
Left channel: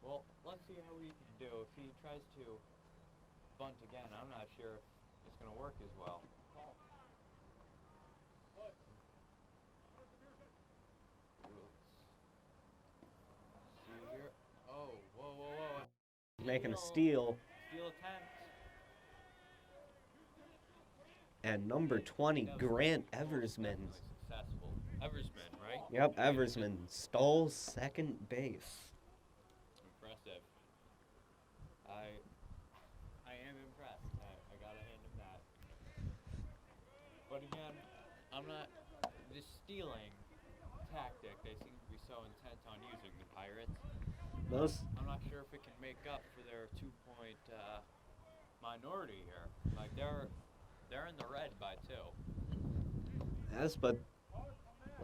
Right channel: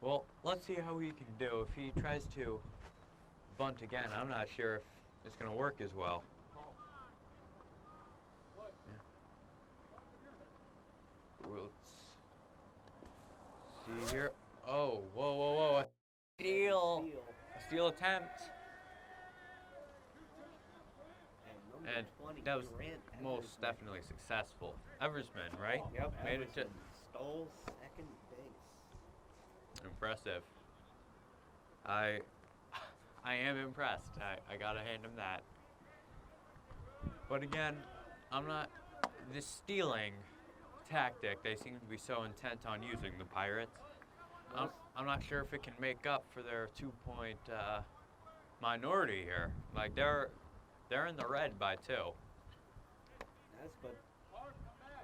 Well, let's see how he can do. If he tries to bunt again, I'm not sure if it's going to work as well. Let's see here. Oh, whoa. Making a steal. A steal attempt. And number And 20, that was Grant most Eversman. definitely successful. Eversman, right? Yep, Made it to- Eversman stole second base. Impressive. I am impressed. I gotta hand him that. But again, I'm not. This stealing tactic, they seem to be so intent on using the Pirates. I'm not sure if it can make up for their 2-point minority here. Like they're in the red by 2. Yes, but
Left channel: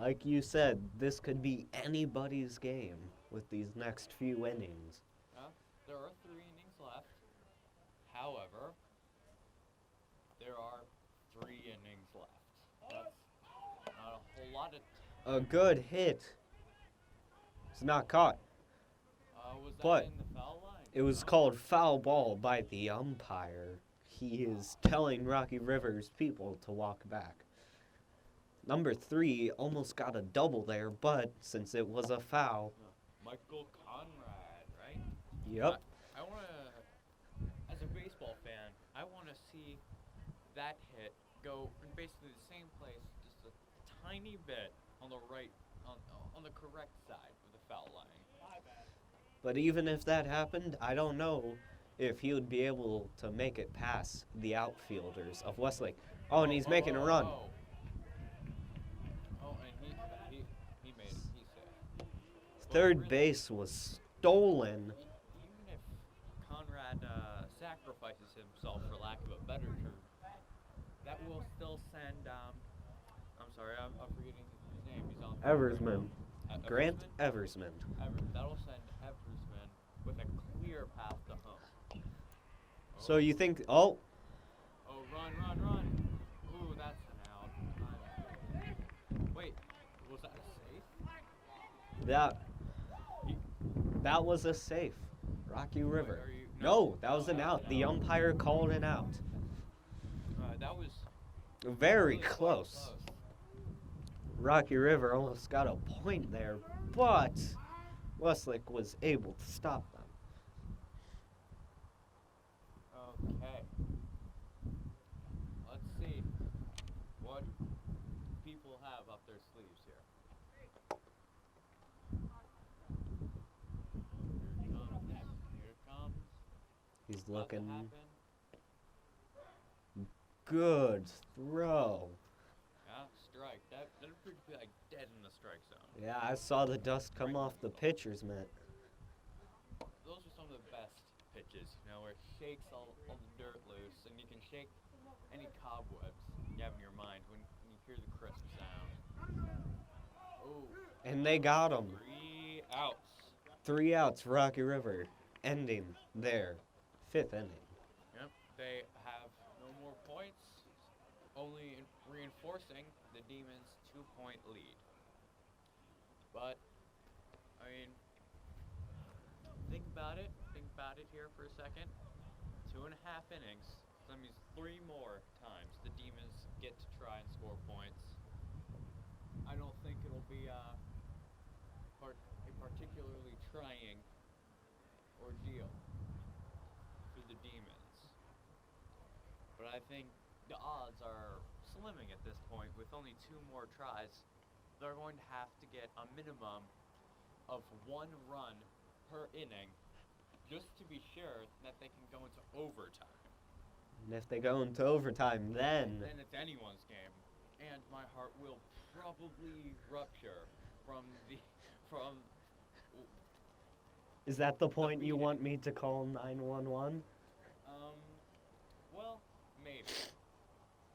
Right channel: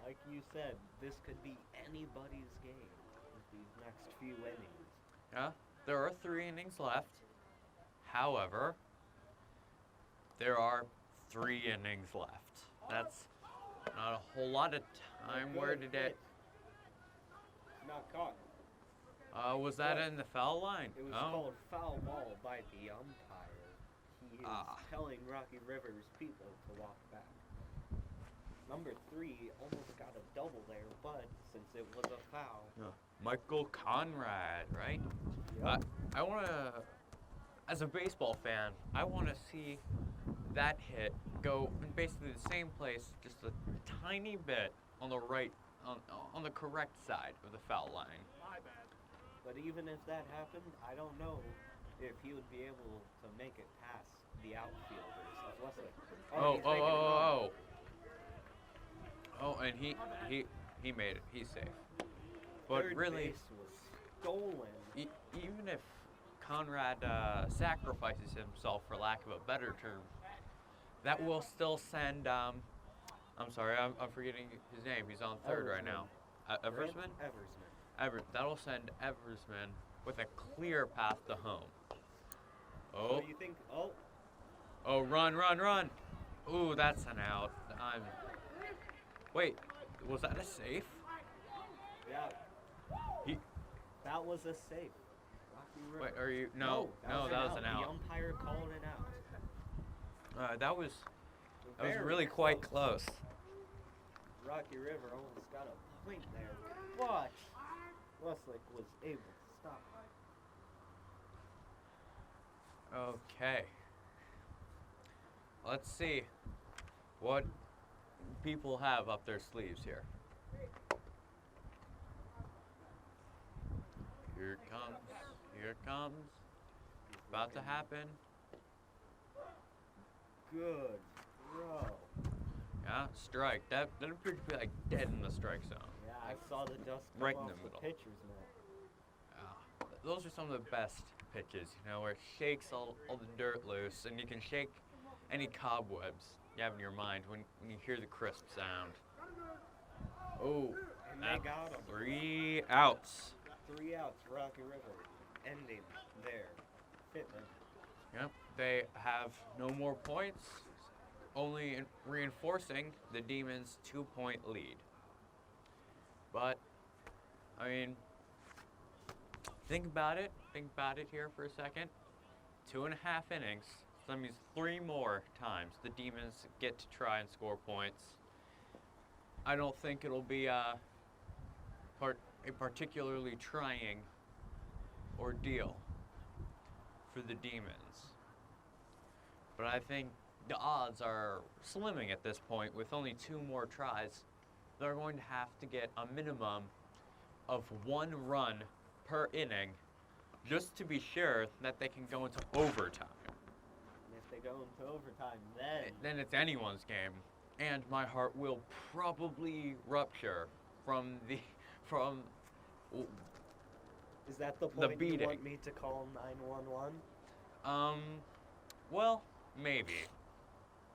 like you said, this could be anybody's game with these next few innings. Yeah, there are 3 innings left. However, there are 3 innings left. That's not a whole lot of time. A good where to hit. It's not caught. Was that But in the foul line? It was No? called foul ball by the umpire. He is Ah. telling Rocky River's people to walk back. Number 3 almost got a double there, but since it was a foul. Michael Conrad, right? Yep. I want to, as a baseball fan, I want to see that hit go in basically the same place, just a tiny bit on the right, on the correct side of the foul line. But even if that happened, I don't know if he would be able to make it past the outfielders of Westlake. Oh, and he's making a run. Oh, and he made it. He's safe. But Third really, base was stolen. Even if Conrad sacrifices himself, for lack of a better term, that will still send. I'm sorry, I'm forgetting his name. He's on third right now. Grant Eversman? Eversman. That'll send Eversman with a clear path to home. So you think, Oh, run, run, run. Ooh, that's an out. Wait, was that a safe? That He- that was a safe. Rocky River. Wait, are you? No, that no, was an out. The umpire called it out. That was Very really close. quite close. Rocky River almost got a point there, but Westlake was able to stop them. Okay. Let's see what people have up their sleeves here. Here it comes. Here it comes. He's About looking. to happen. Good throw. Yeah, strike. That appeared to be like dead in the strike zone. Yeah, I saw the dust come Right in off the the middle. pitcher's mitt. Those are some of the best pitches, where it shakes all the dirt loose, and you can shake any cobwebs you have in your mind when you hear the crisp sound. Oh, And they got him. 3 outs. 3 outs, Rocky River, ending their 5th inning. Yep, they have no more points, only reinforcing the Demons' 2-point lead. But, I mean, think about it here for a second. 2.5 innings, so that means 3 more times the Demons get to try and score points. I don't think it'll be a particularly trying ordeal for the Demons. But I think the odds are slimming at this point. With only 2 more tries, they're going to have to get a minimum of 1 run per inning just to be sure that they can go into overtime. And if they go into overtime, then it's anyone's game. And my heart will probably rupture from is that the point you beating. want me to call 911? Well, maybe.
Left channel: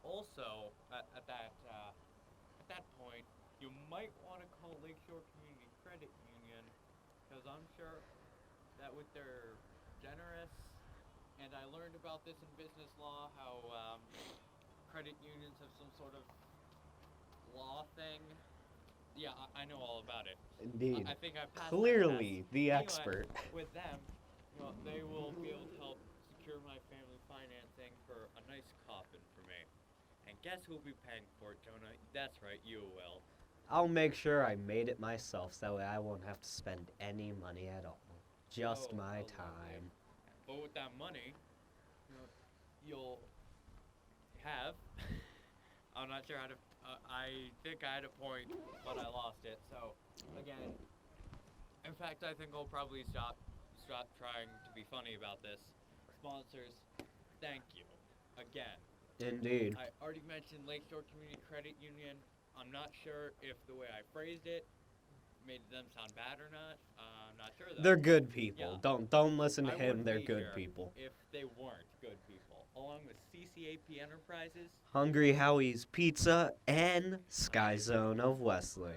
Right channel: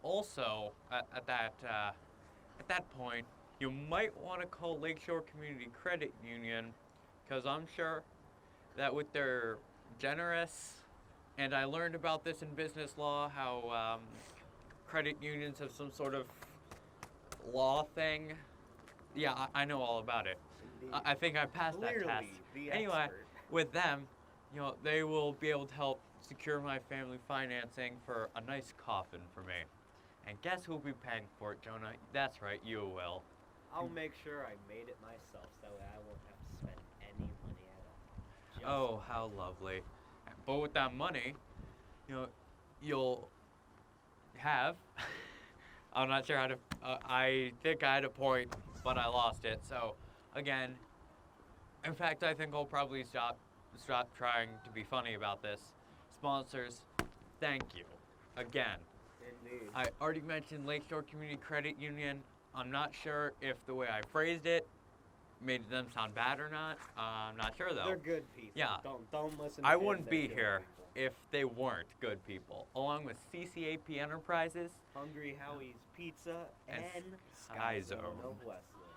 Also, at that point, you might want to call Lakeshore Community Credit Union, because I'm sure that with their generous, and I learned about this in business law, how credit unions have some sort of law thing. Yeah, I know all about it. Indeed. I think I passed that Clearly, test. the Anyway, expert. with them, they will be able to help secure my family financing for a nice coffin for me. And guess who'll be paying for it, Jonah? That's right, you will. I'll make sure I made it myself, so that way I won't have to spend any money at all. Just Oh, my how time. lovely. But with that money, you'll have. I'm not sure how to. I think I had a point, but I lost it. So, again, in fact, I think I'll probably stop trying to be funny about this. Sponsors, thank you again. Indeed. I already mentioned Lakeshore Community Credit Union. I'm not sure if the way I phrased it made them sound bad or not. I'm not sure though. They're good people. Yeah. Don't listen to I him. wouldn't They're be good here people. if they weren't good people. Along with CCAP Enterprises. Hungry Howie's Pizza and Sky Zone of Westlake.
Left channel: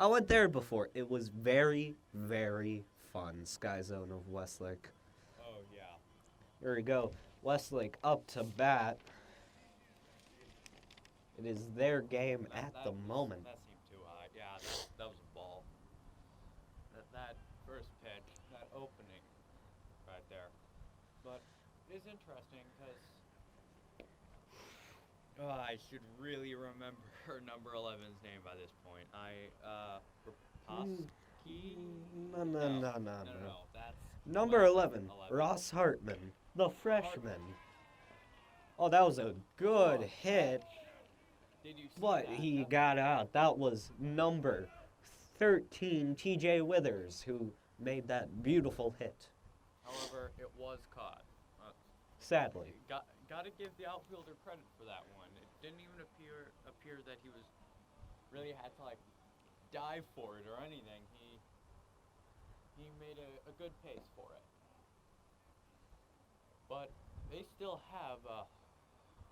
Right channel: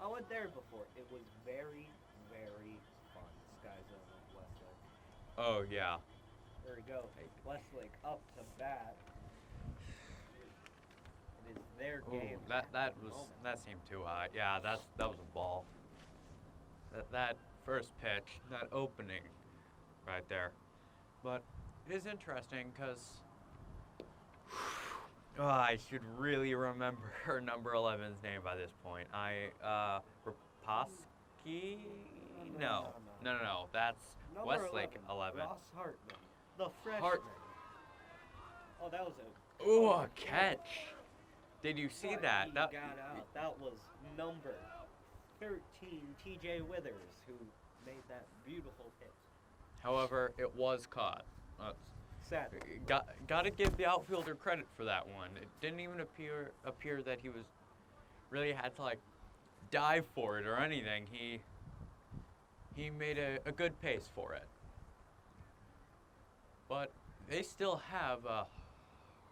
I went there before. It was very, very fun. Sky Zone of Westlake. Oh yeah. There we go. Westlake up to bat. It is their game at the moment. That seemed too high. Yeah, that was a ball. That first pitch, that opening, right there. But it is interesting because I should really remember her number 11's name by this point. Raposki? No. That's Number Westlake 11, Ross Hartman, the freshman. Oh, that was a good catch. Did you see But that? he got out. That was number 13, TJ Withers, who made that beautiful hit. However, it was caught. Sadly. Got to give the outfielder credit for that one. It didn't even appear that he was really had to dive for it or anything. He made a good pace for it. But they still have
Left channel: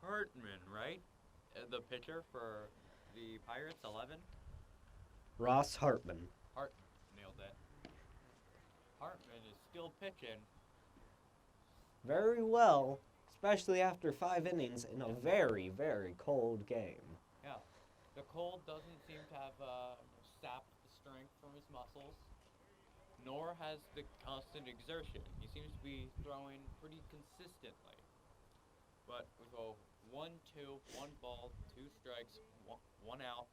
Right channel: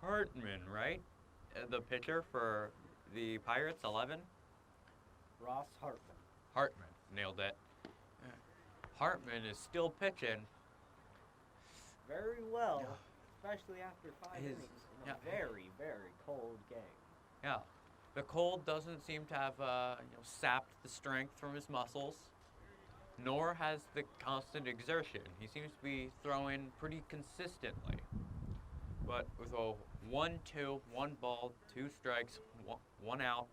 Hartman, right? The pitcher for the Pirates, 11? Ross Hartman. Hartman, nailed it. Hartman is still pitching. Very well. especially after 5 innings in a Yeah. very, very cold game. Yeah. The cold doesn't seem to have sapped the strength from his muscles, nor has the constant exertion. He seems to be throwing pretty consistently. But with a 1-2, 1 ball, 2 strikes, 1 out,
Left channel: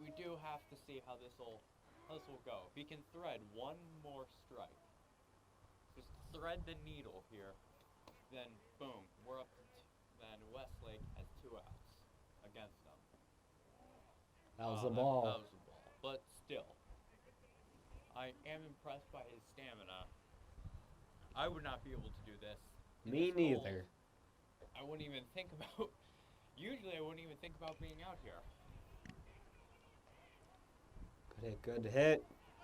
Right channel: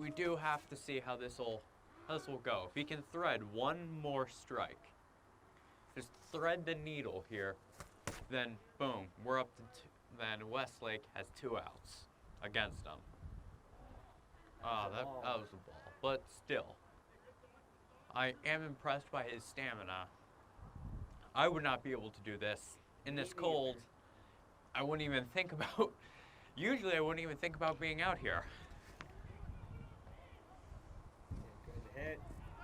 we do have to see how this will go. If he can thread one more strike, just thread the needle here, then boom, we're up to then Westlake has 2 outs against him. That was a ball. That was a ball. But still, I am impressed by his stamina. I would not be able to do this in Me this cold. neither. I wouldn't even think about. Usually, I wouldn't even think about being out here. A good hit.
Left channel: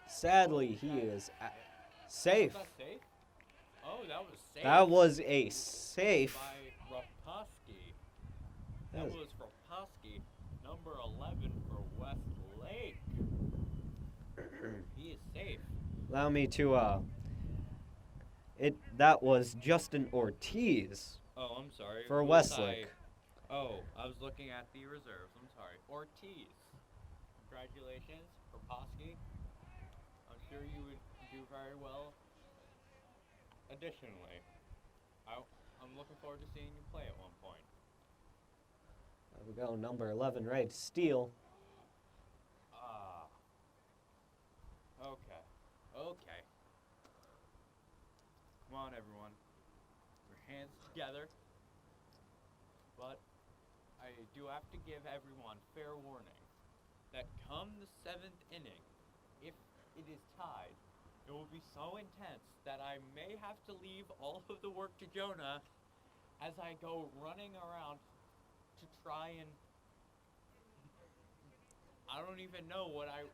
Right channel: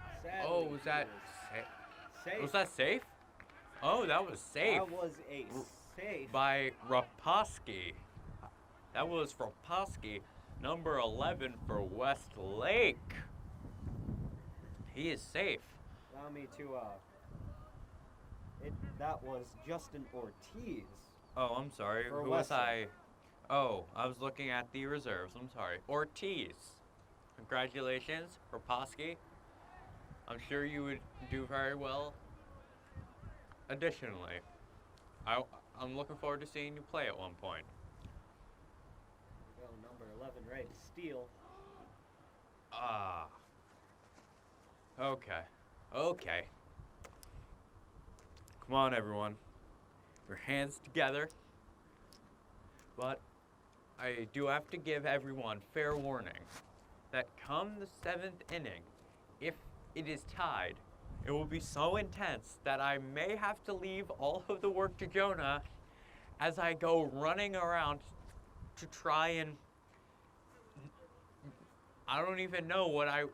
Sadly, Oh, was he that was safe. Was that safe? Oh, that was safe. That was a safe. By Raposki. That was Raposki, number 11 for Westlake. He is safe. Allow me to, that was Justin Ortiz. Oh, I'm sorry. For Who was Westlake. I was looking at the reserves. I'm sorry. Ortiz. Congratulations, Raposki. I'm sure you would do very well. Additionally, I'm looking forward to seeing you play at one point. There we go, number 11, right? Steal. Okay. Come on, everyone. Your hands together. But I do have to give everyone fair warning that come the 7th inning, if it is tied, it will be so intense that I may have to leave all of the work to Jonah as I go running around to try and... I don't even know what I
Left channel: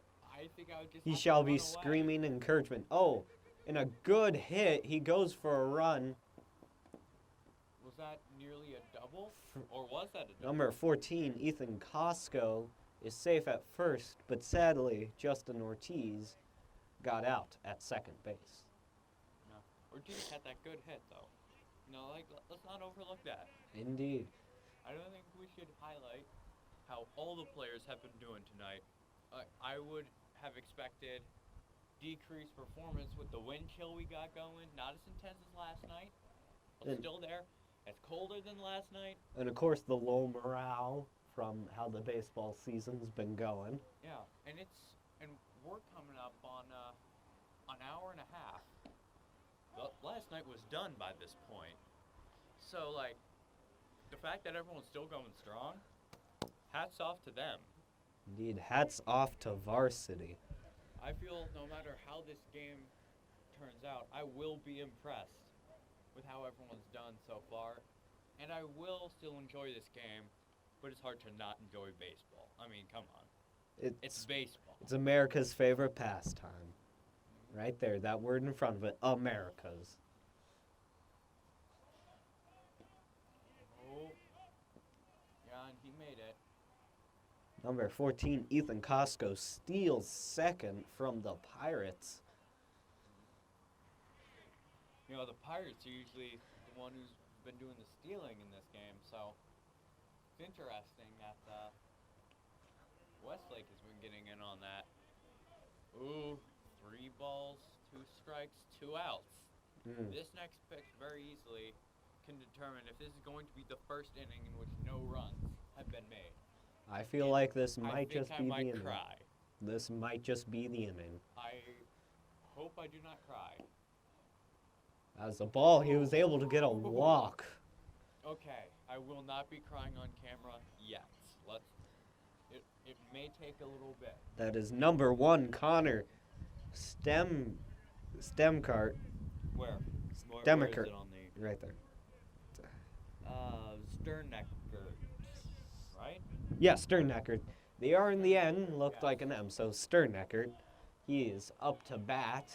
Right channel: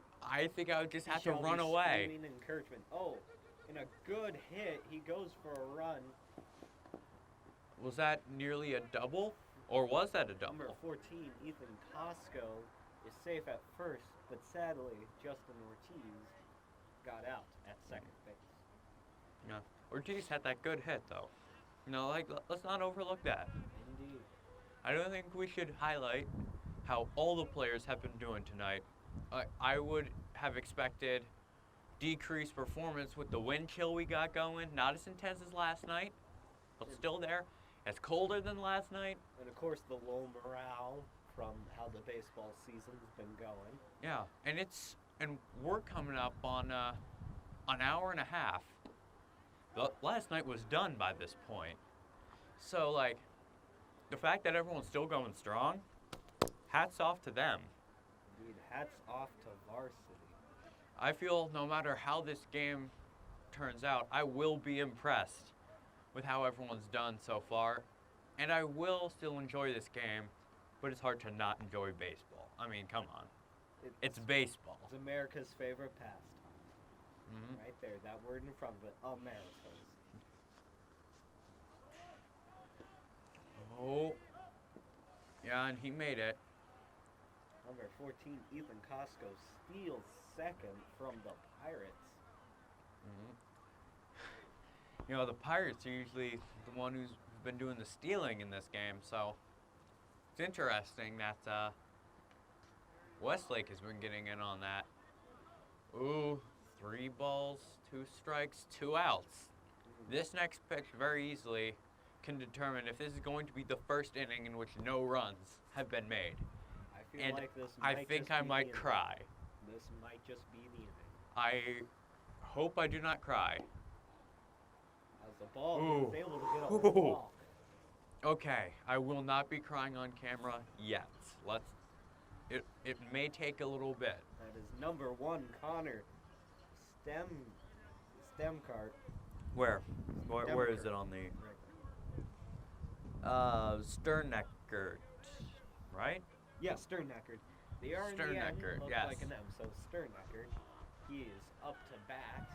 think I would just He have shall to run be away. screaming encouragement. Oh, in a good hit, he goes for a run. Was that nearly a double? Or was that a double? Number 14, Ethan Costco, is safe at first, but sadly, Justin Ortiz got out at second base. Yeah. Ortiz had that good hit, though. Let's not overlook that. Indeed. I don't think we should highlight how all the players have been doing tonight. I would have expected decreased performance with the wind chill we got going. Not as intense as last night, but still there. It's colder than last night. And of course, the low morale from how the baseball season's been going. Yeah, and we're coming up on an hour and a half. Last night was done by this point. So, the fact that everyone's still going strong, hats off to them. Indeed, hats off to varsity. I feel no matter how this game turns out, I will be impressed with how everyone's done so far. And I will still enjoy this game, but it's hard to not enjoy baseball. I mean, come on. It's baseball. It's America's favorite pastime. Right there, that word in front of it, America's. Oh. Yeah, and he made it. Number 14, Ethan Costco steals second from the Pirates. The Pirates are usually the one who's been doing the stealing in this game, so it's interesting that Westlake has been getting in on that. Ooh, 3 balls, 2 strikes, 2 outs. This next pitch very easily can determine if this is going to be the first inning in which no runs have been made. I feel like this might I think just I be the might inning. cry. This might just be the inning. I hope I do not cry. As a ball, he was able to get a walk. Okay, I will not be crying on camera yet. It may take a little bit. That is number 1, Connor Stemcart. Where is Demekert. it on the... Right there. Sterneckert, right? Yeah, Sterneckert. The R in the end Sterneckert, looked yes. like an M, so Sterneckert. He is up to bat.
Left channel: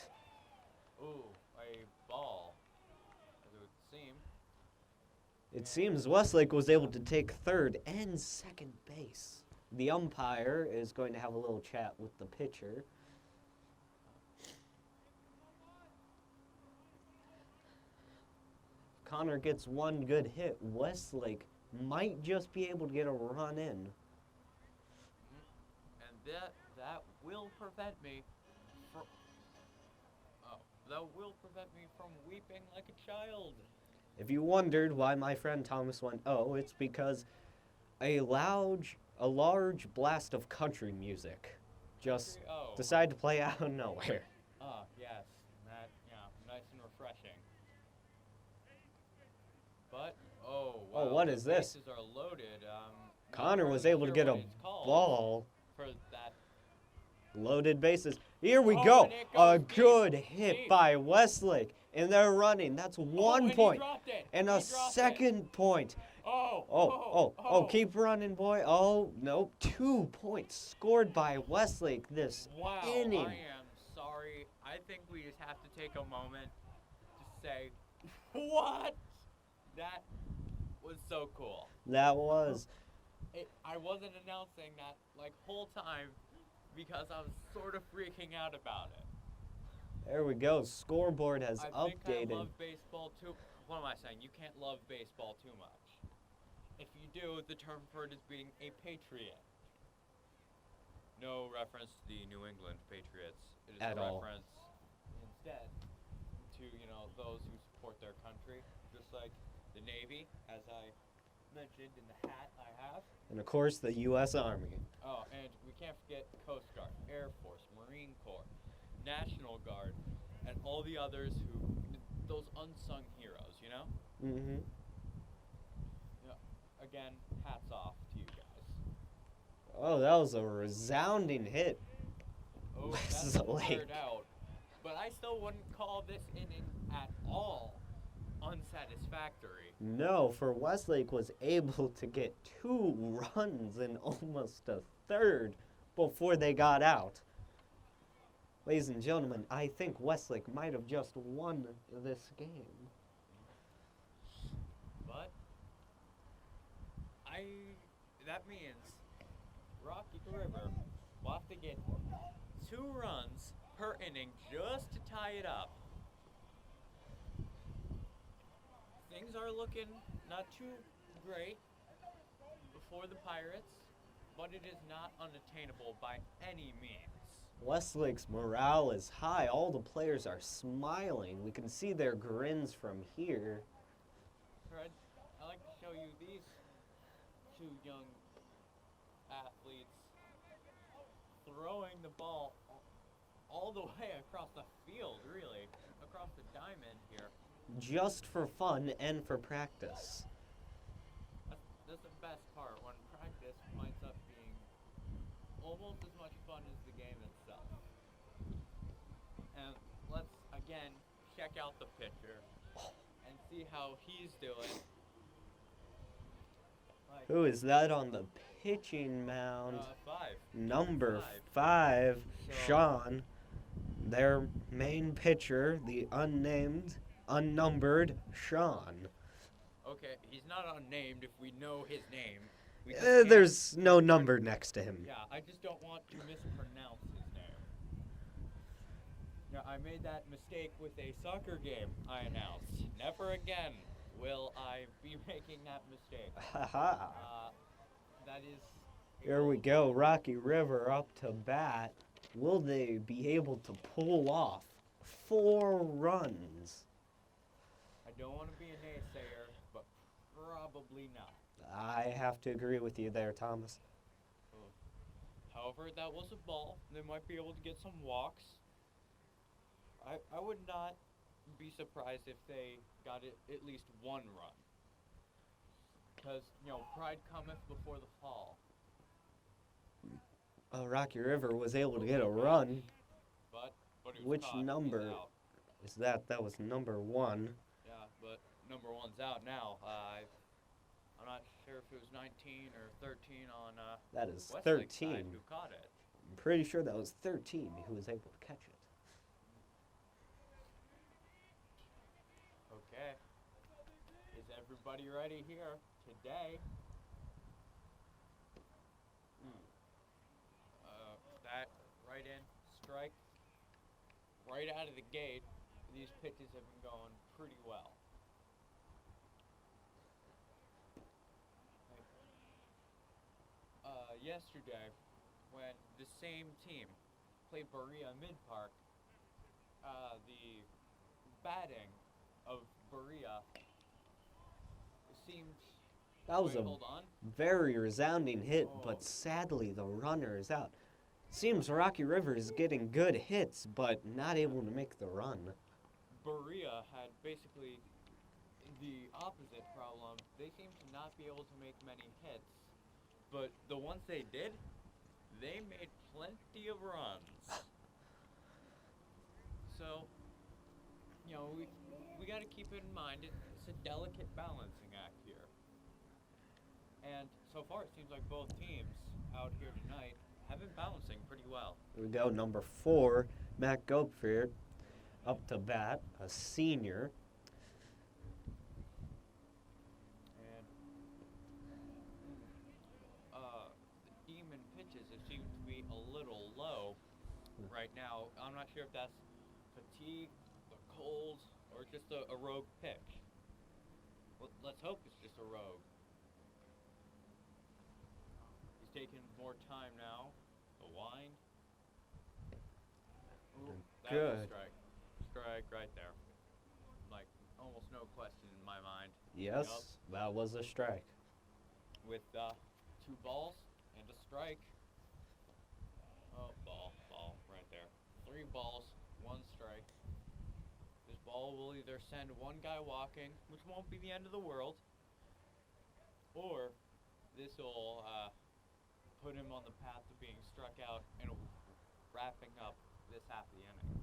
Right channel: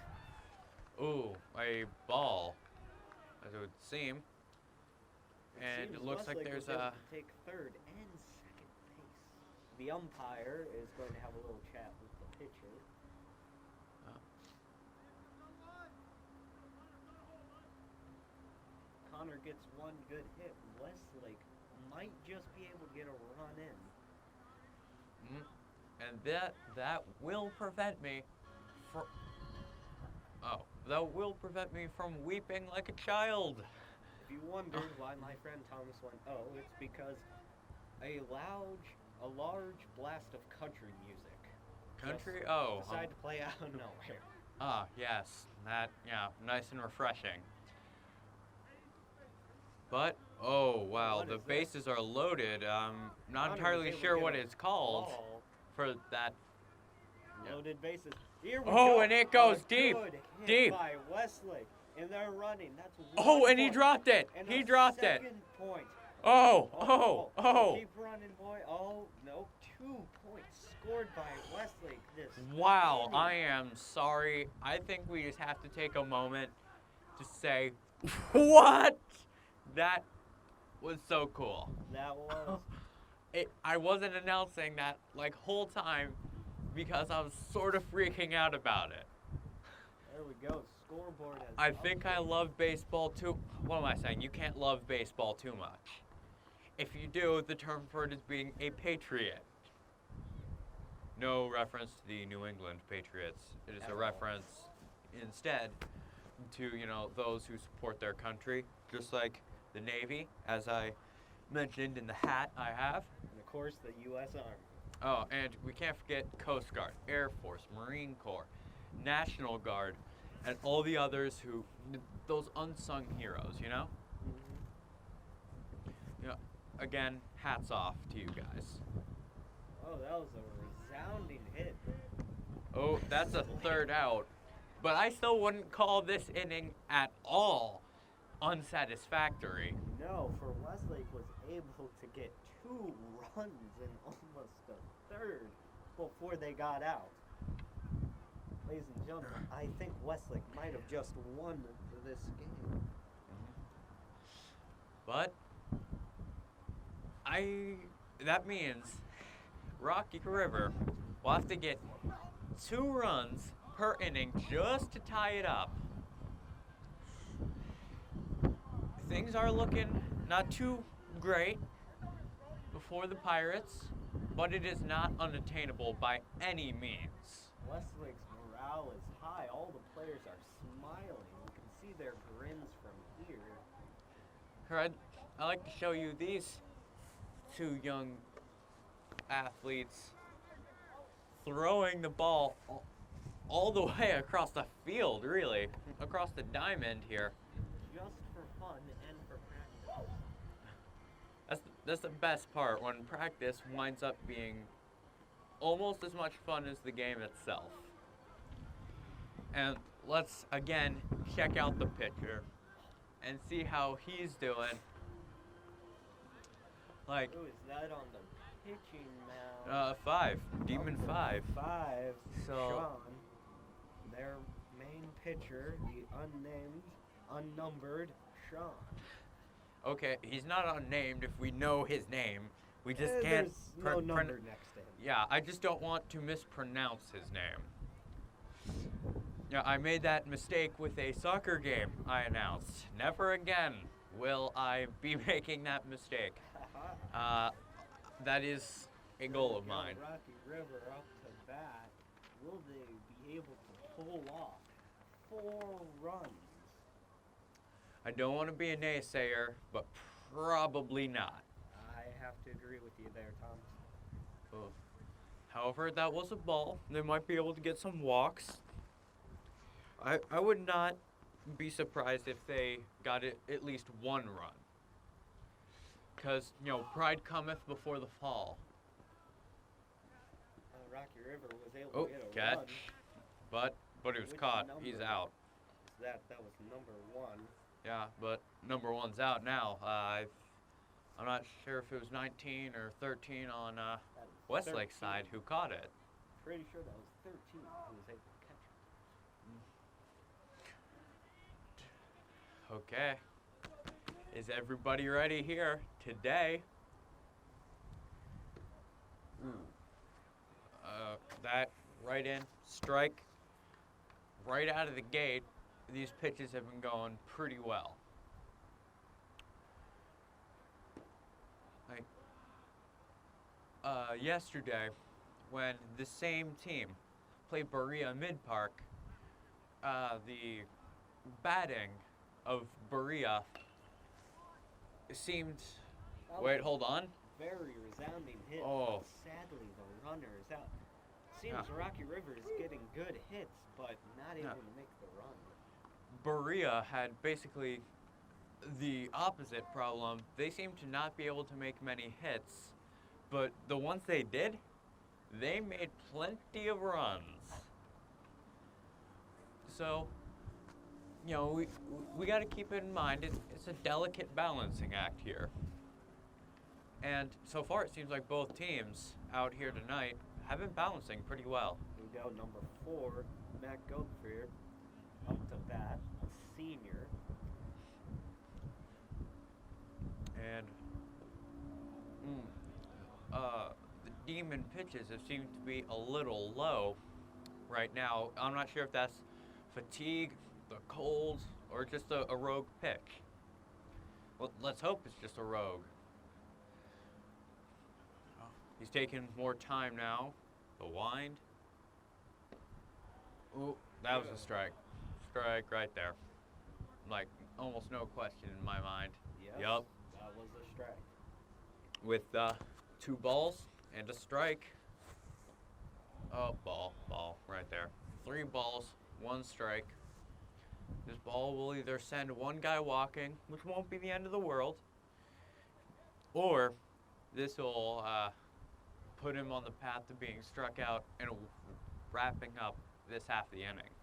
Ooh, a ball, as it would seem. It And seems it looks like Westlake was there's able to take third and second base. The umpire is going to have a little chat with the pitcher. Connor gets one good hit, Westlake might just be able to get a run in. And that will prevent me from... Oh, that will prevent me from weeping like a child. If you wondered why my friend Thomas went, oh, it's because a large blast of country music just decided to play out of nowhere. Ah, yes. That, yeah, nice and refreshing. But, oh, wow, what the is this? bases are loaded. Not Connor was entirely able sure to get what a it's called ball. for that. Loaded bases. Here we Oh, go. and it goes a deep, good hit deep. by Westlake. And they're running. That's one Oh, and point. he dropped it. And he a dropped second point. Oh, Keep running, boy. Oh, nope. 2 points scored by Westlake this Wow, inning. I am sorry. I think we just have to take a moment to say, what? That was so cool. That was. I wasn't announcing that like whole time because I was sort of freaking out about it. There we go. Scoreboard has I think I updated. love baseball too. What am I saying? You can't love baseball too much. If you do, the term for it is being a patriot. No reference to the New England Patriots. It is At a all. reference instead to, those who support their country, just like the Navy, as I mentioned in the hat I have. And of course, the U.S. Army. Oh, and we can't forget Coast Guard, Air Force, Marine Corps, National Guard, and all the others who, those unsung heroes, Mm-hmm. Again, hats off to you guys. Oh, that was a resounding hit. Oh, that's a Westlake. third out. But I still wouldn't call this inning at all unsatisfactory. No, for Westlake was able to get 2 runs in almost a third before they got out. Ladies and gentlemen, I think Westlake might have just won this game. But that means Rocky River will have to get 2 runs per inning just to tie it up. Things are looking not too great before the Pirates, but it is not unattainable by any means. Westlake's morale is high. All the players are smiling. We can see their grins from here. I'd like to show you these 2 young athletes throwing the ball all the way across the field, really, across the diamond here. Just for fun and for practice. That's the best part, when practice winds up being almost as much fun as the game itself. And let's again check out the pitcher and see how he's doing. Like, Who is that on the pitching mound? 5. Number 5. 5, So- Sean. Their main pitcher, the unnumbered Sean. Okay, he's not unnamed if we know his name. We just There's can't no number next to him. Yeah, I just don't want to mispronounce his name. Yeah, I made that mistake with a soccer game I announced. Never again will I be making that mistake. Haha. That is a Here goal we of go, mine. Rocky River up to bat. Will they be able to pull off 4 runs? I don't want to be a naysayer, but probably not. I have to agree with you there, Thomas. However, that was a ball. They might be able to get some walks. I would not be surprised if they got at least 1 run. Because, pride cometh before the fall. Rocky River was able to get a catch. run. But it was Which caught. number He's out. is that? That was number 1. Yeah, but number 1's out now. I'm not sure if it was 19 or 13 on That is Westlake's 13. side who caught it. I'm pretty sure that was 13 who was able to catch it. Okay. Is everybody ready here today? That right in, strike, right out of the gate. These pitches have been going pretty well. yesterday, when the same team played Berea Mid Park, the batting of Berea seemed. That was Wait, a hold on. very resounding hit, Oh. but sadly the runner is out. Seems Rocky River is getting good hits, but not able to make the run. Berea had basically the opposite problem. They seemed to not be able to make many hits, but the ones they did, they made plenty of runs. So, you know, we got to keep in mind it's a delicate balancing act here. And so far, it seems like both teams out here tonight have been balancing pretty well. We go number 4, Matt Goldfear, up to bat, a senior. And the demon pitches have seemed to be a little low right now. I'm not sure if that's fatigue, the cold, or just a rogue pitch. Well, let's hope it's just a rogue. He's taking more time now. The wind. Oh, that was a Good. strike. Strike right there. Like, almost no question in my mind. Yes, Yup. that was a strike. With 2 balls and a strike. Oh, ball, right there. 3 balls, 1 strike. This ball will either send one guy walking, which won't be the end of the world, or this will put him on the path to being struck out and wrapping up this half of the inning.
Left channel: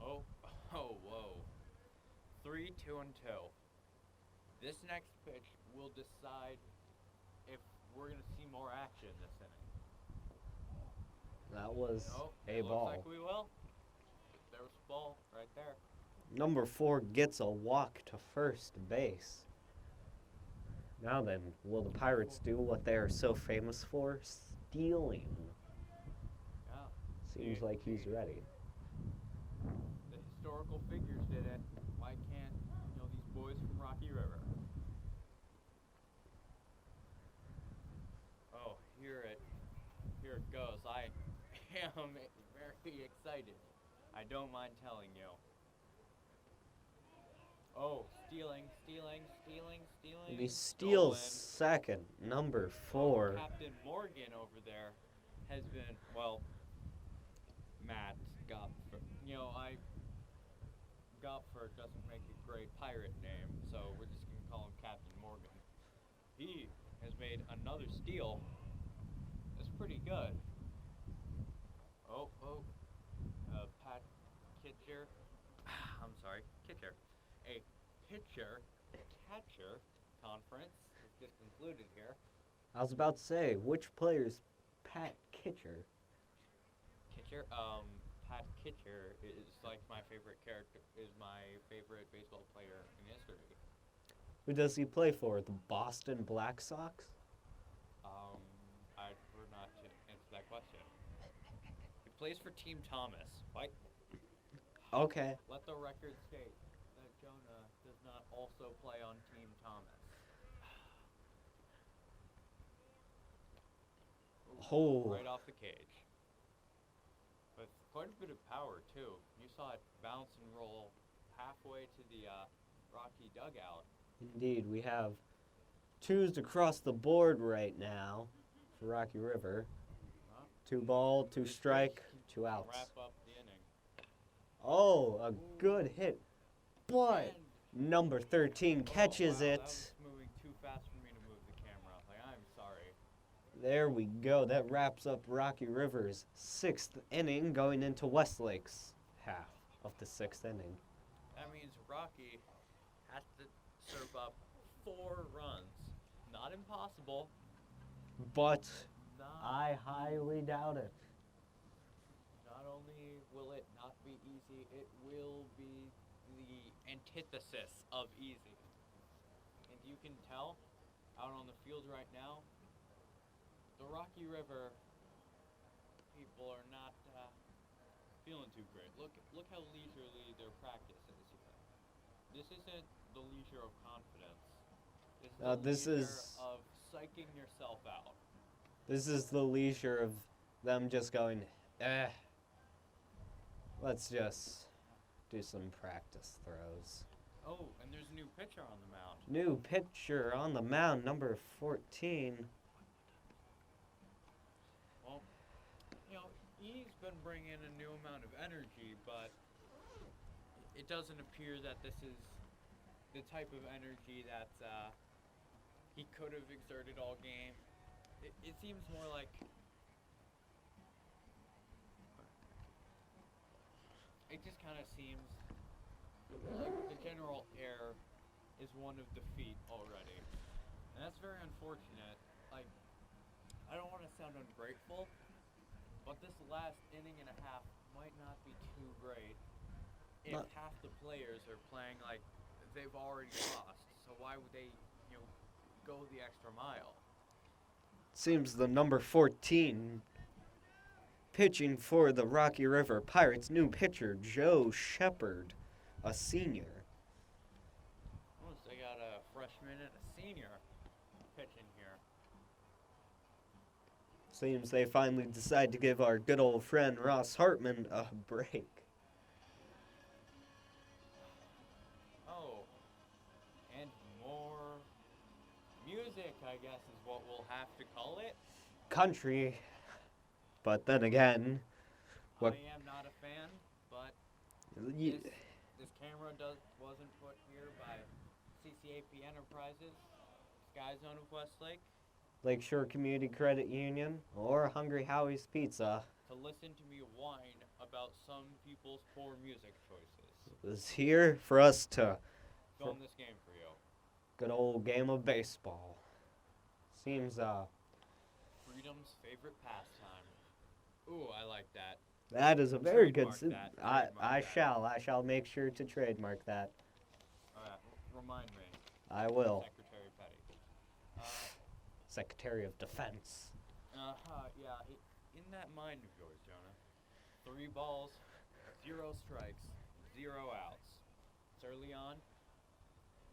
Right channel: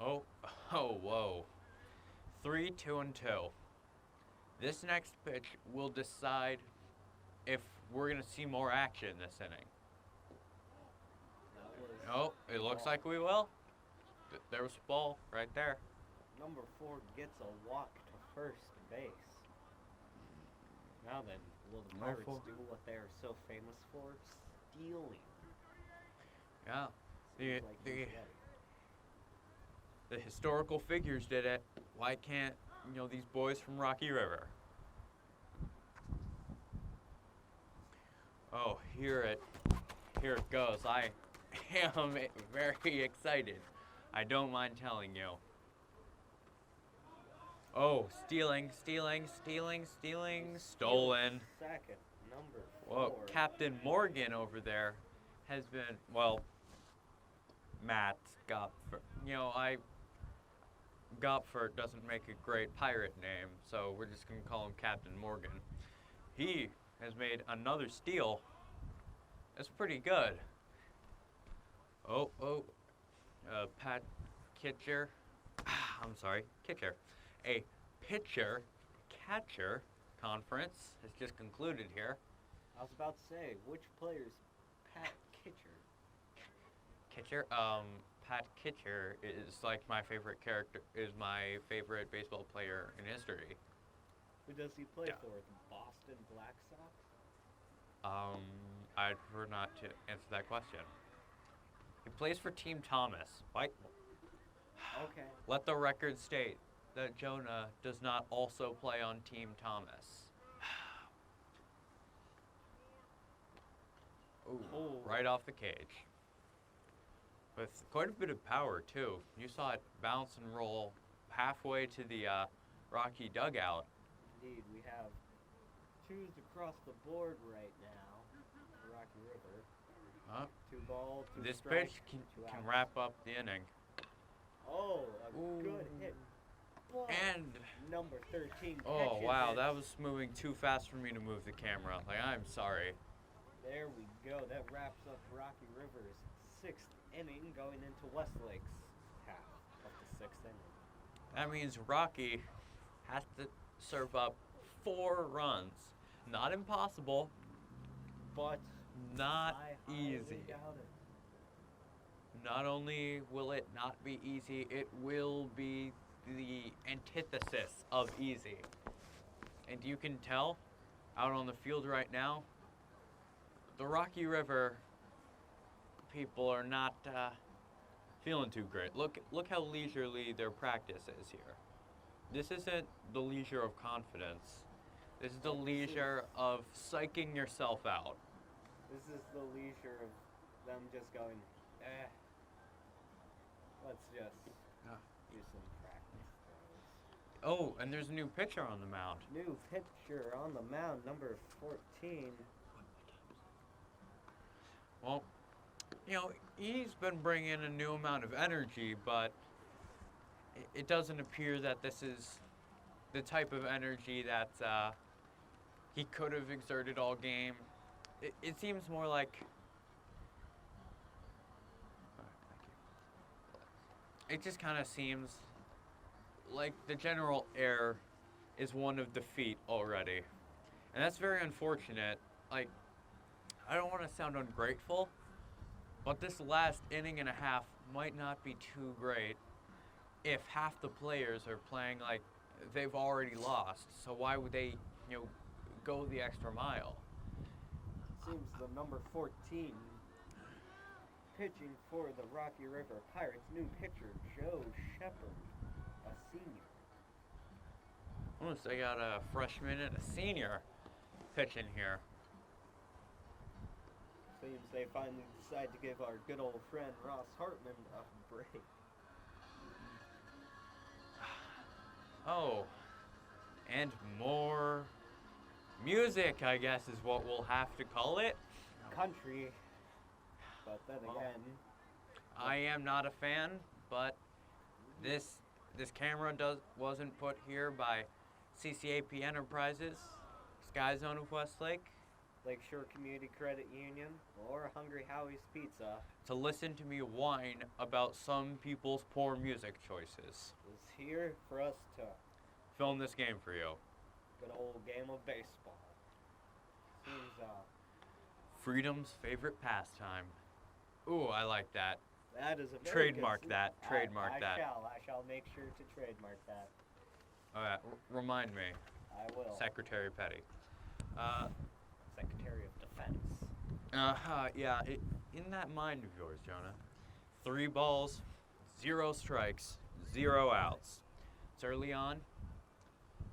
Oh, whoa. 3, 2, and 2. This next pitch will decide if we're going to see more action this inning. That was Oh, a it looks ball. like we will. There was a ball right there. Number 4 gets a walk to first base. Now then, will the Pirates do what they are so famous for? Stealing. Yeah. Seems like he's ready. The historical figures did it. Why can't, these boys from Rocky River? Oh, here it goes. I am very excited. I don't mind telling you. Oh, stealing. He steals Stolen. second, number 4. Well, Captain Morgan over there has been, Matt Gopfer. Gopfer doesn't make a great pirate name, so we're just going to call him Captain Morgan. He has made another steal. That's pretty good. Pat Kitcher. I'm sorry, Kitcher. A pitcher-catcher conference has just concluded here. I was about to say, which player's Pat Kitcher? Pat Kitcher is like my favorite character, is my favorite baseball player in history. Who does he play for? The Boston Black Sox? I'd prefer not to answer that question. He plays for Team Thomas. Why? Okay. Let the record state that Jonah does not also play on Team Thomas. Oh. Right off the cage. With quite a bit of power, too. You saw it bounce and roll halfway to the Rocky dugout. Indeed, we have 2s across the board right now for Rocky River. 2 ball, 2 This strike, pitch 2 outs. Can wrap up the inning. Oh, a good hit. But And number 13 catches wow, it. that was moving too fast for me to move the camera. I'm sorry. There we go. That wraps up Rocky River's 6th inning, going into Westlake's half of the 6th inning. That means Rocky has to serve up 4 runs. Not impossible. But Not I highly easy. doubt it. Not only will it not be easy, it will be the antithesis of easy. And you can tell out on the field right now, the Rocky River people are not feeling too great. Look how leisurely their practice is here. This isn't the leisure of confidence. This is the leisure of psyching yourself out. This is the leisure of them just going, let's just do some practice throws. Oh, and there's a new pitcher on the mound. New pitcher on the mound, number 14. Well, you know, he's been bringing a new amount of energy, but it doesn't appear that this is the type of energy that he could have exerted all game. It seems more like it just kind of seems like the general air is one of defeat already. And that's very unfortunate. Like, I don't want to sound ungrateful, but this last inning and a half might not be too great if half the players are playing like they've already lost. So why would they, you know, go the extra mile? Seems the number 14 pitching for the Rocky River Pirates, new pitcher Joe Shepard, a senior. Almost, they got a freshman and a senior pitching here. Seems they finally decide to give our good old friend Ross Hartman a break. Oh, and more music, I guess, is what we'll have to call it. Country, but then again, I am not a fan, but this camera wasn't put here by CCAP Enterprises, Sky Zone of Westlake, Lakeshore Community Credit Union, or Hungry Howie's Pizza. to listen to me whine about some people's poor music choices. Is here for us to Film this game for you. good old game of baseball. Seems Freedom's favorite pastime. Ooh, I like that. that is a very Trademark good. that. I Trademark that. I shall make sure to trademark that. All right, remind me, I will. Secretary Petty. Secretary of Defense. Yeah, in that mind of yours, Jonah. 3 balls, 0 strikes, 0 outs. It's early on.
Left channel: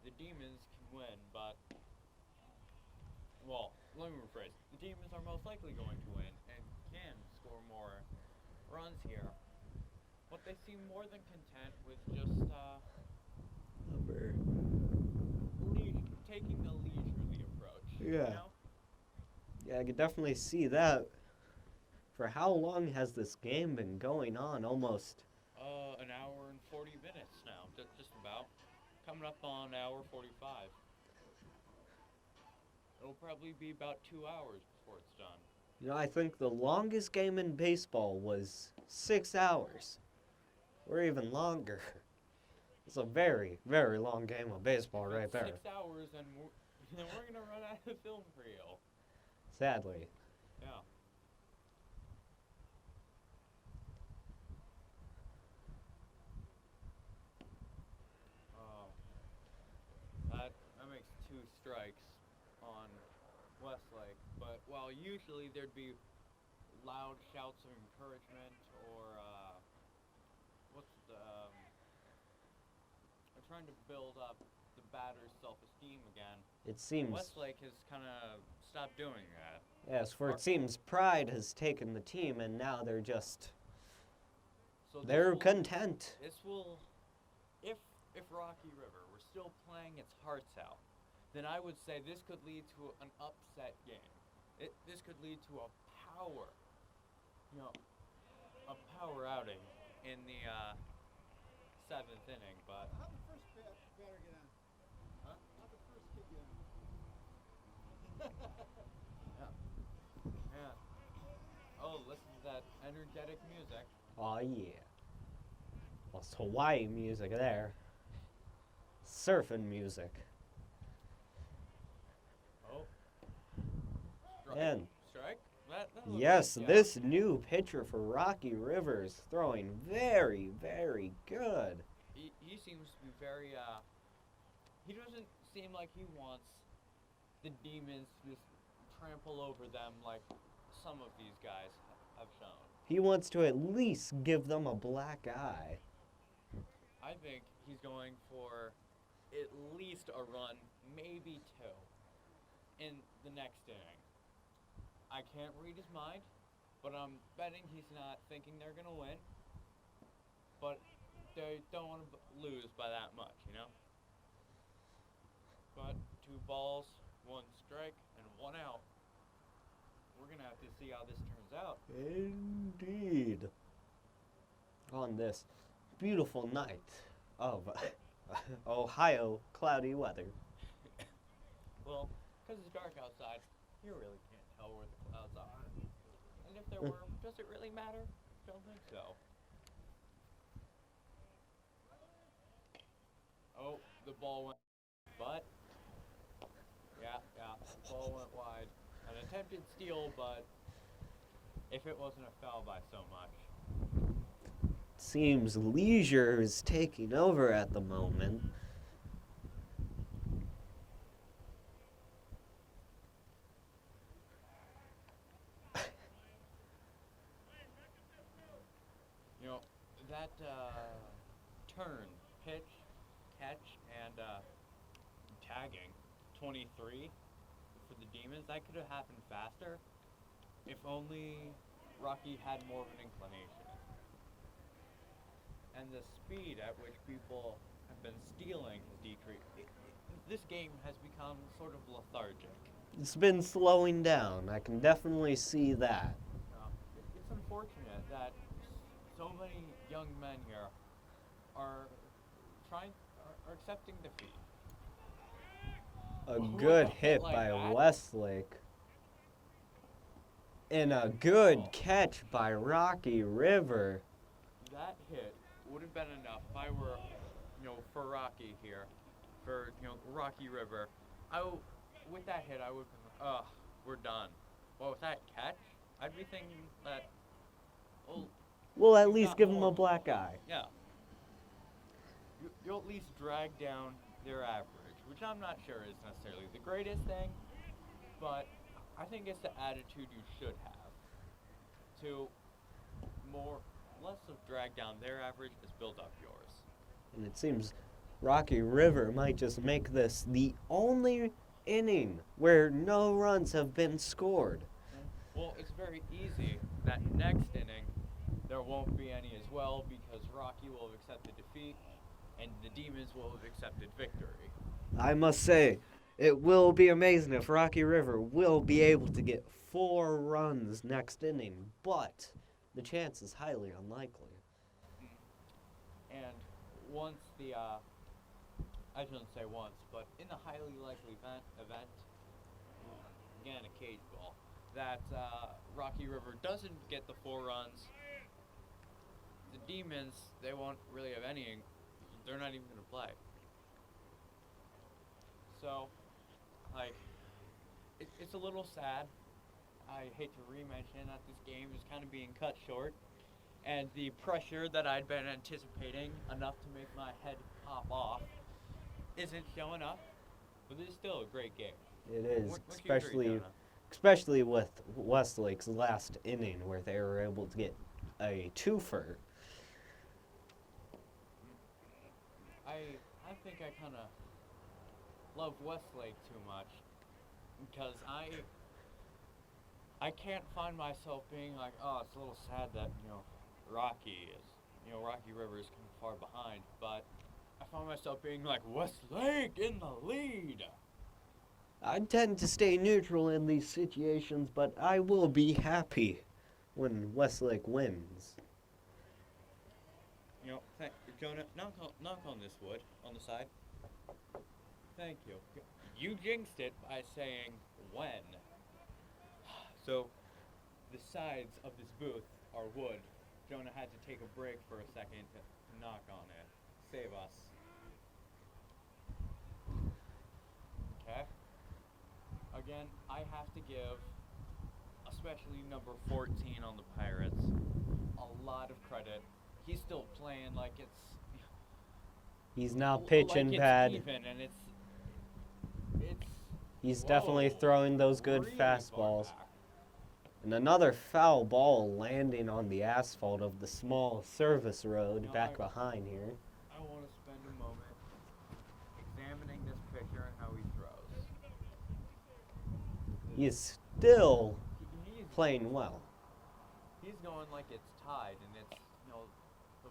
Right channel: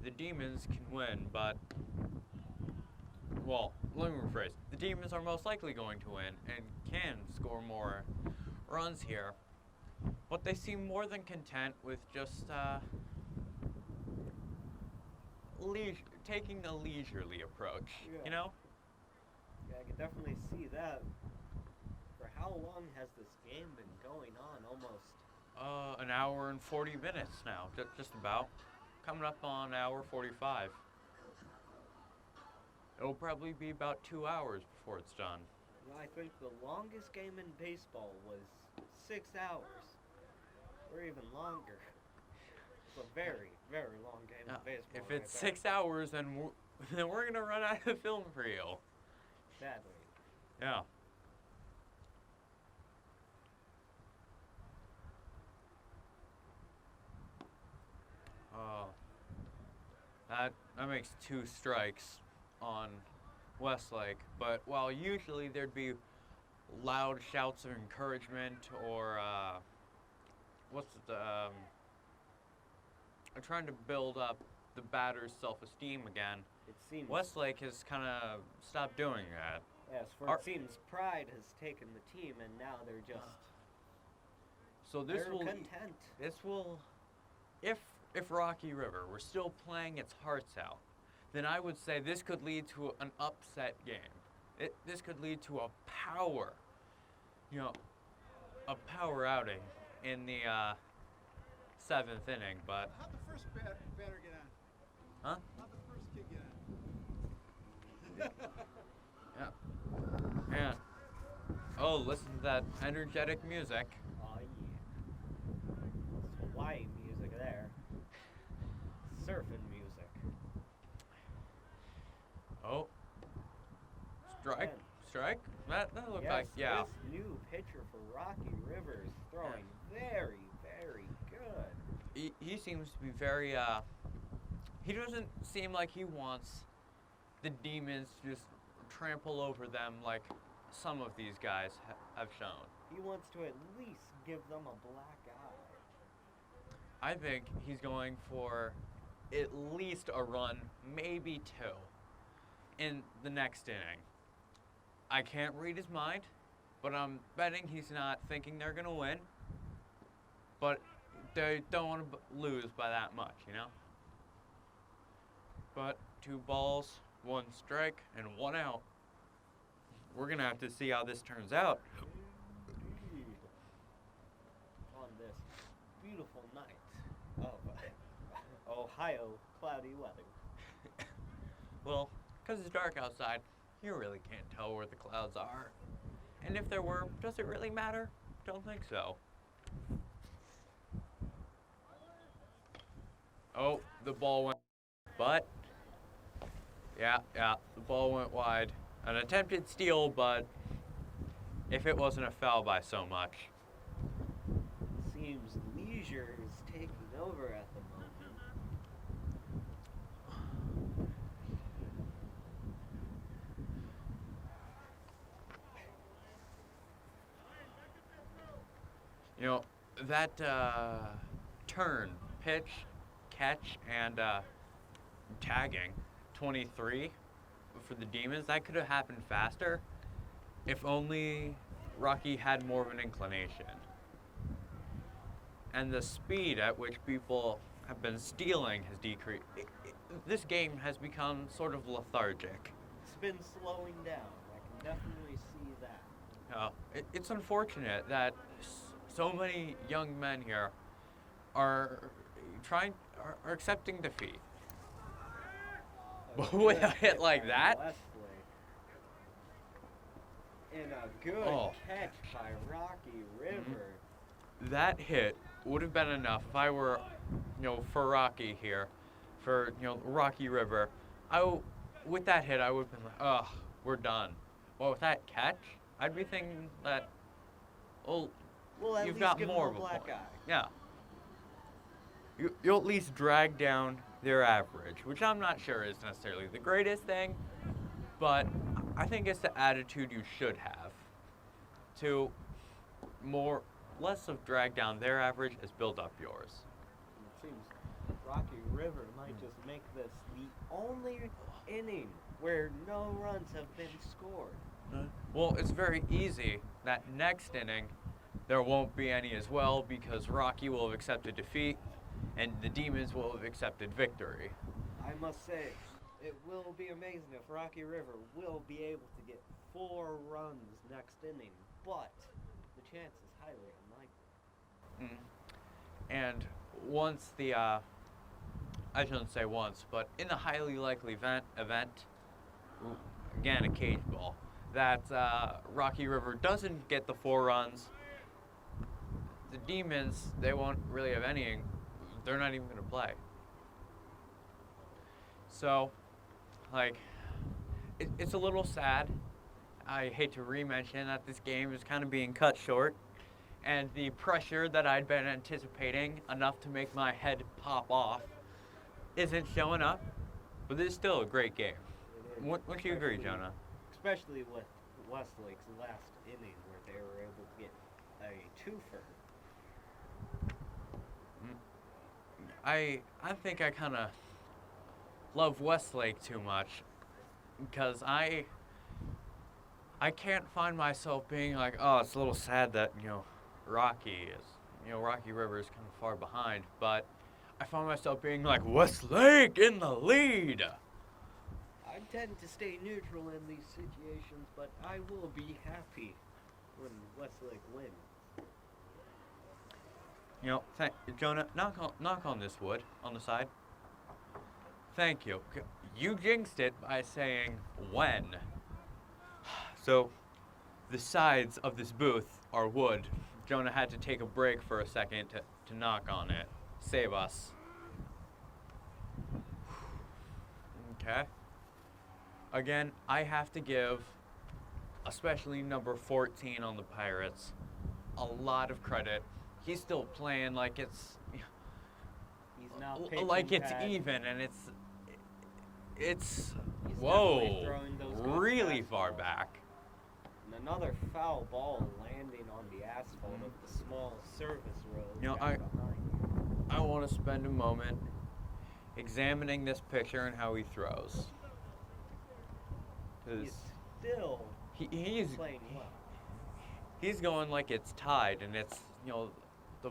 The Demons can win, but, well, let me rephrase. The Demons are most likely going to win and can score more runs here, but they seem more than content with just taking a leisurely approach. Yeah. You know? Yeah, I could definitely see that. For how long has this game been going on? Almost. An hour and 40 minutes now, just about. Coming up on hour 45. It'll probably be about 2 hours before it's done. You know, I think the longest game in baseball was 6 hours. Or even longer. It's a very, very long game of baseball if right it's there. 6 hours, then we're gonna run out of film for you. Sadly. Yeah. That makes 2 strikes on Westlake, but while usually there'd be loud shouts of encouragement or trying to build up the batter's self-esteem again, It seems. Westlake has kind of stopped doing that. Yes, for it seems pride has taken the team and now they're just. So They're content. This will, if Rocky River were still playing its hearts out, then I would say this could lead to an upset game. This could lead to a power outing in the 7th inning. But How'd the first batter get on? huh? How'd the first kid get on? Yeah. Oh, listen to that energetic music. Oh yeah. That's Hawaii music there. Surfing music. Oh. Strike. And Strike? That looked yes, like, yeah. this new pitcher for Rocky River is throwing very, very good. He seems to be very, he doesn't seem like he wants the Demons to just trample over them like some of these guys have shown. He wants to at least give them a black eye. I think he's going for at least a run, maybe two, in the next inning. I can't read his mind, but I'm betting he's not thinking they're going to win. But they don't want to lose by that much, you know? But 2 balls, 1 strike, and 1 out. We're going to have to see how this turns out. Indeed. On this beautiful night of Ohio cloudy weather. Well, because it's dark outside, you really can't tell where the clouds are. And if there were, does it really matter? Don't think so. Oh, the ball went, but yeah, the ball went wide. An attempted steal, but if it wasn't a foul by so much. Seems leisure is taking over at the moment. You know, that turn, pitch, catch, and tagging, 23 for the Demons, that could have happened faster if only Rocky had more of an inclination. And the speed at which people have been stealing has decreased. This game has become sort of lethargic. It's been slowing down. I can definitely see that. It's unfortunate that so many young men here are accepting defeat. A With good a hit like by that? Westlake. And a good catch by Rocky River. That hit would have been enough if I were, for Rocky here, for, Rocky River. With that hit, I would have been like, oh, we're done. Well, with that catch, I'd be thinking that, We'll at you've least got give him more a of black point. eye. Yeah. You'll at least drag down their average, which I'm not sure is necessarily the greatest thing, but I think it's the attitude you should have to less of drag down their average as build up yours. And it seems Rocky River might just make this the only inning where no runs have been scored. Well, it's very easy that next inning there won't be any as well because Rocky will have accepted defeat and the Demons will have accepted victory. I must say, it will be amazing if Rocky River will be able to get 4 runs next inning, but the chance is highly unlikely. And once I shouldn't say once, but in the highly likely event, again a cage ball, that Rocky River doesn't get the 4 runs, the Demons, they won't really have any, they're not even going to play. So, it's a little sad. I hate to re-mention that this game is kind of being cut short, and the pressure that I'd been anticipating enough to make my head pop off isn't showing up, but it's still a great game. It is, Wouldn't you agree, Jonah? especially with Westlake's last inning where they were able to get a twofer. I think I kind of love Westlake too much because I can't find myself being like, oh, it's a little sad that, Rocky River is kind of far behind, but I find myself being like, Westlake in the lead. I tend to stay neutral in these situations, but I will be happy when Westlake wins. Jonah, knock on this wood on the side. Thank you. You jinxed it by saying when. So, the sides of this booth are wood. Jonah had to take a break for a second to knock on it. Save us. Okay. Again, I have to give, especially number 14 on the Pirates, a lot of credit. He's still playing like it's... He's now pitching like it's bad. even, and it's He's definitely throwing those good really fastballs. far back. And another foul ball landing on the asphalt of the small service road back behind here. I want to spend a moment examining this picture and how he throws. He's still He's playing well. he's going like it's tied and it's, the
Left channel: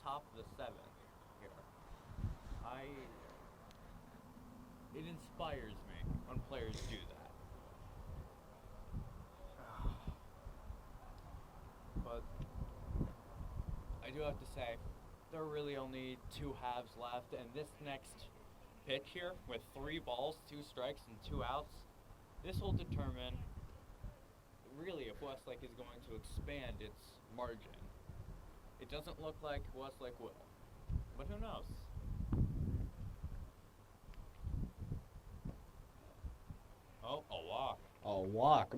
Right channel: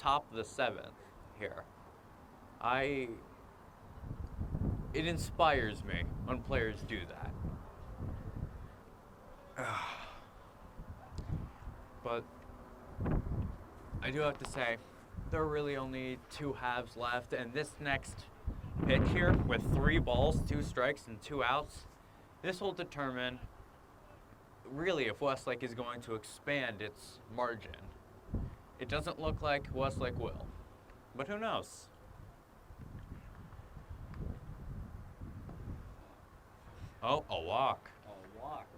top of the 7th here. It inspires me when players do that. But I do have to say, there are really only 2 halves left, and this next pitch here, with 3 balls, 2 strikes, and 2 outs, this will determine really if Westlake is going to expand its margin. It doesn't look like Westlake will, but who knows? Oh, a walk. A walk.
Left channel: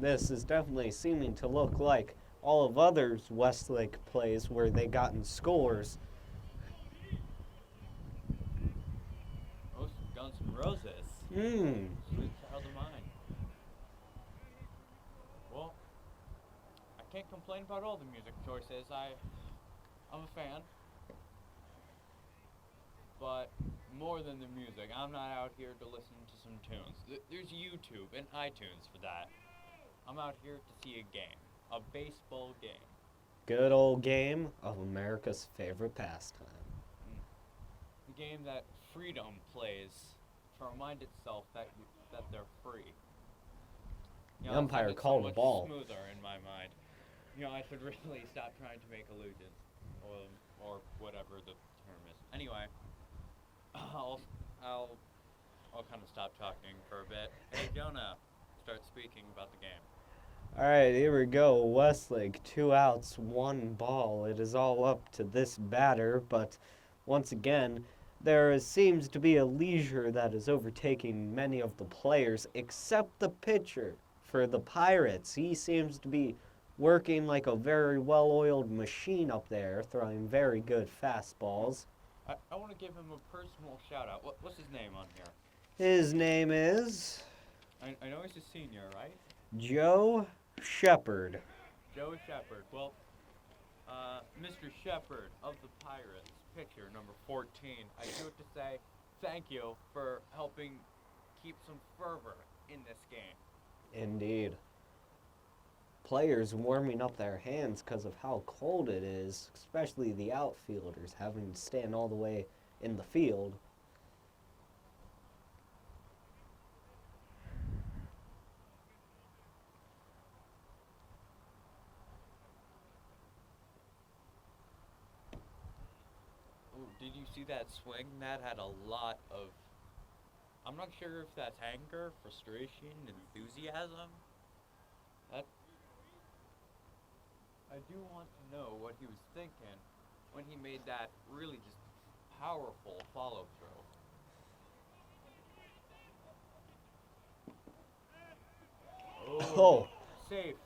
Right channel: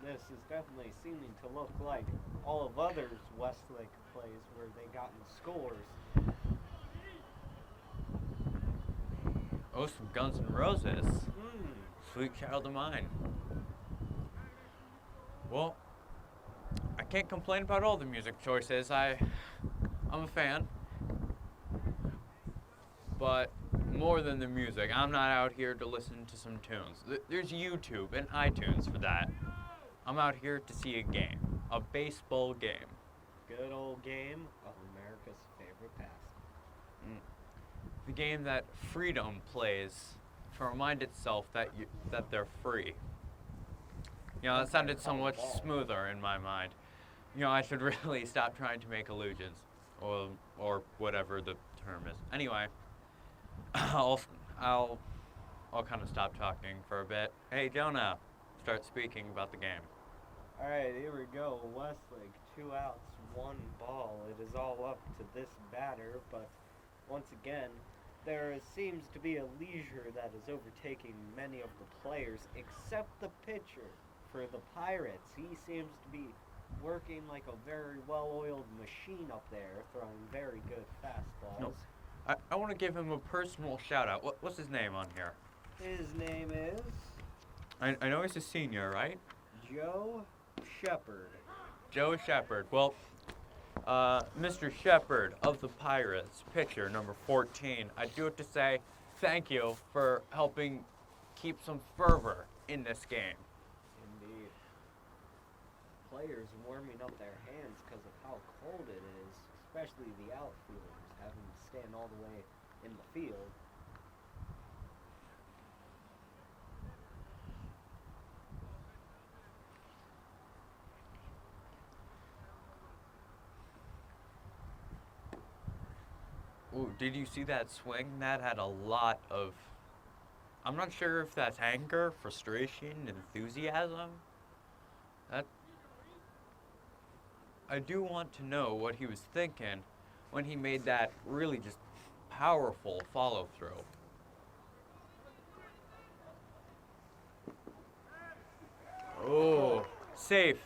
This is definitely seeming to look like all of others Westlake plays where they gotten scores. Oh, some Guns N' Roses. Sweet Child of Mine. Well, I can't complain about all the music choices. I'm a fan. But more than the music, I'm not out here to listen to some tunes. There's YouTube and iTunes for that. I'm out here to see a game. A baseball game. Good old game of America's favorite pastime. The game that freedom plays to remind itself that they're free. That Umpire sounded so called the much ball. smoother in my mind. I should really stop trying to make illusions, or whatever the term is. Anyway, I'll kind of stop talking for a bit. Hey, Jonah, start speaking about the game. All right, here we go. Westlake, 2 outs, 1 ball. It is all up to this batter, but once again, there seems to be a leisure that is overtaking many of the players, except the pitcher. For the Pirates, he seems to be working like a very well-oiled machine up there, throwing very good fastballs. I want to give him a personal shout-out. What's his name on here? His name is I know he's a senior, right? Joe Shepard. Joe Shepard. Well, Mr. Shepard of the Pirates, pitcher number 14, I do have to say thank you for helping keep some fervor in this game. Indeed. Players warming up their hands because of how cold it is, especially the outfielders having to stand all the way in the field. Ooh, did you see that swing? That had a lot of... I'm not sure if that's anger, frustration, enthusiasm. I do want to know what he was thinking when he made that really just powerful follow-through. Oh, safe.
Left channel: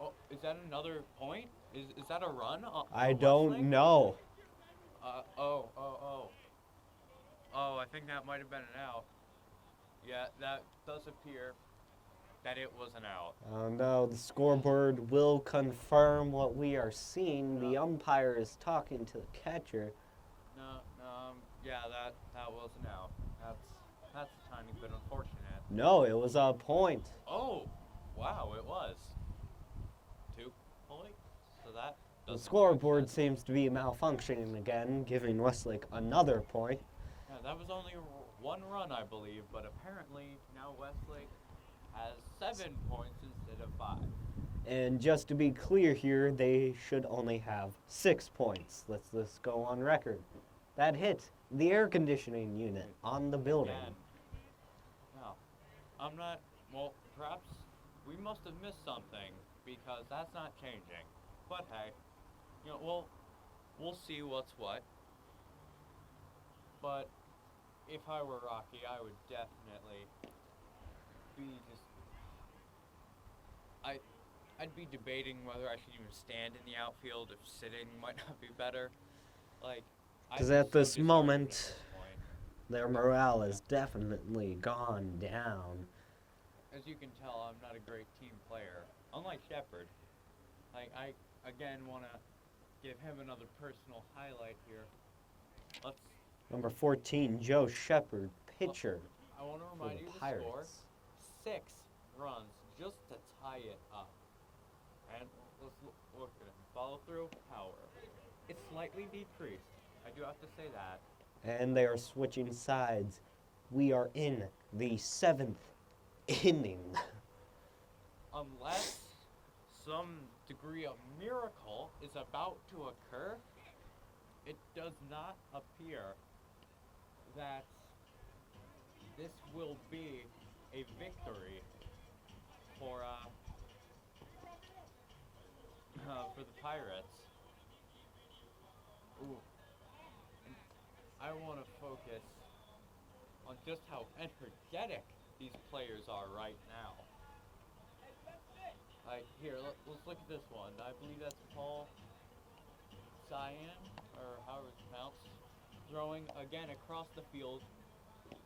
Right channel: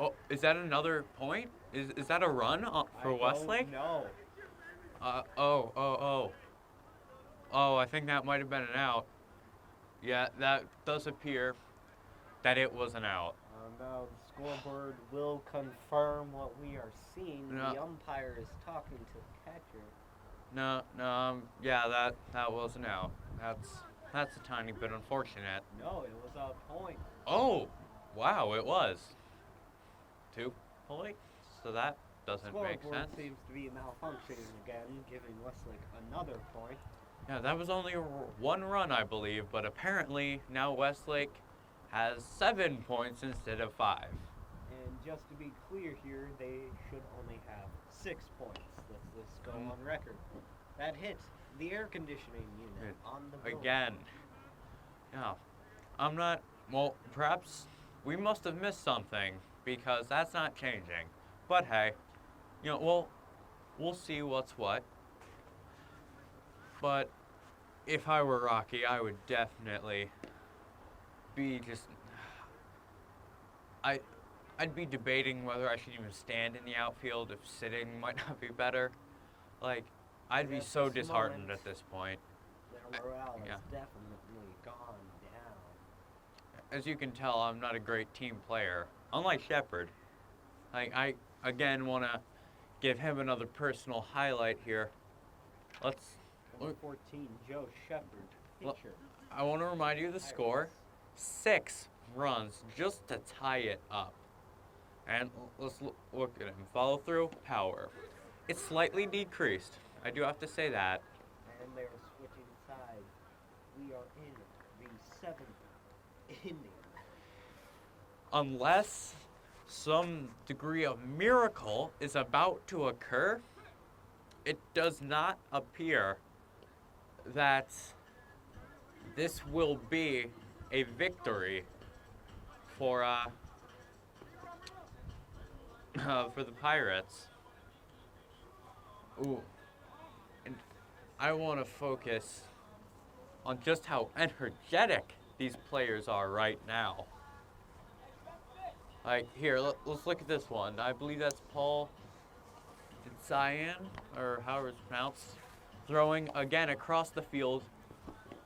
Oh, is that another point? Is that a run for I Westlake? don't know. Oh, I think that might have been an out. Yeah, that does appear that it was an out. No, the scoreboard will confirm what we are seeing. No. The umpire is talking to the catcher. No, yeah, that was an out. That's a tiny bit unfortunate. No, it was a point. Oh, wow, it was. 2 points? So that The doesn't scoreboard make sense. seems to be malfunctioning again, giving Westlake another point. Yeah, that was only 1 run, I believe, but apparently now Westlake has 7 points instead of 5. And just to be clear here, they should only have 6 points. Let's go on record. That hit the air conditioning unit on the building. Again. Yeah. I'm not, well, perhaps we must have missed something because that's not changing. But hey, we'll see what's what. But if I were Rocky, I would definitely be just, I'd be debating whether I should even stand in the outfield if sitting might not be better. Like, I'd 'Cause be at so this disheartened moment, at this point. Their morale has definitely gone down. As you can tell, I'm not a great team player. Unlike Shepard. Like, I, again, want to give him another personal highlight here. Number 14, Joe Shepard, pitcher. I want to remind you of the Pirates. score. 6 runs just to tie it up. And let's look at him. Follow through, power. It's slightly decreased. I do have to say that. And they are switching sides. We are in the 7th inning. Unless some degree of miracle is about to occur, it does not appear that this will be a victory for the Pirates. Ooh. And I want to focus on just how energetic these players are right now. Like, here, let's look at this one. I believe that's Paul Cyan, or however it's pronounced, throwing again across the field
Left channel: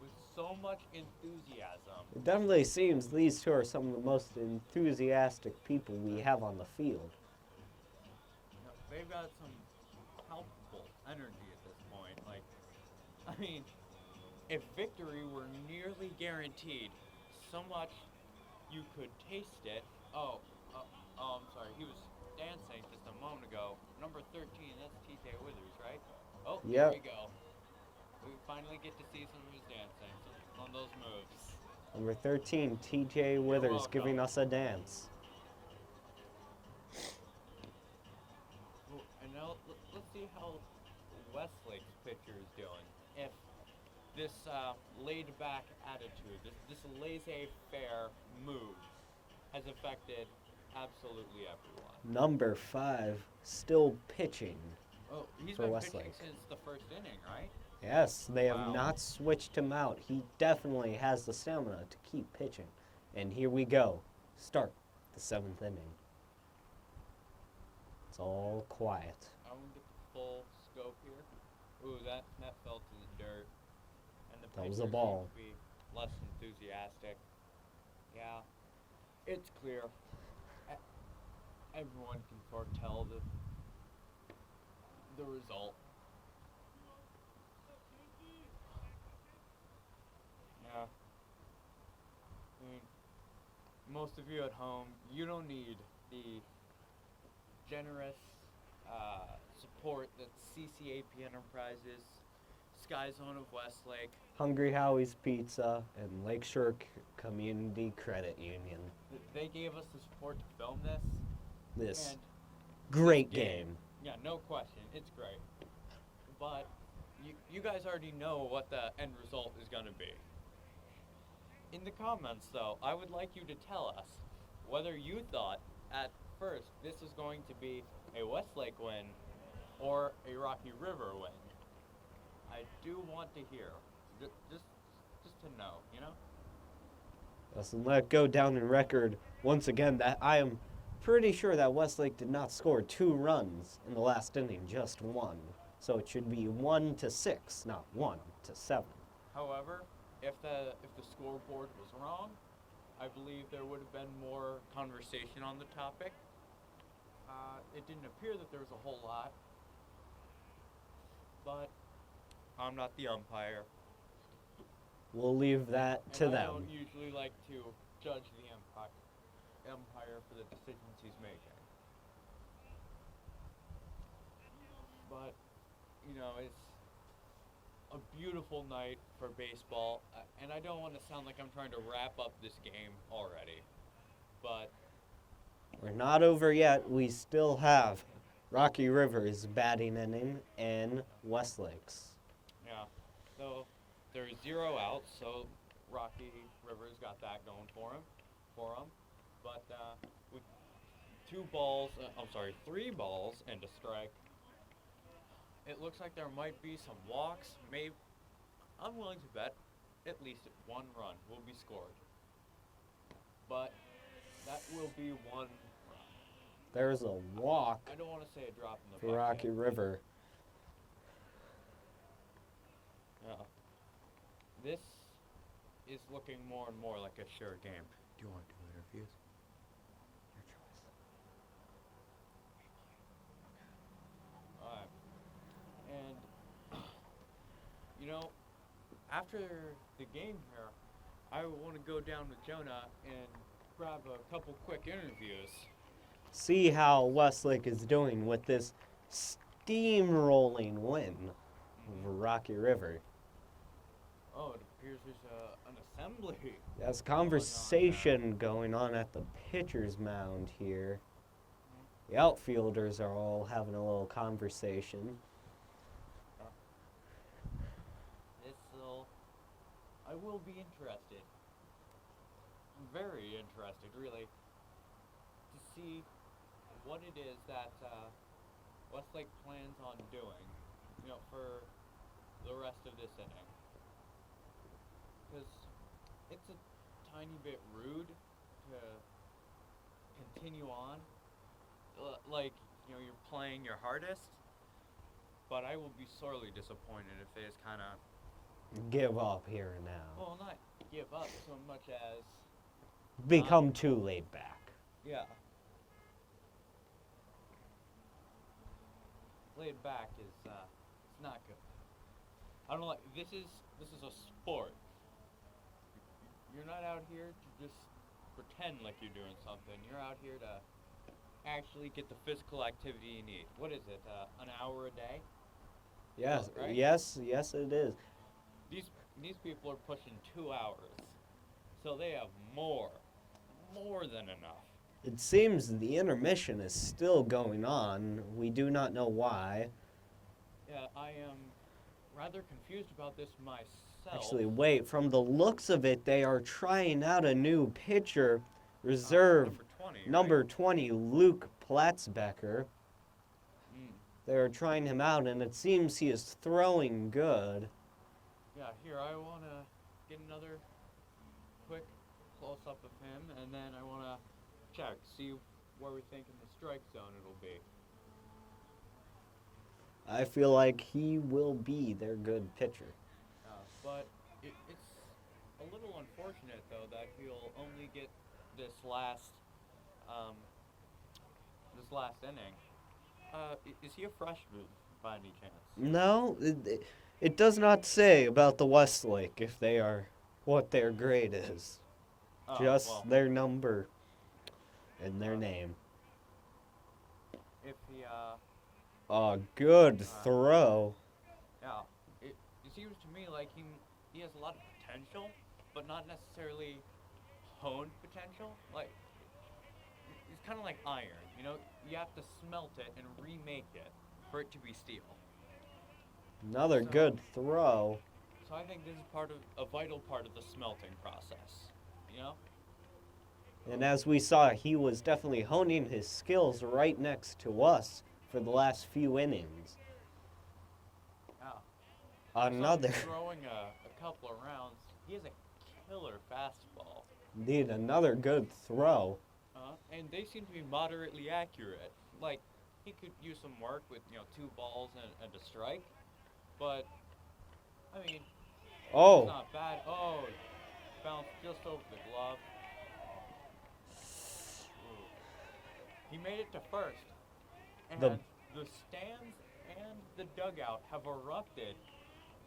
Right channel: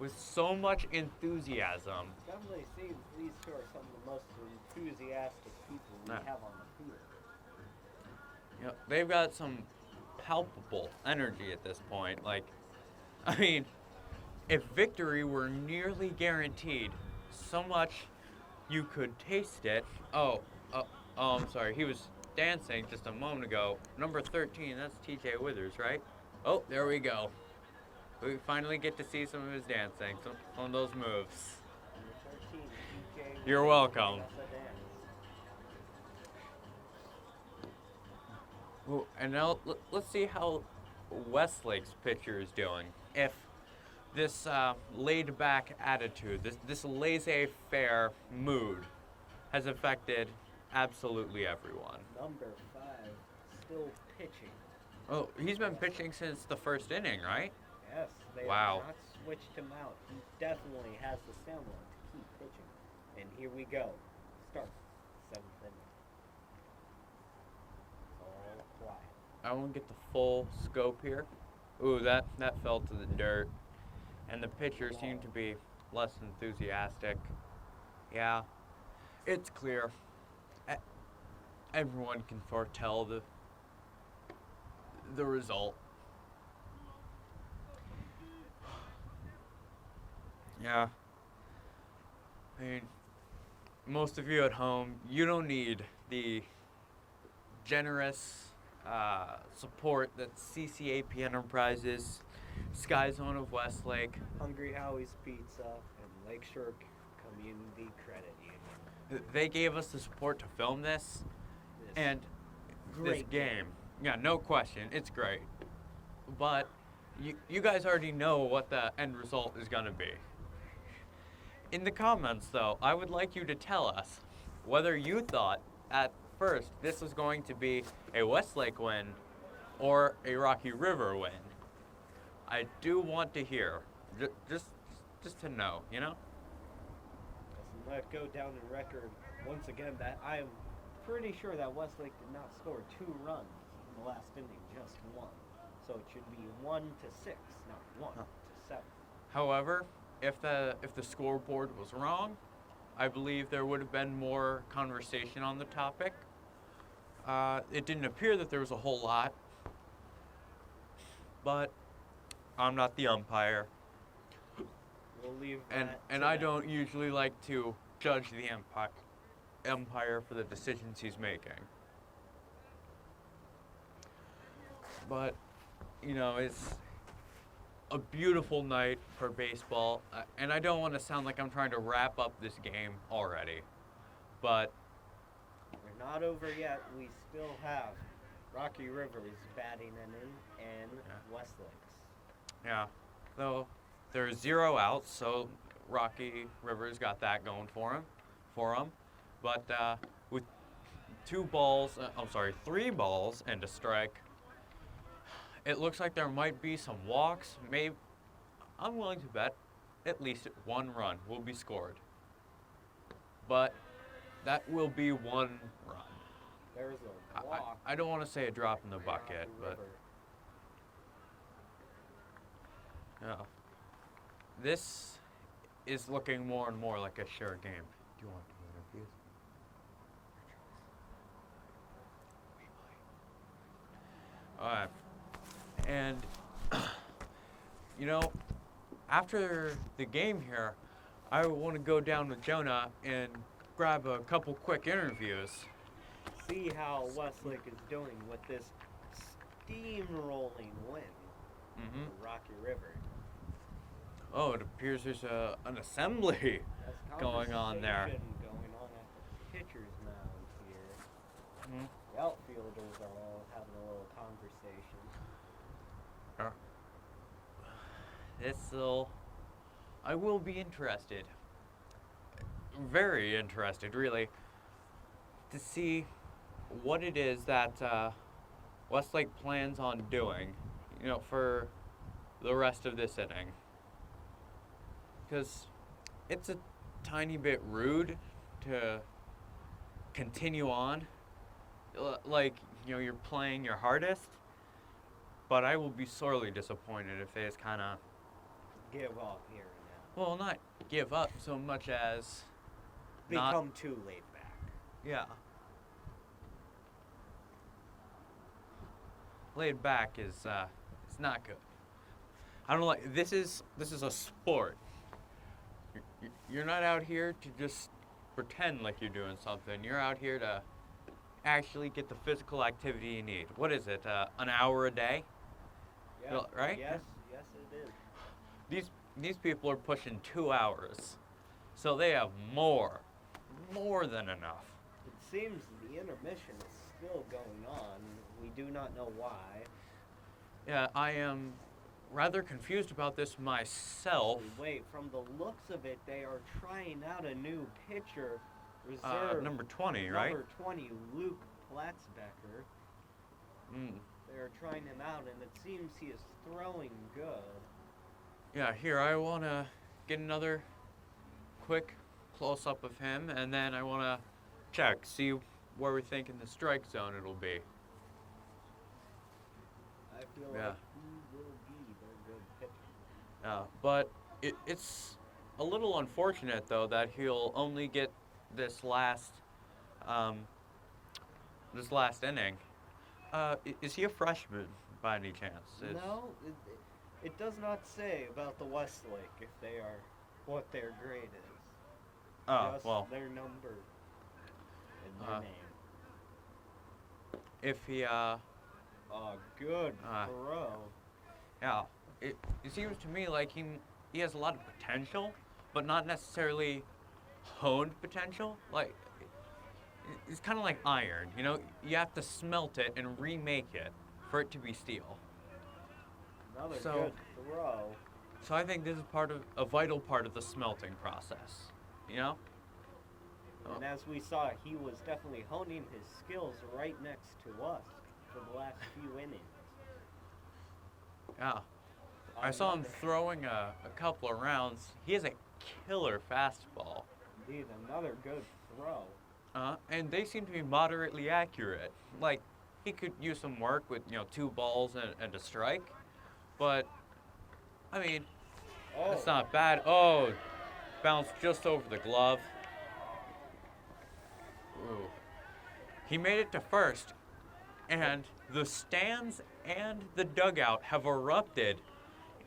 with so much enthusiasm. It definitely seems these two are some of the most enthusiastic people we have on the field. You know, they've got some palpable energy at this point. Like, I mean, if victory were nearly guaranteed, so much you could taste it. Oh, I'm sorry. He was dancing just a moment ago. Number 13, that's TJ Withers, right? Oh, there Yep. we go. We finally get to see some of his dancing, some of those moves. Number 13, TJ You're Withers, welcome. giving us a dance. Well, and now let's see how Westlake's pitcher is doing. If this laid-back attitude, this laissez-faire mood has affected absolutely everyone. Number 5, still pitching. Oh, he's For been Westlake. pitching since the first inning, right? Yes, they Wow. have not switched him out. He definitely has the stamina to keep pitching. And here we go. Start the 7th inning. It's all quiet. I want to get the full scope here. Ooh, that fell to the dirt. And the That was a pitcher ball. seemed to be less enthusiastic. Yeah, it's clear. Everyone can foretell the result. Yeah. I mean, most of you at home, you don't need the generous support that CCAP Enterprises, Sky Zone of Westlake. Hungry Howie's Pizza and Lakeshore Community Credit Union. They gave us the support to film this. This And great this game. Yeah, no question. It's great. But you guys already know what the end result is going to be. In the comments, though, I would like you to tell us whether you thought at first this was going to be a Westlake win or a Rocky River win. I do want to hear, just to know, you know? Yes, and let it go down in record once again that I am pretty sure that Westlake did not score 2 runs in the last inning, just 1. So it should be 1-6, not 1-7. However, if the scoreboard was wrong, I believe there would have been more conversation on the topic. It didn't appear that there was a whole lot, but I'm not the umpire, We'll leave that and to I them. don't usually like to judge the umpire for the decisions he's making. But you know, it's a beautiful night for baseball, and I don't want to sound like I'm trying to wrap up this game already, but We're not over yet. We still have Rocky River's batting inning and Westlake's. yeah. So there's 0 outs, so Rocky Rivers got that going for him. But with 3 balls and a strike, it looks like there might be some walks. Maybe I'm willing to bet at least 1 run will be scored. But that will be 1 run. There's a walk I don't want to say a drop in the for bucket. Rocky but, River. no. This is looking more and more like a sure game. Do you want 2 interviews? Alright. And know, after the game here, I want to go down with Jonah and grab a couple quick interviews. See how Westlake is doing with this steamrolling win over Rocky River. Oh, it appears there's an assembly. There's going on there. conversation going on at the pitcher's mound here. The outfielders are all having a little conversation. I will be interested. Very interested, really, to see what it is that Westlake plans on doing, you know, for the rest of this inning. Because it's a tiny bit rude to continue on. Like, you know, you're playing your hardest, but I will be sorely disappointed if they just kind of Give up here and now. well, not give up so much as Become too laid back. yeah. Laid back is it's not good. I don't like this is a sport. You're not out here to just pretend like you're doing something. You're out here to actually get the physical activity you need. What is it? An hour a day? Yes, right? Yes, it is. These people are pushing 2 hours, so they have more than enough. It seems the intermission is still going on. We do not know why. Yeah, I am rather confused about this myself. Actually, wait, from the looks of it, they are trying out a new pitcher, reserve number 20, right? number 20, Luke Platzbecker. Mm. They're trying him out, and it seems he is throwing good. Yeah, here, I want to get another quick close-up of him, and then I want to check, see where we think in the strike zone it'll be. I feel like he will be their good pitcher. But it's a little unfortunate, though, that he'll only get this last inning. Is he a freshman by any chance? No, it does not say about the Westlake if they are what their grade is. Just their number and their name. If he, good throw. yeah, it seems to me like he has a lot of potential, but not necessarily honed potential. Like, it's kind of like iron, you know? You have to smelt it and remake it for it to be steel. Another So- good throw. So I think this is a vital part of the smelting process, you know? And as we saw, he was definitely honing his skills right next to us for the last few innings. Yeah. I saw him Another, throwing a couple of rounds. He has a killer fastball. indeed, another good throw. And they seem to be moderately accurate. Like, he could use some work with, 2 balls and a strike. But, I mean, Oh, it's not bad. Oh, bounced just over the glove. Ooh. He made it to first. And the stands and the dugout have erupted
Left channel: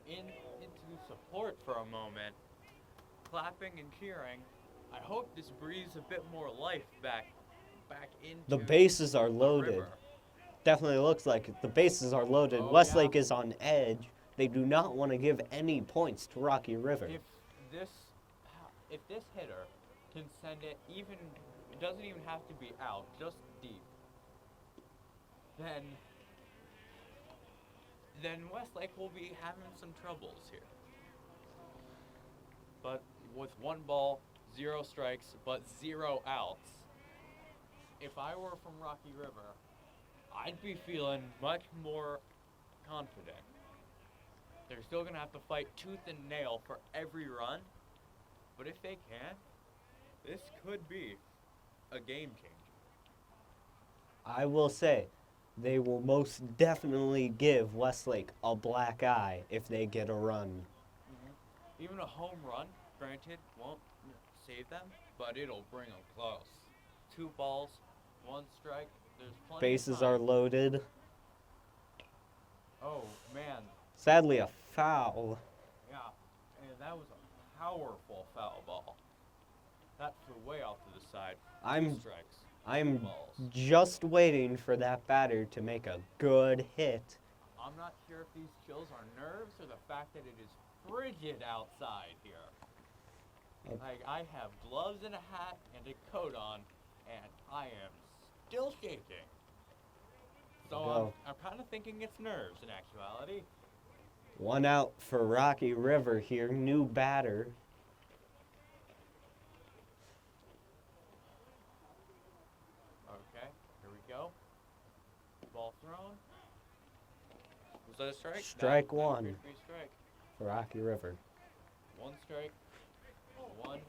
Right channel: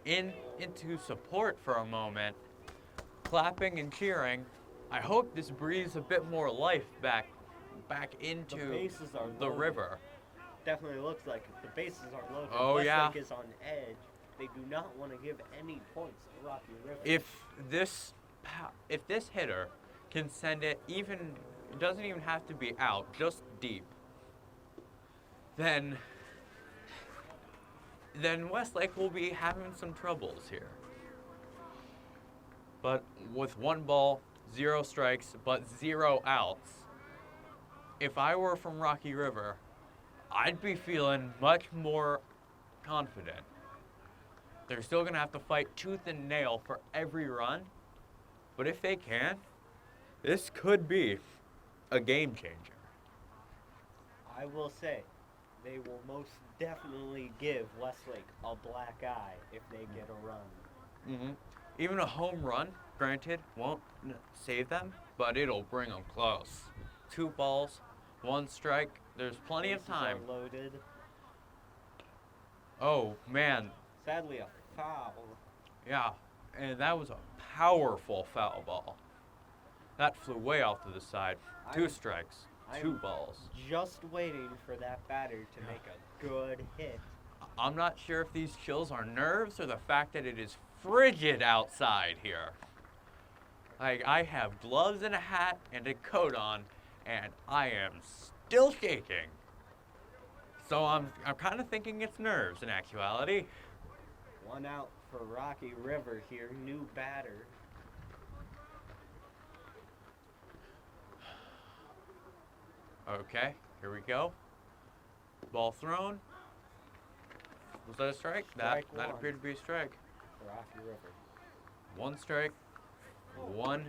into support for a moment, clapping and cheering. I hope this breathes a bit more life back into the bases are the loaded. river. Definitely looks like it. The bases are loaded. Oh, Westlake yeah. is on edge. They do not want to give any points to Rocky River. If this hitter can send it it doesn't even have to be out, just deep, then Westlake will be having some troubles here. But with 1 ball, 0 strikes, but 0 outs, if I were from Rocky River, I'd be feeling much more confident. They're still going to have to fight tooth and nail for every run, but if they can, this could be a game changer. I will say, they will most definitely give Westlake a black eye if they get a run. Mm-hmm. Even a home run, granted, won't save them, but it'll bring them close. 2 balls, 1 strike. There's plenty Bases of time. are loaded. Oh man, Sadly, a foul. Yeah, and that was a powerful foul ball. That flew way off to the side. Two strikes, two I'm balls. just waiting for that batter to make a good hit. I'm not sure if these chills are nerves or the fact that it is frigid outside here. Like, I have gloves and a hat and a coat on, and I am still shaking. So I'm kind of thinking it's nerves in actuality. One out for Rocky River here, new batter. Okay, here we go. Ball thrown. Was that a strike? Strike That one. appeared to be a strike. For Rocky River. One strike, one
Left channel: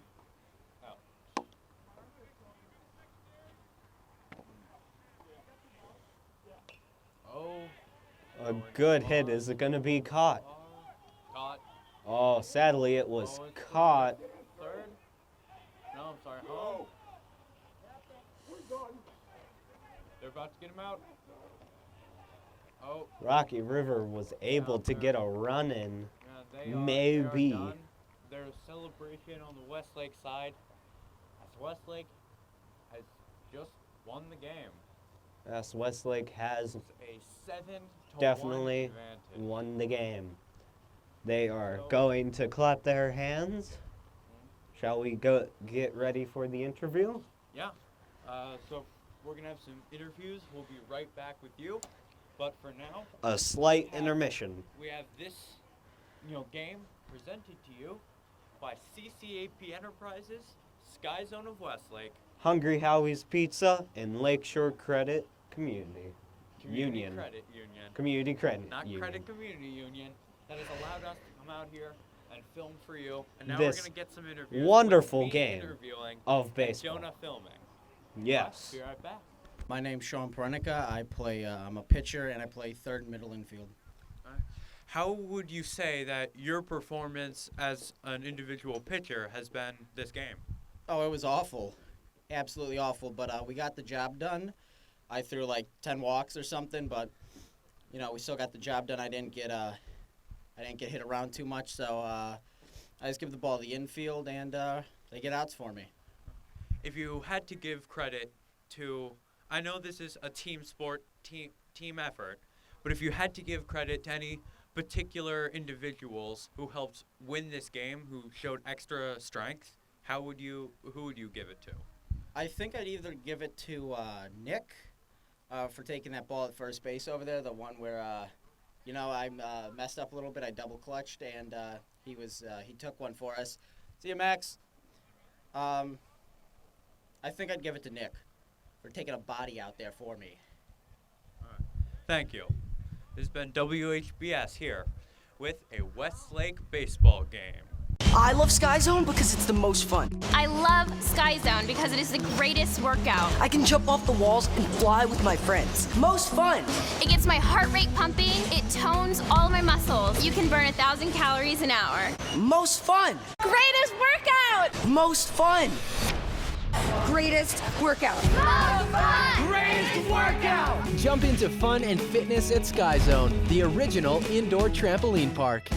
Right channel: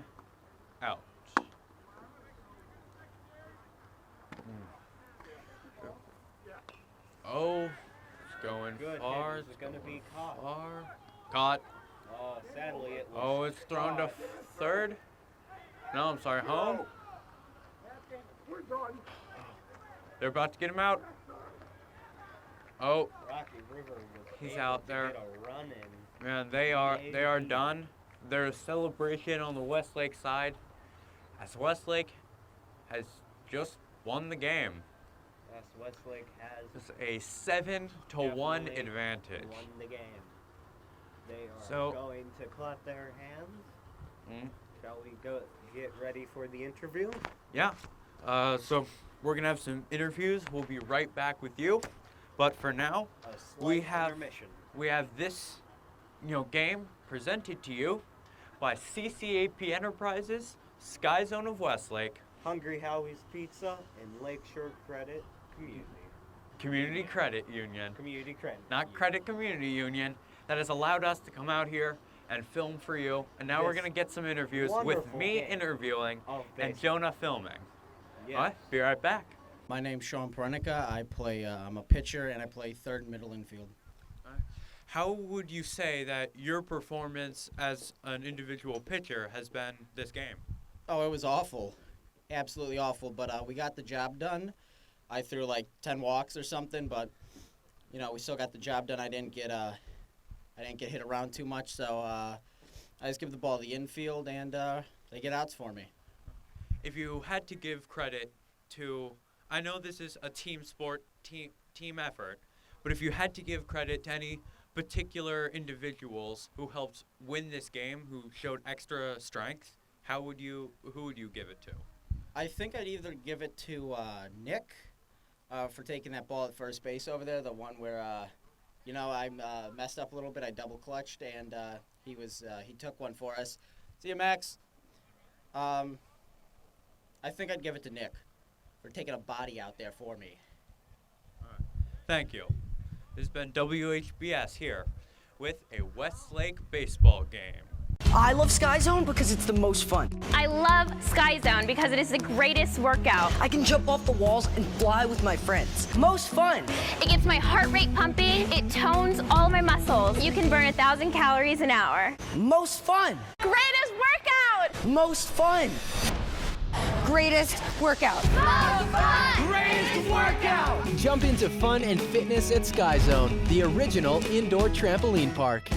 out. Oh, A going good hit. far, Is it going to be caught? far. Caught. Oh, sadly it was Oh, it's thrown caught. to third. No, I'm sorry, home. They're about to get him out. Oh, Rocky River was He's able out to there. get a run in. man, they are Maybe. done. There's a celebration on the Westlake side, as Westlake has just won the game. Yes, Westlake has It's a 7-1 definitely advantage. won the game. They are So- going to clap their hands. Mm. Shall we go get ready for the interview? Yeah. So we're gonna have some interviews. We'll be right back with you. But for now, A slight have- intermission. we have this, game presented to you by CCAP Enterprises, Sky Zone of Westlake, Hungry Howie's Pizza and Lakeshore Credit Community. Community Union. Credit Union, Community Credit. not Union. Credit Community Union, that has allowed us to come out here and film for you. And now we're This gonna get some interviews wonderful with me game interviewing of and baseball. Jonah filming. Yes. Be right back. My name's Sean Perenica. I'm a pitcher and I play third and middle infield. How would you say that your performance as an individual pitcher has been this game? Oh, it was awful. Absolutely awful, but we got the job done. I threw like 10 walks or something, but we still got the job done. I didn't get hit around too much, so I just give the ball to the infield and they get outs for me. If you had to give credit to, I know this is a team sport, team effort, but if you had to give credit to any particular individuals who helped win this game, who showed extra strength, who would you give it to? I think I'd either give it to Nick for taking that ball at first base over there, the one where I messed up a little bit. I double clutched and he took one for us. See you, Max. I think I'd give it to Nick for taking a body out there for me. Thank you. This has been WHBS here with a Westlake baseball game. I love Sky Zone because it's the most fun. I love Sky Zone because it is the greatest workout. I can jump off the walls and fly with my friends. Most fun. It gets my heart rate pumping. It tones all my muscles. You can burn 1,000 calories an hour. Most fun. Greatest workout! Most fun. Greatest workout. Most fun! Greatest workout. Jump into fun and fitness at Sky Zone, the original indoor trampoline park.